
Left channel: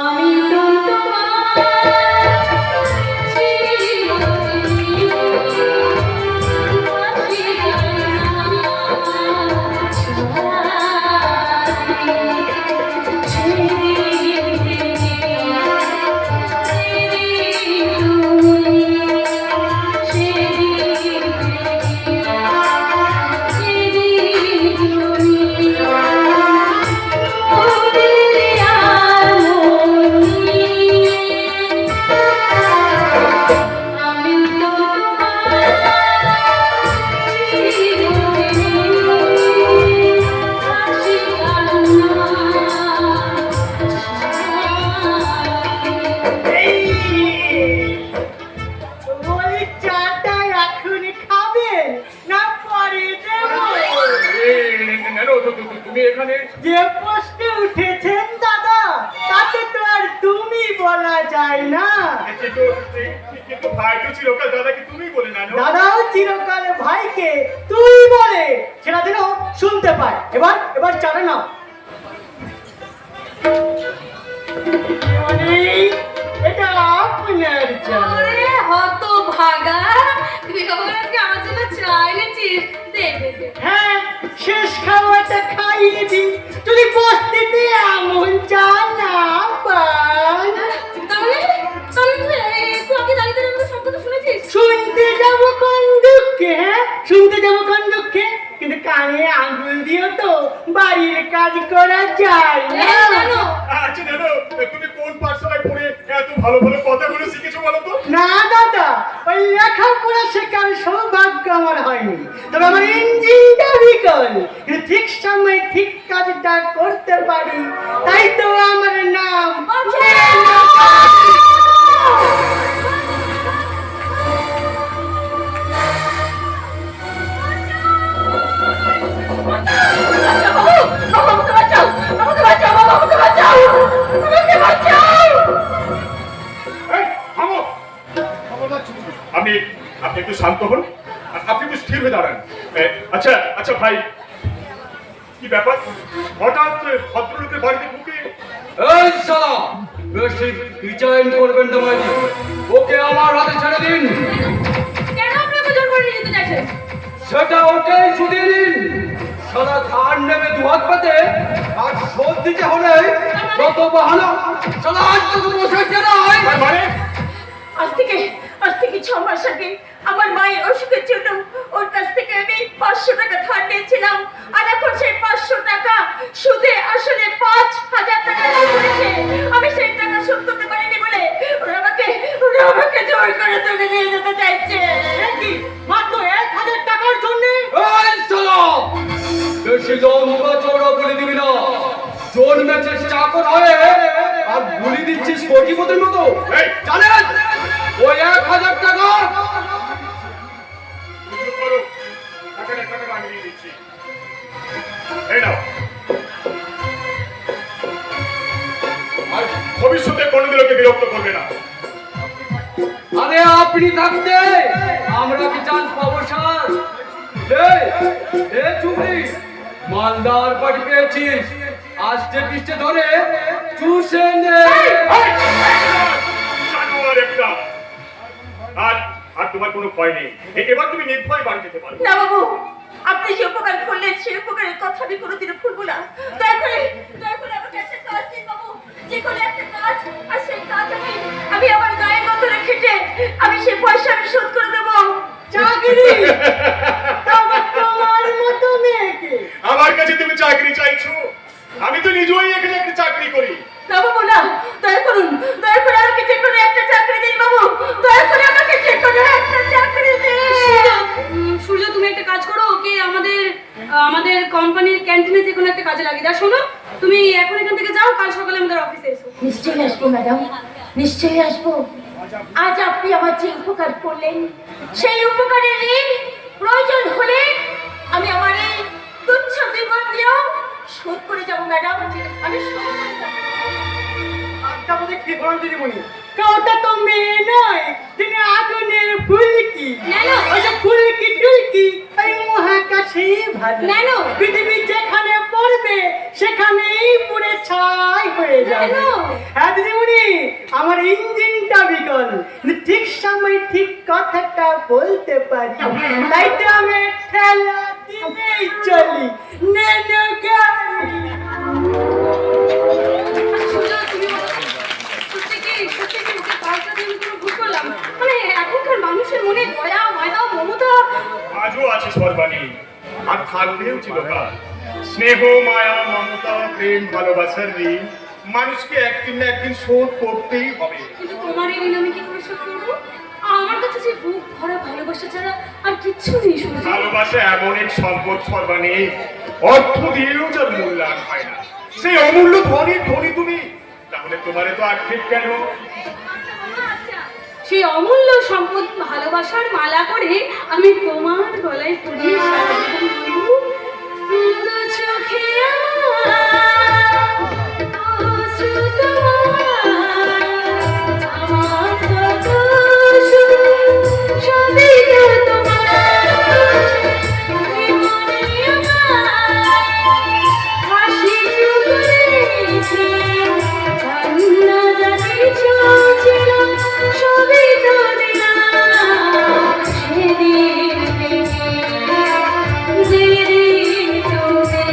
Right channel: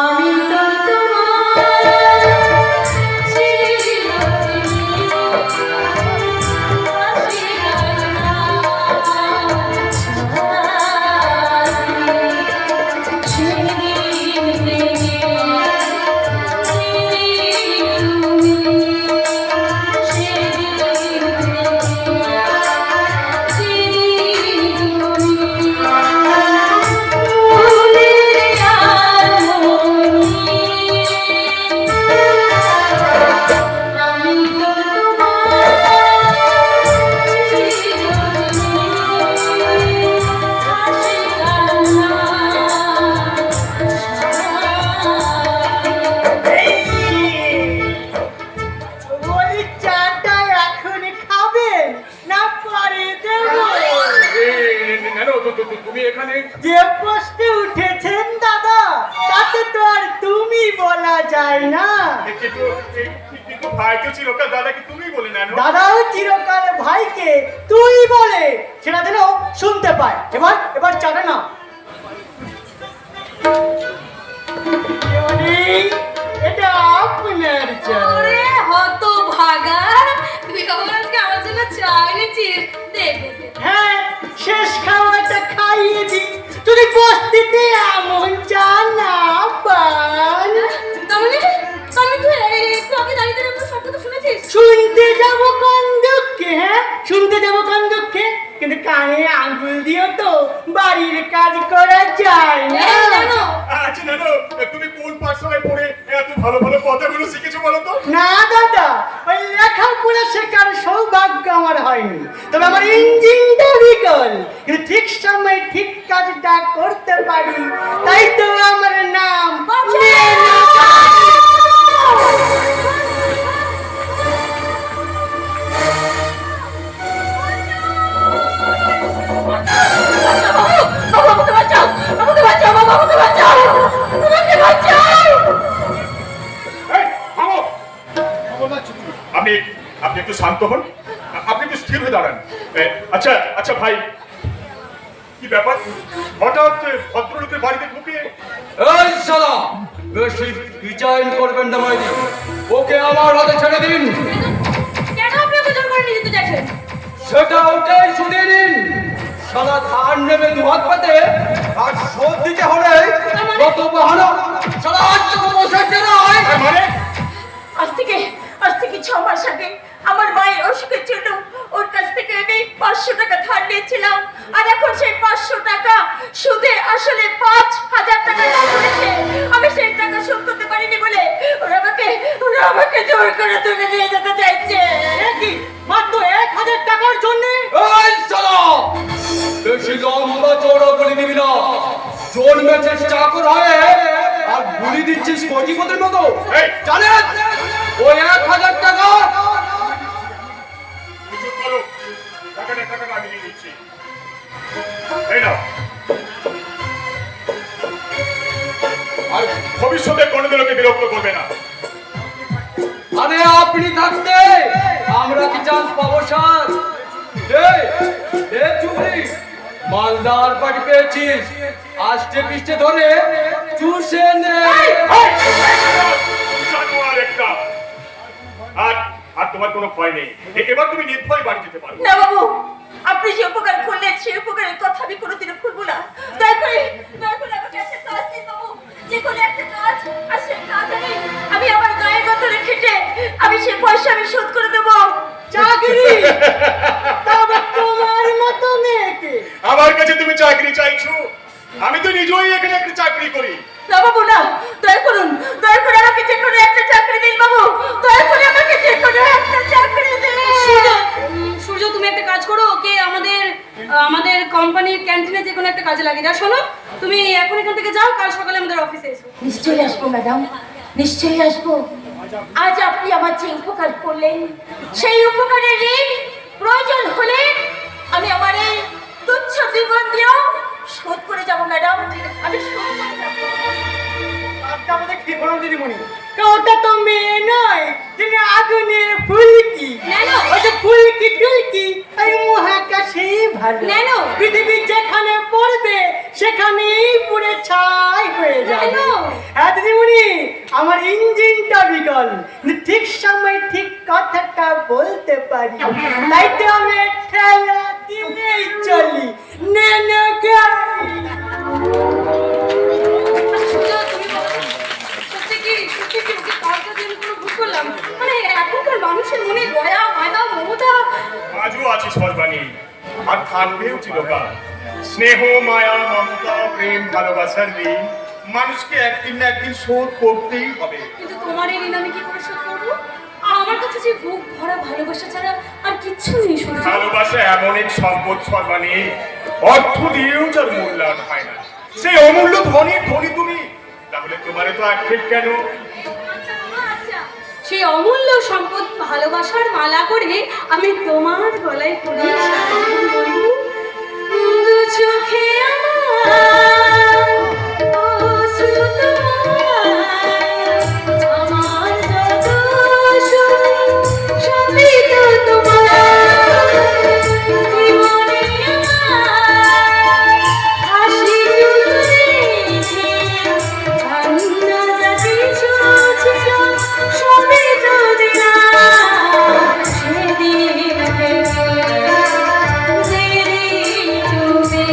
আমি তো বলি চাটা এখন খাবেন না পরে দেবো? তুমি এখানে যে পোস্টে উঠেছেন দাদা তাতে তো আর তুমি বলা যায় না। কিন্তু ভাই তো চিরকাল দাদাকে তুমি বলে না দাদাও চিরকাল ভাইকে তুই বলে, সেটা যেন শুনতে পায়। এবার এবার চাটা না। এটা আপনার চা। ওরে হতভাগা, তুই আবার আজকে আমার জন্য চা এনেছিস? দে দে দে। হ্যাঁ, শেষ খাওয়াটা খাইয়ে দি, যদি বস্তিতে এমন চা না পান। তাহলে তুই আগে দাঁড়িয়ে দাঁড়িয়ে আমাদের শব্দ তো শুনেছিস? শুনতে যাবো কোন দুঃখে? হ্যাঁ, শুনতে যাবো কোন দুঃখে? কিন্তু কানে আঙ্গুল দিয়েও তো বাড়ির কাজ করা যায় না। জানো আচ্ছা নানু, তুমি কোন পাঠশালায় পড়ে এত ভালো ভালো কথাগুলো শিখেছো বলো তো? না দাদা, ওই লেখাপড়া শেখার সৌভাগ্য আমার হয়নি, তবে আমার ইঞ্জিনটা বিকল, কিন্তু ঠিক সময় ঠিক কাজটা করতে পারি, তাই তো আমার নাম। এই, থামো! আপনি আপনি একটু শান্ত হন, আপনি একটু স্থির হয়ে দাঁড়ান। আচ্ছা আচ্ছা ভাই, কি ব্যাপার হঠাৎ ভদ্রলোকের বাড়িতে ঢুকে? এই শালা, বেশি ডিজাইন করবেন না মাইরি, ওকে আমার হাতে ছেড়ে দিন। কেন আপনাকে জোর করে নিয়ে যেতে চাইছেন? সেটা ওটাই শুনে নিন। শালা ধান নেমে দু হাত পাতে আর শোধ দিতে হবে কত বাহানা। শালা আজ তো বসাতে নয়। মানে আজ থেকে 6 মাস আগে আমার মায়ের অসুখের জন্য ওর কাছ থেকে আমি 500 টাকা ধার নিয়েছিলাম, আর এখন সেই 500 টাকা সুদে আসলে 5000 টাকা করেছে। আমি সেই টাকা শোধ করতে পারিনি বলে ওরা আমাকে জোর করে তুলে নিয়ে যেতে চাইছে। কি মাত্র 1000 টাকার জন্য? এই শালা, বেশি লম্বা চওড়া বলে দিবি না। জন্মেছিস চাকর হয়ে আর গুলি দিচ্ছিস কোটিপতির মতো। এই, জানেন ওই 1000 টাকা চুপ করো, টাকাটা আমি দিয়ে দিচ্ছি। এই নাও। আর ভবিষ্যতে কোনোদিন ওকে বিরক্ত করবে না। আরে আপনি থাকতে আমরা কি চান্স পাবো স্যার? চুবড়ি মালদার বাড়ি পেয়েছিস, আষ্টে পিষ্টে ধরে চুষে নে। জানোয়ার একটা। আর আর তোমার কোনো ভয় নেই, এবার তুমি নির্ভয় বাড়ি যেতে পারো। না বাবু, আপনি যে উপকার করলেন সেই উপকারের কথা আমি কোনোদিনও ভুলবো না। দয়া করে আমাকে একটা কাজ দিন বাবু, যে কোনো একটা কাজ। আর সেই কাজ আমি আমার গায়ের মতনে খেটে আমি সেই পয়সা আমি শোধ করে দেবো। চাকরি? তবে তোমার মতো মেয়েকে আমার কাছে তুমি চাকরি চাইছো? আমি তো নিজেই এখানে একটা চাকরি করি। না বাবু না, দয়া করে আমাকে যে কোনো একটা চাকরি দিন বাবু, দয়া করে আমাকে যে কোনো একটা চাকরি দিন। সূর্য, তুমি একটা কাজ করো, ওকে আমাদের কোম্পানির ক্যান্টিনে যে কোনো একটা কাজে লাগিয়ে দাও। শোনো, তুমি এখন এখান থেকে যাও, কাল সকালে আমাদের অফিসে এসো। নিশ্চয়ই আসবো ম্যাডাম। নিশ্চয়ই আসবো। আজ আপনি আমার যে উপকার করলেন সেই উপকারের ঋণ প্রয়োজন হলে আমি আমার এই তুচ্ছ জীবন দিয়েও শোধ করে যাবো ম্যাডাম, আমি শোধ করে যাবো। আপনি আমাদের কি বলেন দিদিমণি? ওটা তো মেয়ে নয়, যিনি আগুনের ফুলকি। নেনো। ওই যে ফুলকি টুলকি, এই মহাকাশে ভালো। নেনো। পৃথিবী যেখানে পড়বে সেখানেই পুড়ে ছাই হয়ে যাবে। নেনো। হ্যাঁ দিদিমণি, আমার ইঞ্জিনটা বিকল, ঠিক সময় ঠিক কথাটা বলতে পারি, তাই তো আমি ঠেলা দিলেই চলি। নেনো গাড়ি। মানে এখনকার মানুষের মনে দয়া মায়া মমতা আজও আছে সর্বাণী, আর থাকবেও চিরকাল। স্নেহ মায়া মমতা প্রেম ভালোবাসার ঋণ মানুষকে একদিন না একদিন শোধ করতেই হবে। কিন্তু তোমার এই ঋণ আমি কি করে শোধ করবো? আর আমার কাছে যে বুক ভরা ভালোবাসা ছাড়া আর কিচ্ছু নেই সূর্য। ভালোবাসা এমন এক সম্পদ সর্বাণী, অর্থ দিয়েও যার মূল্যায়ন হয় না। সেই অমূল্য ধনী তুমি, তাহলে তোমারে তো আক্ষেপ কেন? সেই অমূল্য সম্পদ ভালোবাসার মালা করে আমি তোমার গলায় পরিয়ে সারা জীবন বলবো, দু চোখে আমার অশ্রু তোমার, আমার যত সুখ সবই তো তোমার, জীবনে আমার হাসি চুলেছে, কান্না যা কিছু ছিল সবই তো দিলাম সেদিন থেকে, যেদিন তুমি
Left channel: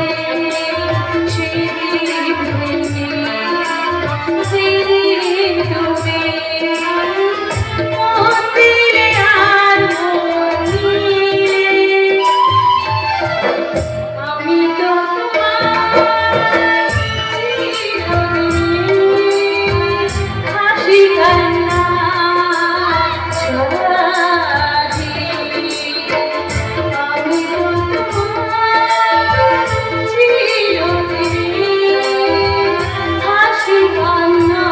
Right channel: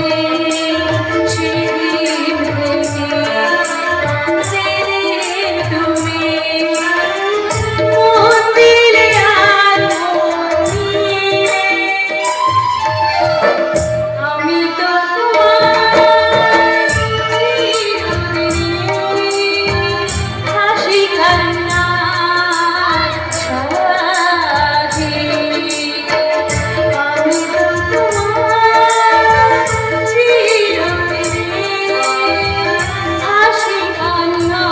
সেদিন থেকে, যেদিন তুমি মন দিলে আর মন দিলে, আমি তো তোমার চিরদিন হাসি কান্না সাথী, আমি তো তোমার চিরদিন হাসি কান্না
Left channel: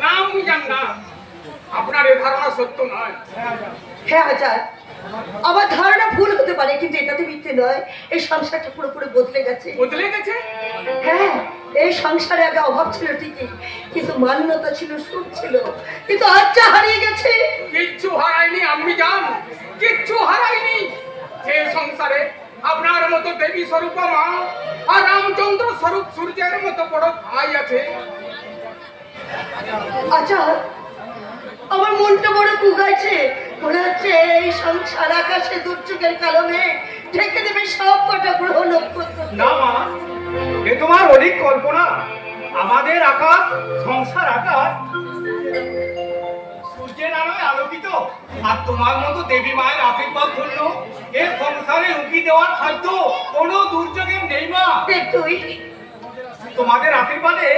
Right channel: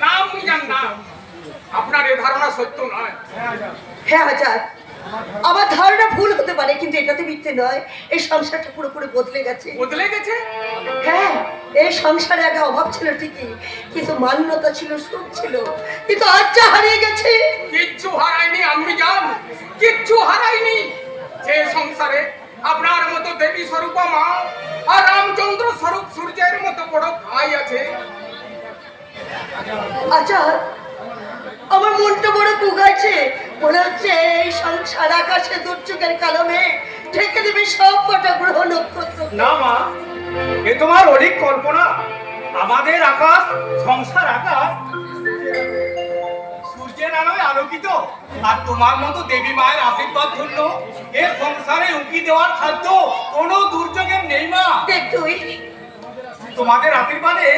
না আমি জান না, আপনার এ ধারণা সত্য নয়। হ্যাঁ আজাদ, আমার ধারণা ভুল হতে পারে, কিন্তু এটাতে মিথ্যে নয়। এই সংসারটা পুরোপুরি বদলে গেছে। বদলে গেছে? হ্যাঁ, এই সংসারে আগে অভাব ছিল ঠিকই, কিন্তু মান্যতা ছিল, সুখ ছিল, কিন্তু আজ যা হারিয়ে গেছে। কিচ্ছু হারায়নি আমি জান, কিচ্ছু হারায়নি। যে সংসারে আপনার মতো দেবী স্বরূপা মা আর রামচন্দ্র স্বরূপ সূর্যের মতো বড় ভাই আছে। আজাদ, আমার মনটা বড় কুগাইছে, মনে হচ্ছে এই সংসার আকাশে দুর্যোগের কারণে ঢেকে দেবে সব কটা গ্রহ নক্ষত্র। না মা, এ তোমার অধিক কল্পনা। আমাদের আকাশ, সংসার আকাশ সূর্যের আলোয় আলোকিত, আর তোমার মতো দেবী মায়ের আশীর্বাদ ধন্য এ সংসারে উঁকি দেওয়ার সাধ্য কোনো দুর্যোগের নেই মা। তুই তোমাদের আশীর্বাদে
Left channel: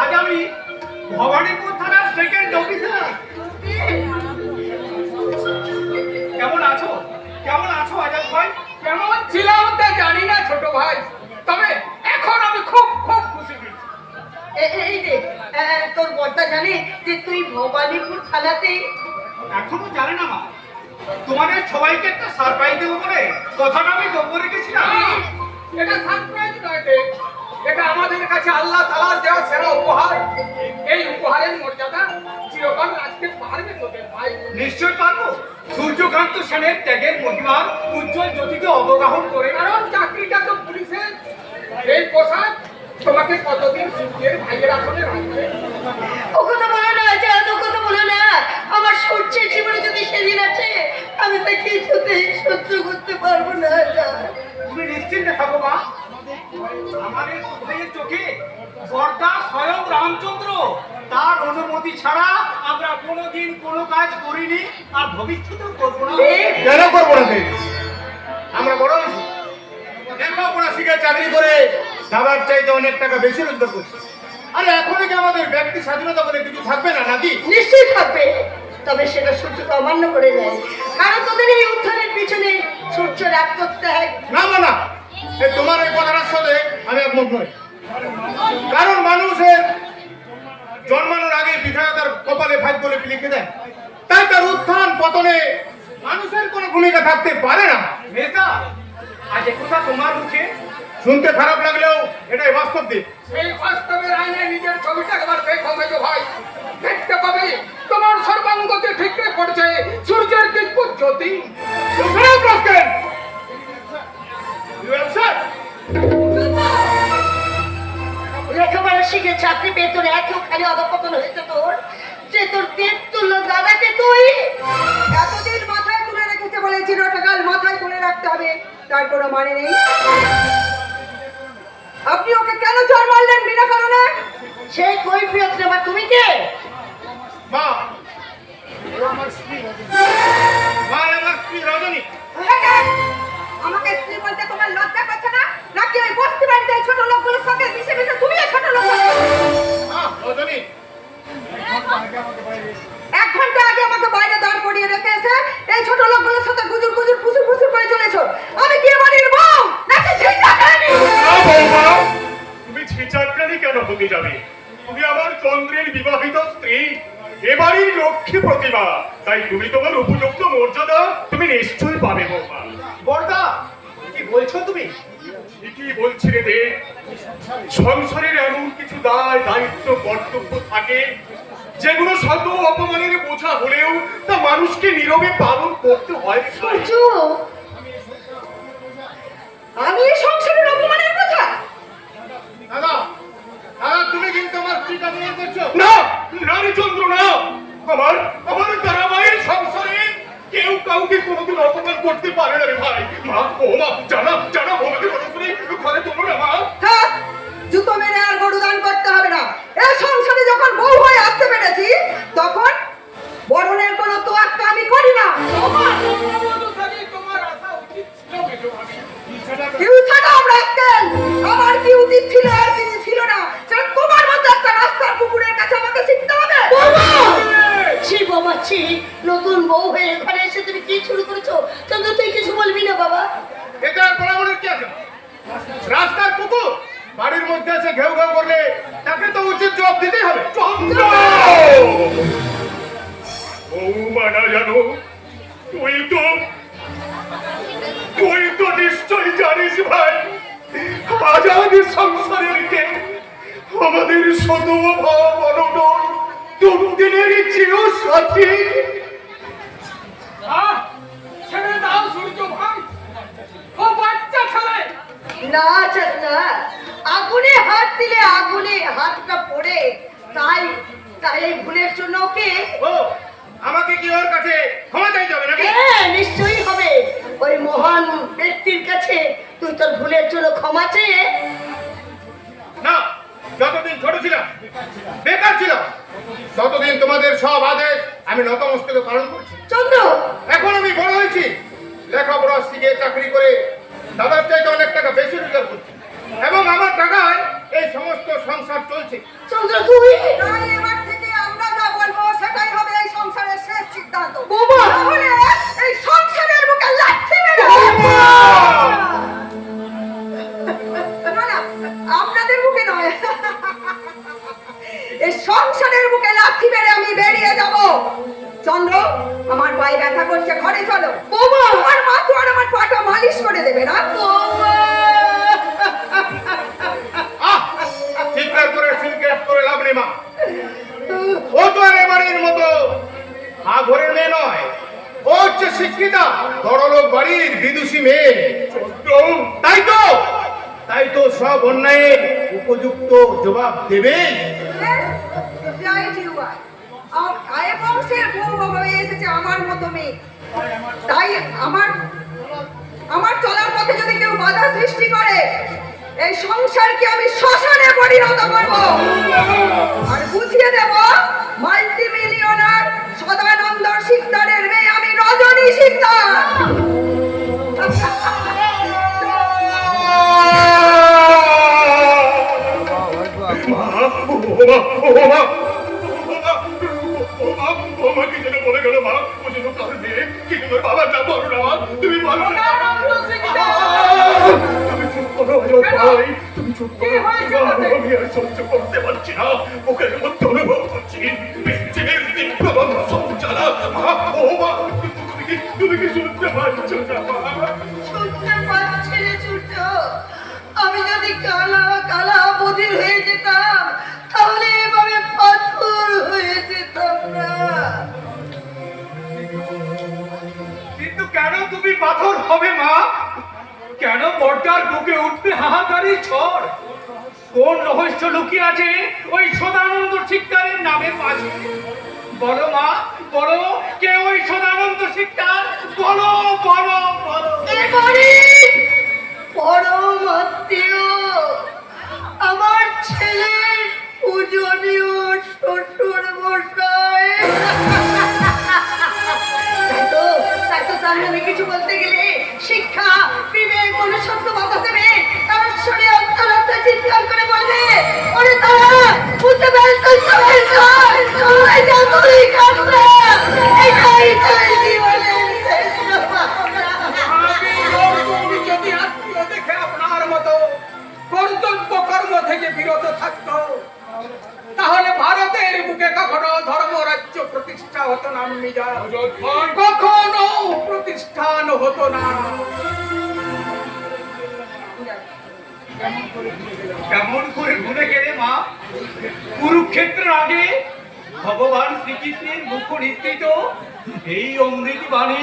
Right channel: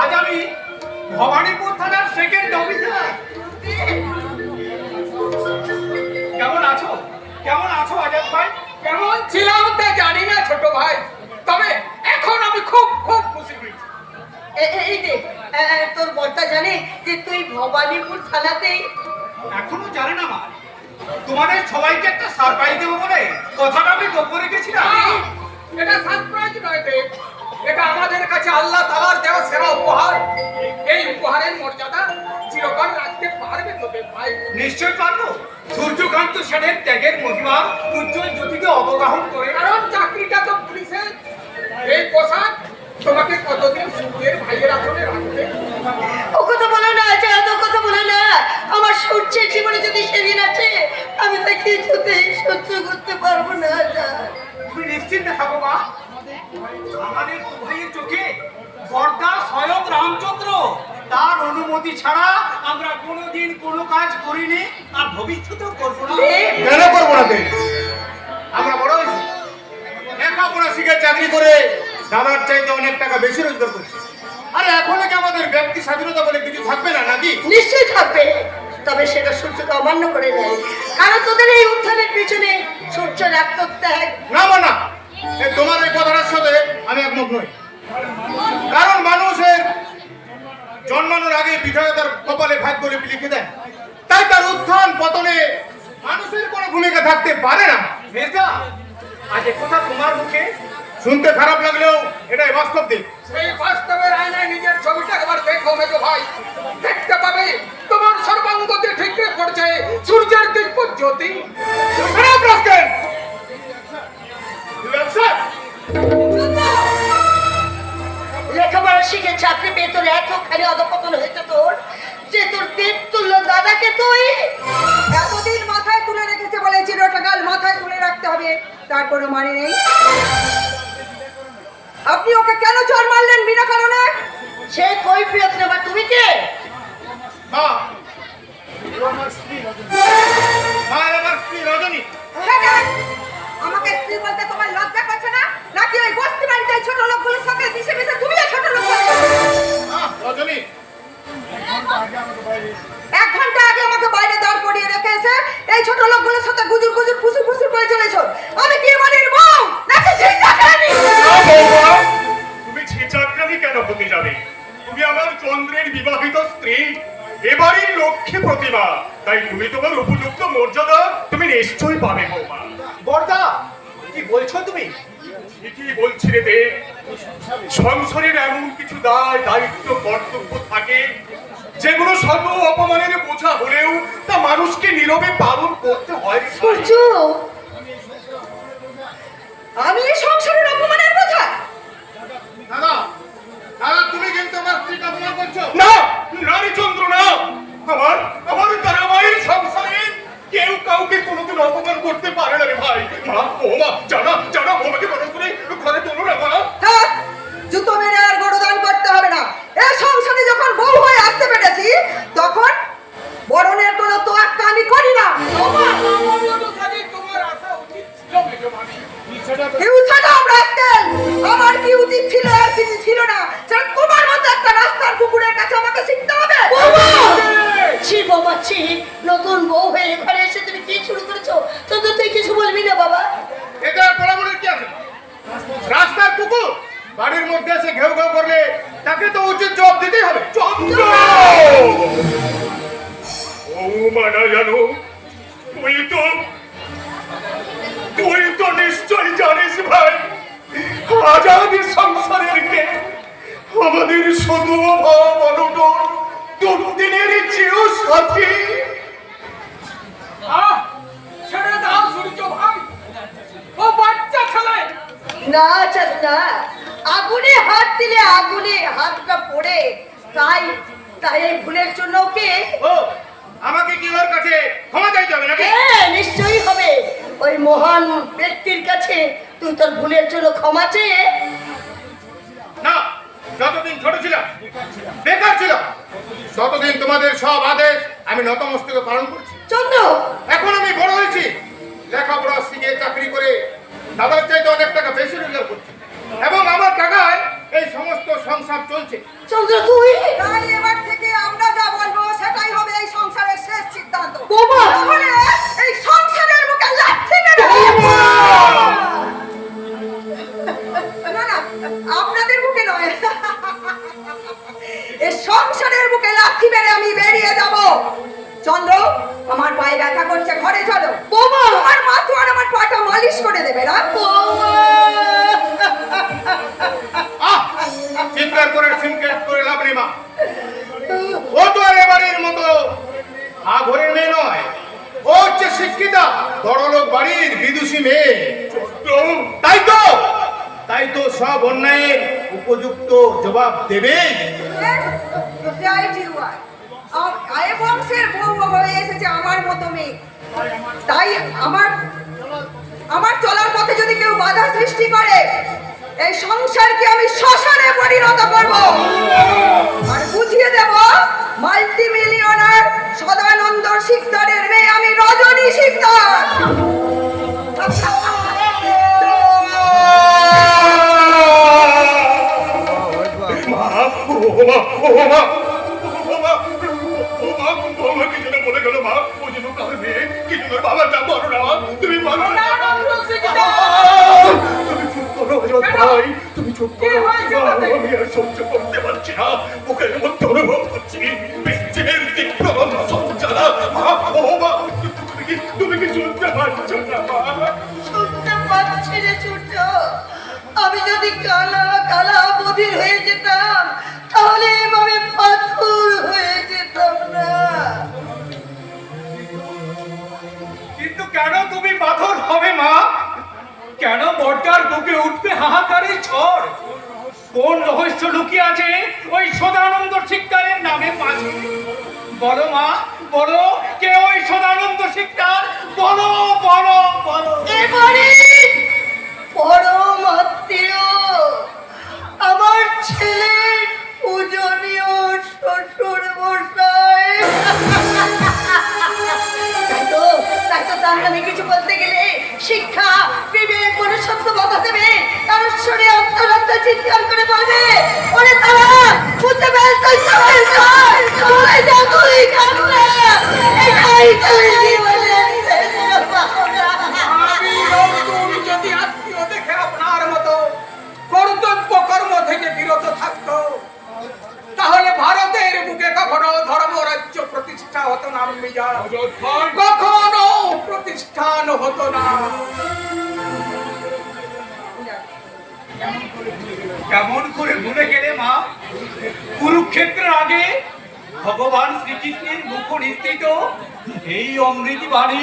আজ আমি ভবানীপুর থানার সেকেন্ড অফিসার। কেমন আছো? কেমন আছো আজাদ ভাই? কেমন ছিলাম তা জানি না ছোট ভাই, তবে এখন আমি খুব খুব খুশি হয়েছি। এই দেখ, তোর বড়টা জানে যে তুই ভবানীপুর থানাতে। এখনো জানে না মা, তোমাদের সবাইকে একটা সারপ্রাইজ দেবো বলে কথাটা আমি গোপন রেখেছিলাম। এটা সারপ্রাইজ নয় দেখ, এটা আমাদের কাছে আল্লাহ তাআলার দেওয়া সেরা উপহার। এই উপহারের মর্যাদা চিরকাল রাখতে পারবে তোদের ভাই। নিশ্চয় পারবো। সূর্যকান্ত সেনের ত্যাগের মহিমা উজ্জ্বল জ্যোতিকে অবগাহন করে। কারণ চাকরিটা তো পুলিশের। এই পোশাক তোমাকে কতদিন সূর্যের ভাইয়ের আসলে রাখবে। ও কথা বলো না আজাদ, ও কথা বলো না। আমার সূর্যের জীবনে যদি সেদিন আছে, আমি তা কিছুতেই সহ্য করতে পারবো না আজাদ। তুমি নিশ্চিন্তে থাকো মা, আমাদের ভাইয়ের চোখে বর্দা স্বয়ং রামচন্দ্র, তার অনুমতি ছাড়া আমরা কোনোদিন কোনো কাজ করিনি আর ভবিষ্যতেও করবো না। কেন করবো না? আমরা বড় হয়েছি, লেখাপড়া শিখে চাকরি করে দাদার চাইতে অনেক টাকা বেশি রোজগার করছি। আরে এখন কি আমাদের ব্যক্তি স্বাধীনতা বলে কিছু থাকবে না নাকি? নিশ্চয়ই থাকবে, তবে সেটা সূর্যকে অমান্য করে দেয়। কারণ তোদের এই উত্থানের পিছনে সূর্যের আত্মত্যাগ। না না, তোমার এই কথাটার সাথে আমি একমত নই। কারণ মানুষের জন্মানোর আগে বিধাতা তার কপালে ভাগ্য লিখে দেন, তাই তার উত্থান পতনে মানুষের কোনো ভূমিকা থাকতে পারে না। মেজদা, আজ কথা তোমার মুখে শুনতে খারাপ লাগলেও এটাই বাস্তব দিক। সেই বাস্তবের আয়নায় নিজের ছবিটা একবার দেখো মেজো ভাই, দেখতে পাবে তোমার সর্বাঙ্গতে ঠিকরে পড়ছে সূর্যের দিব্য জ্যোতি। লেখাপড়া শিখে চাকরি পেয়ে তোর এতখানি অধপতন হয়েছে তোর, যে তোর পেট তুলল দাদাকে তুই এতদিন মাথায় তুলে রেখেছে বলে চিরকাল মাথায় তুলে রাখতে হবে, তার কোনো মানে নেই। আপনি ওকে কেন চড় মারলেন বিনা কারণে? সে কই প্রিয় নেবার, তুমি কে? মা, আমার স্ত্রী রজনী। আমাকে স্ত্রী বলতে তোমার লজ্জা করছে না? নাকি ওই বস্তি বাড়িতে এই ছোট লোকগুলোর সঙ্গে মিশে মিশে তুমি না ছোট লোক? রজনী, 1 ঘন্টা আগে আমাকে বাইরে দাঁড় করিয়ে রেখে এসে এই ছোট লোকগুলোর সাথে গুজুর গুজুর ফুসুর ফুসুর করে চলেছো। আমি কি বাড়ির বউ নাকি ঝিঁঝাকানি? তুমি ঝিঁচাকরানি কেন হতে যাবে? তুমি আমার চন্দ্রের বিবাহিত স্ত্রী, এবারই লক্ষ্মী প্রতিভা, তাই তুমি তোমার উপযুক্ত মর্যাদা তুমি নিশ্চয়ই পাবে বৌমা। বর্দা, কি বলছো তুমি? ঠিকই বলছি রে দেব, সংসারের এমন কিছু দায় দায়িত্ব কর্তব্য থাকে যেগুলো শত অপমানের বোঝা হলেও তা মানুষকে নীরবে পালন করতে হয়। সূর্য, আমি এই সংসারের অপমানের কথা? দাদা, তুমি কিন্তু আমার স্ত্রীকে অপমান করছো। না, নারী চন্দ্র না, আমার আমার তারাবাইয়ের সংসারে কেউ কাউকে কোনোদিন অপমান করতে পারে না রে ভাই। মা, ও মা, জানা জানা বৌমাকে বড় করে ঘরে তোলো না মা। থাক, জুতো মেরে আর গরুদান করতে হবে না। এই সংসারে যখন বউ হয়ে আসতে পেরেছি তখন বরণের কোনো তো একটা আমি করি না। তোমার আসা উচিত ছিল মেজো ভাবি। কি উচ্ছাদ রাখতেন? আমার কি উচিত ছিল আর কি ছিল না সেটা তোমার মতো একটা রাস্তার কুকুরের কাছে আমাকে শিখতে হবে? ছি বাবা ছি, নতুন বউ হয়ে এখানে এসে তুমি কি শুরু করেছো? চন্দ্র, তুই কিছু বলবি না বাবা? এটা আর বলাবলির কি আছে? রাস্তার কুকুর বাড়ির মধ্যে এসে ঘেউ ঘেউ করলে তাকে তো উচিত জবাব দিতেই হবে। চন্দ্র! ও মানা জানো, তুই তো নিশ্চয় জানিস ভাই, আজ আমাদের সংসারের কে আমাদের সদভাব অনটন দুর্দিনের চেয়েও সাথী। ছেড়ে দাও সূর্য ভাই, ও বাচ্চা খেলায়। না চাচা, আগুনে হাত দিলে আগুনে হাতটা পড়ে, তাই তাই এই ভুলের জন্য ওকে ও, আমাকে কি ওর কাছে ক্ষমা চাইতে হবে নাকি? হ্যাঁ নিশ্চয়ই হবে। ওই মহান ব্যক্তির কাছে তুই তোর ভুলের জন্য ক্ষমা চেয়ে না, যতদিন ছোট ছিলাম বেকার ছিলাম ততদিন তোমাদের সব আদেশ আমি নতমস্তকে পালন করছি। চন্দ্র, এখন আমি বড় হয়েছি, লেখাপড়া শিখে চাকরি করে দাদার চাইতে অনেক টাকা বেশি রোজগার করছি এবং আমার টাকায় এই সমস্ত সংসার চলছে। চন্দ্র তুই তাই এবার থেকে আমরা যা বলবো সেটাই হবে এই সংসারের শেষ সিদ্ধান্ত। বাবা! তাহলে এই সংসারের বুকে লাথি মেরে না না, আপনাদের বুকে নয়, এই সংসারের বুকে লাথি মেরে আমি বেরিয়ে যাব। চন্দ্র, আমার পায়ে ব্যথা করছে, ঘরে চলো। বাবা! আমার মা তো আর আমার পাটা মালিশ করে দেবে না? চিৎকার করে সিনকেট করে লাভ নেই মা। ও তো আর এবারের মতো ঘরের মেয়ে নয়, ও হচ্ছে শিক্ষিতা বড়লোক বাড়ির বিদুষী মেয়ে। তাই তো সব অন্যায়ের উপযুক্ত জবাব দেবে। আয়ে বংশের বউ হয়ে এসেছে আমার মতো মেয়ে, তাই আমার চলার পথে যদি কেউ বাধা সৃষ্টি করে এই সংসারকে আমি শ্মশানে পরিণত করব আর বুঝিয়ে দেব মাল্টি মিলিয়নার সদানন্দ শিকদারের মেয়ে আমি রজনী শিকদার। মাফ করো, মা, ও মা, ও মা, ও মা, কি যেন বলে গেল মা, ও যেন কার মেয়ে, কি যেন বাবার নাম বলো না, তুমি বলো না। তুমি চুপ করো ভাই, তুমি চুপ করো, আমি আর সহ্য করতে পারছি না, বুকের মধ্যে অনুভব করছি বৃষ্টির তীব্র সঞ্চারা। মা, ও মা, তুমি কি শুনতে পাচ্ছ না মা? শুনতে পাচ্ছি রে সূর্য, আমি যদি কালা কালা বধির হয়ে যেতাম তাহলে এভাবে পাথর হয়ে যেতাম না। কিন্তু কেন তুমি পাথর হবে মা? কেন বর্দার বুকে উঠবে হাহাকারি ঝড়? কোন রহস্য লুকিয়ে আছে ওই সদানন্দ শিকদারের নামে পাশে? বলো মা, বলো, কে ওই সদানন্দ শিকদার? বলো বলো বলো। এবারে পরম আত্মীয় আমার ছেলের পূজনীয় শ্বশুর মশাই। তাই তো তার নামে কিছু বলতে গেলে শিক্ষা বিবেক মনুষ্যত্ব বাধা দেবে, কারণ শুনে আত্মহত্যা চিৎকার করে বলবে, ওরে তারা বুঝতে পারছিস সবাই সবাই যা তুই খাবো এটাই তুই জীবনের শেষ কথা। আমি ওরকম যদি আত্মীয় দেখে আপনার মতো কর্তব্য কর্ম থেকে বিরত থাকতো, তাহলে ভারতের বুকে কখনো ধর্মরাজ্য প্রতিষ্ঠা হতো না, মিজান। কখনো প্রতিষ্ঠান হতো না। কেমন করে ভুলে গেলে মা? কুরুক্ষেত্রের আগে ভগবান শ্রীকৃষ্ণের মুখ নিঃসৃত এই অমৃত বাণী।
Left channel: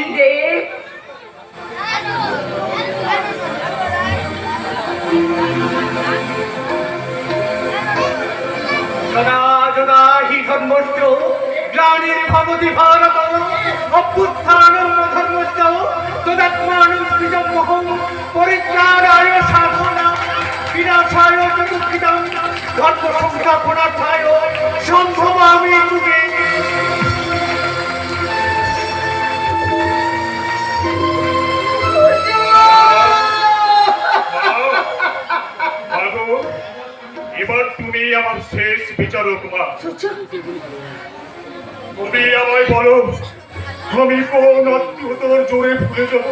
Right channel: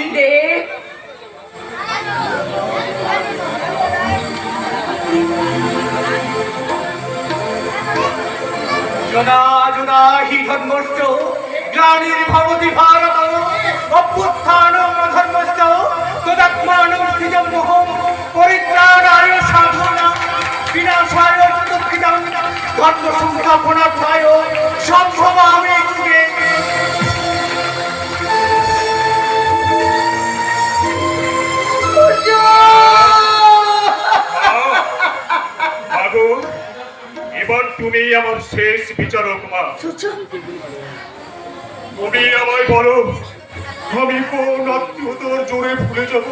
যোদা যোদা হি ধর্মশ্চ গ্লানির ভবতি ভারত অভ্যুত্থানং ধর্মশ্চ তদাত্মানং সৃজমোহং পরিত্রাণায় সাধনাং বিনাশায় দুঃখিতাং ধর্ম সংস্থাপনার্থায় সম্ভবামি যুগে। বাবু, এবার তুমি আমার শেষ বিচারক মা। তুমি আমায় বলো, আমি কোন আত্মীয়তার জোরে ভুলে যাব?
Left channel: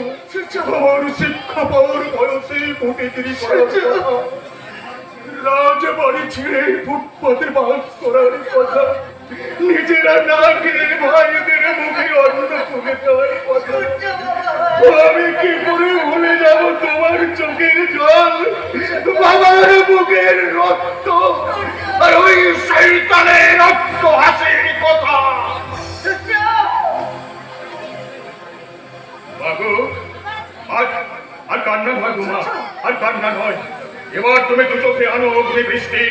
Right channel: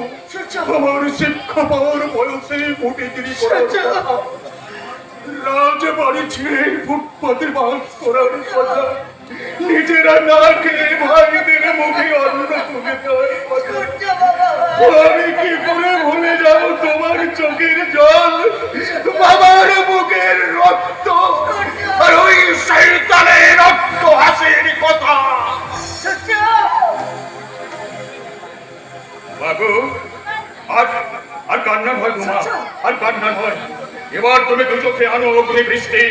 আমার শিক্ষা পাওয়ার বয়সে মোটে 30 রাজবাড়ি ছেড়ে ফুটপাতে বাস করার কথা, নিজেরা না খেয়ে ভাইদের মুখে অন্ন তুলে দেওয়ার কথা। আমি কি করে ভুলে যাব তোমার চোখের জল, বাবার বুকের রক্ত, আর ওই শয়তানের রক্ত হাসির কথা? বাবু, আর কান্না হয় মা, আর কান্না হয়। এবার তুমি দু চোখে আনো অগ্নি বৃষ্টি,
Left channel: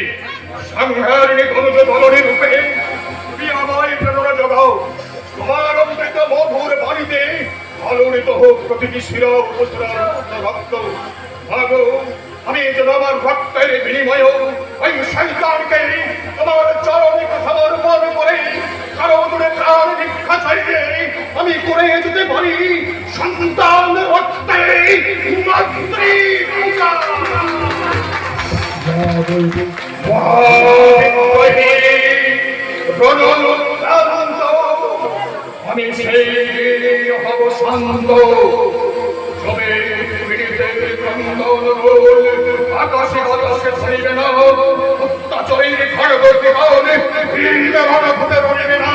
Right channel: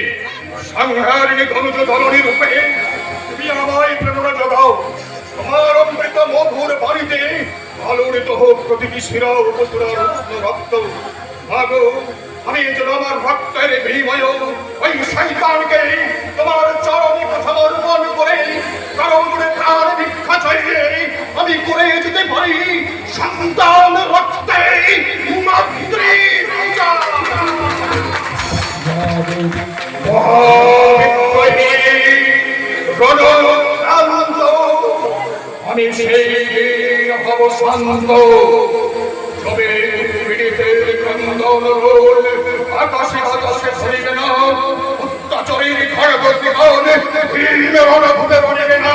সংহারিণী ধ্বংস ধরণী রূপে তুমি আমায় প্রেরণা জগাও। তোমার অমৃত মধুর বাড়িতে আলোড়িত হোক প্রতিটি শিরা উপসুরার রক্ত। ভাগো, আমি যেন আমার ভক্তের বিনিময় ওই শয়তানকে তোমার চরম কথার মন করে কারণ মনে প্রাণ ভিক্ষা চাইলে আমি করে যেতে পারি সন্তান রক্তে মাতৃ পূজা। আমি সেই হব শান্ত, তবে পৃথিবীতে ক্রন্দন রোল আকাশে বাতাসে ছড়িবে না, অত্যাচারীর খড়গতি কারণে রণভূমে বনিবে না।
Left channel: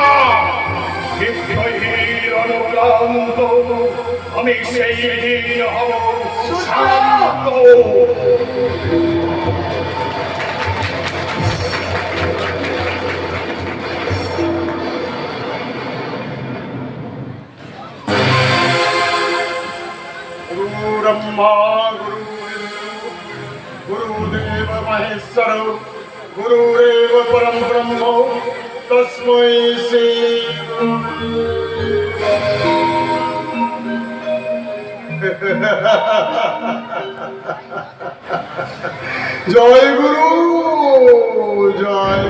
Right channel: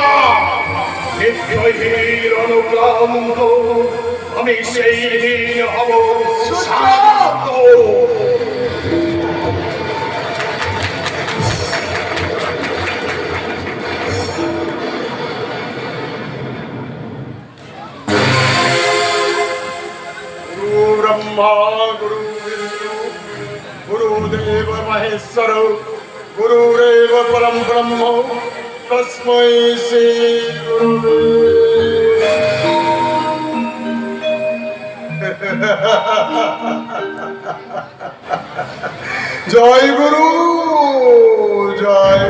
নিত্যহীন অনুক্রান্ত আমি সেই দিন হব শান্ত। गुरुदेव महेश्वर गुरुरेव परम ब्रह्म तस्मै श्री जय गुरु जय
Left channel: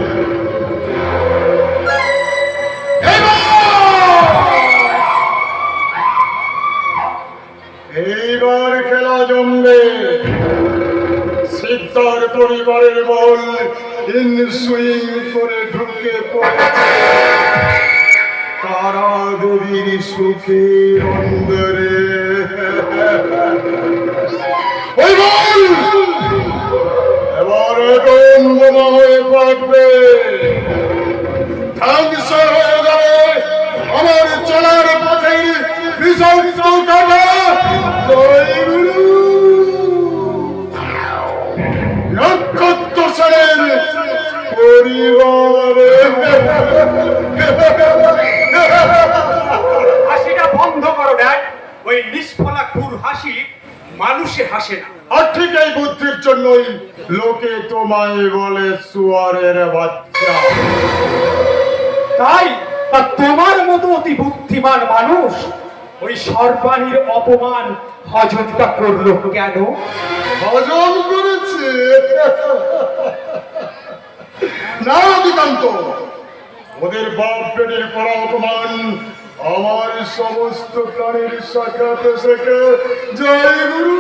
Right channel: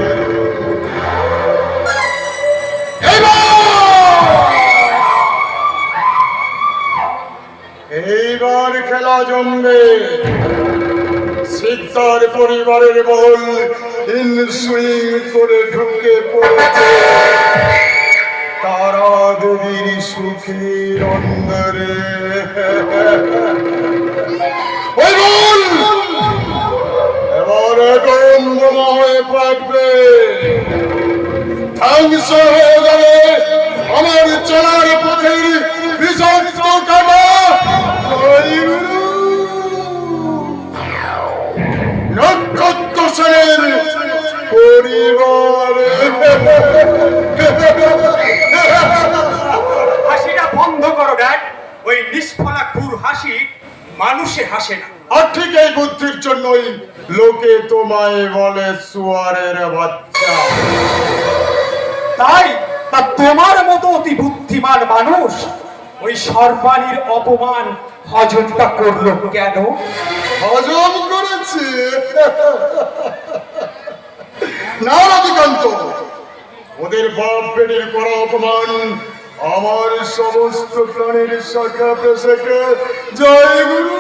এইবার খেলা জমবে। সিদ্ধার পরিবারের বল ইনসুইং করে ঢুকে পড়েছে তারা দেবীর সুখের অন্দরে। ওই বল! এবারে গন্ধম হয়ে ফাটবে, ধ্বংস হয়ে যাবে আমার চলার পথের বিজব্দ কাটা। জয় গুরু! নক্ষত্র সেনের পরিবারে হাসিটা বন্ধ করো ড্যাড। ওই নিষ্ফলা ক্রূর হাসি মানুষে হাসে না। আর ঠিক এই বুদ্ধির জন্যই লোকে তোমায় বলে সুয়ারের বাচ্চা। তাই তা তোমার মতো অতি বুদ্ধিমান মানুষ ওই সর্বাণীর অপমান হজমটা করলো কেন? হজম করেছে না অধিকান্ত, ওদের বাপ বেটির করা অপমান আমার সমস্ত প্রাণীর শাখা প্রশাখা। জয় গুরু!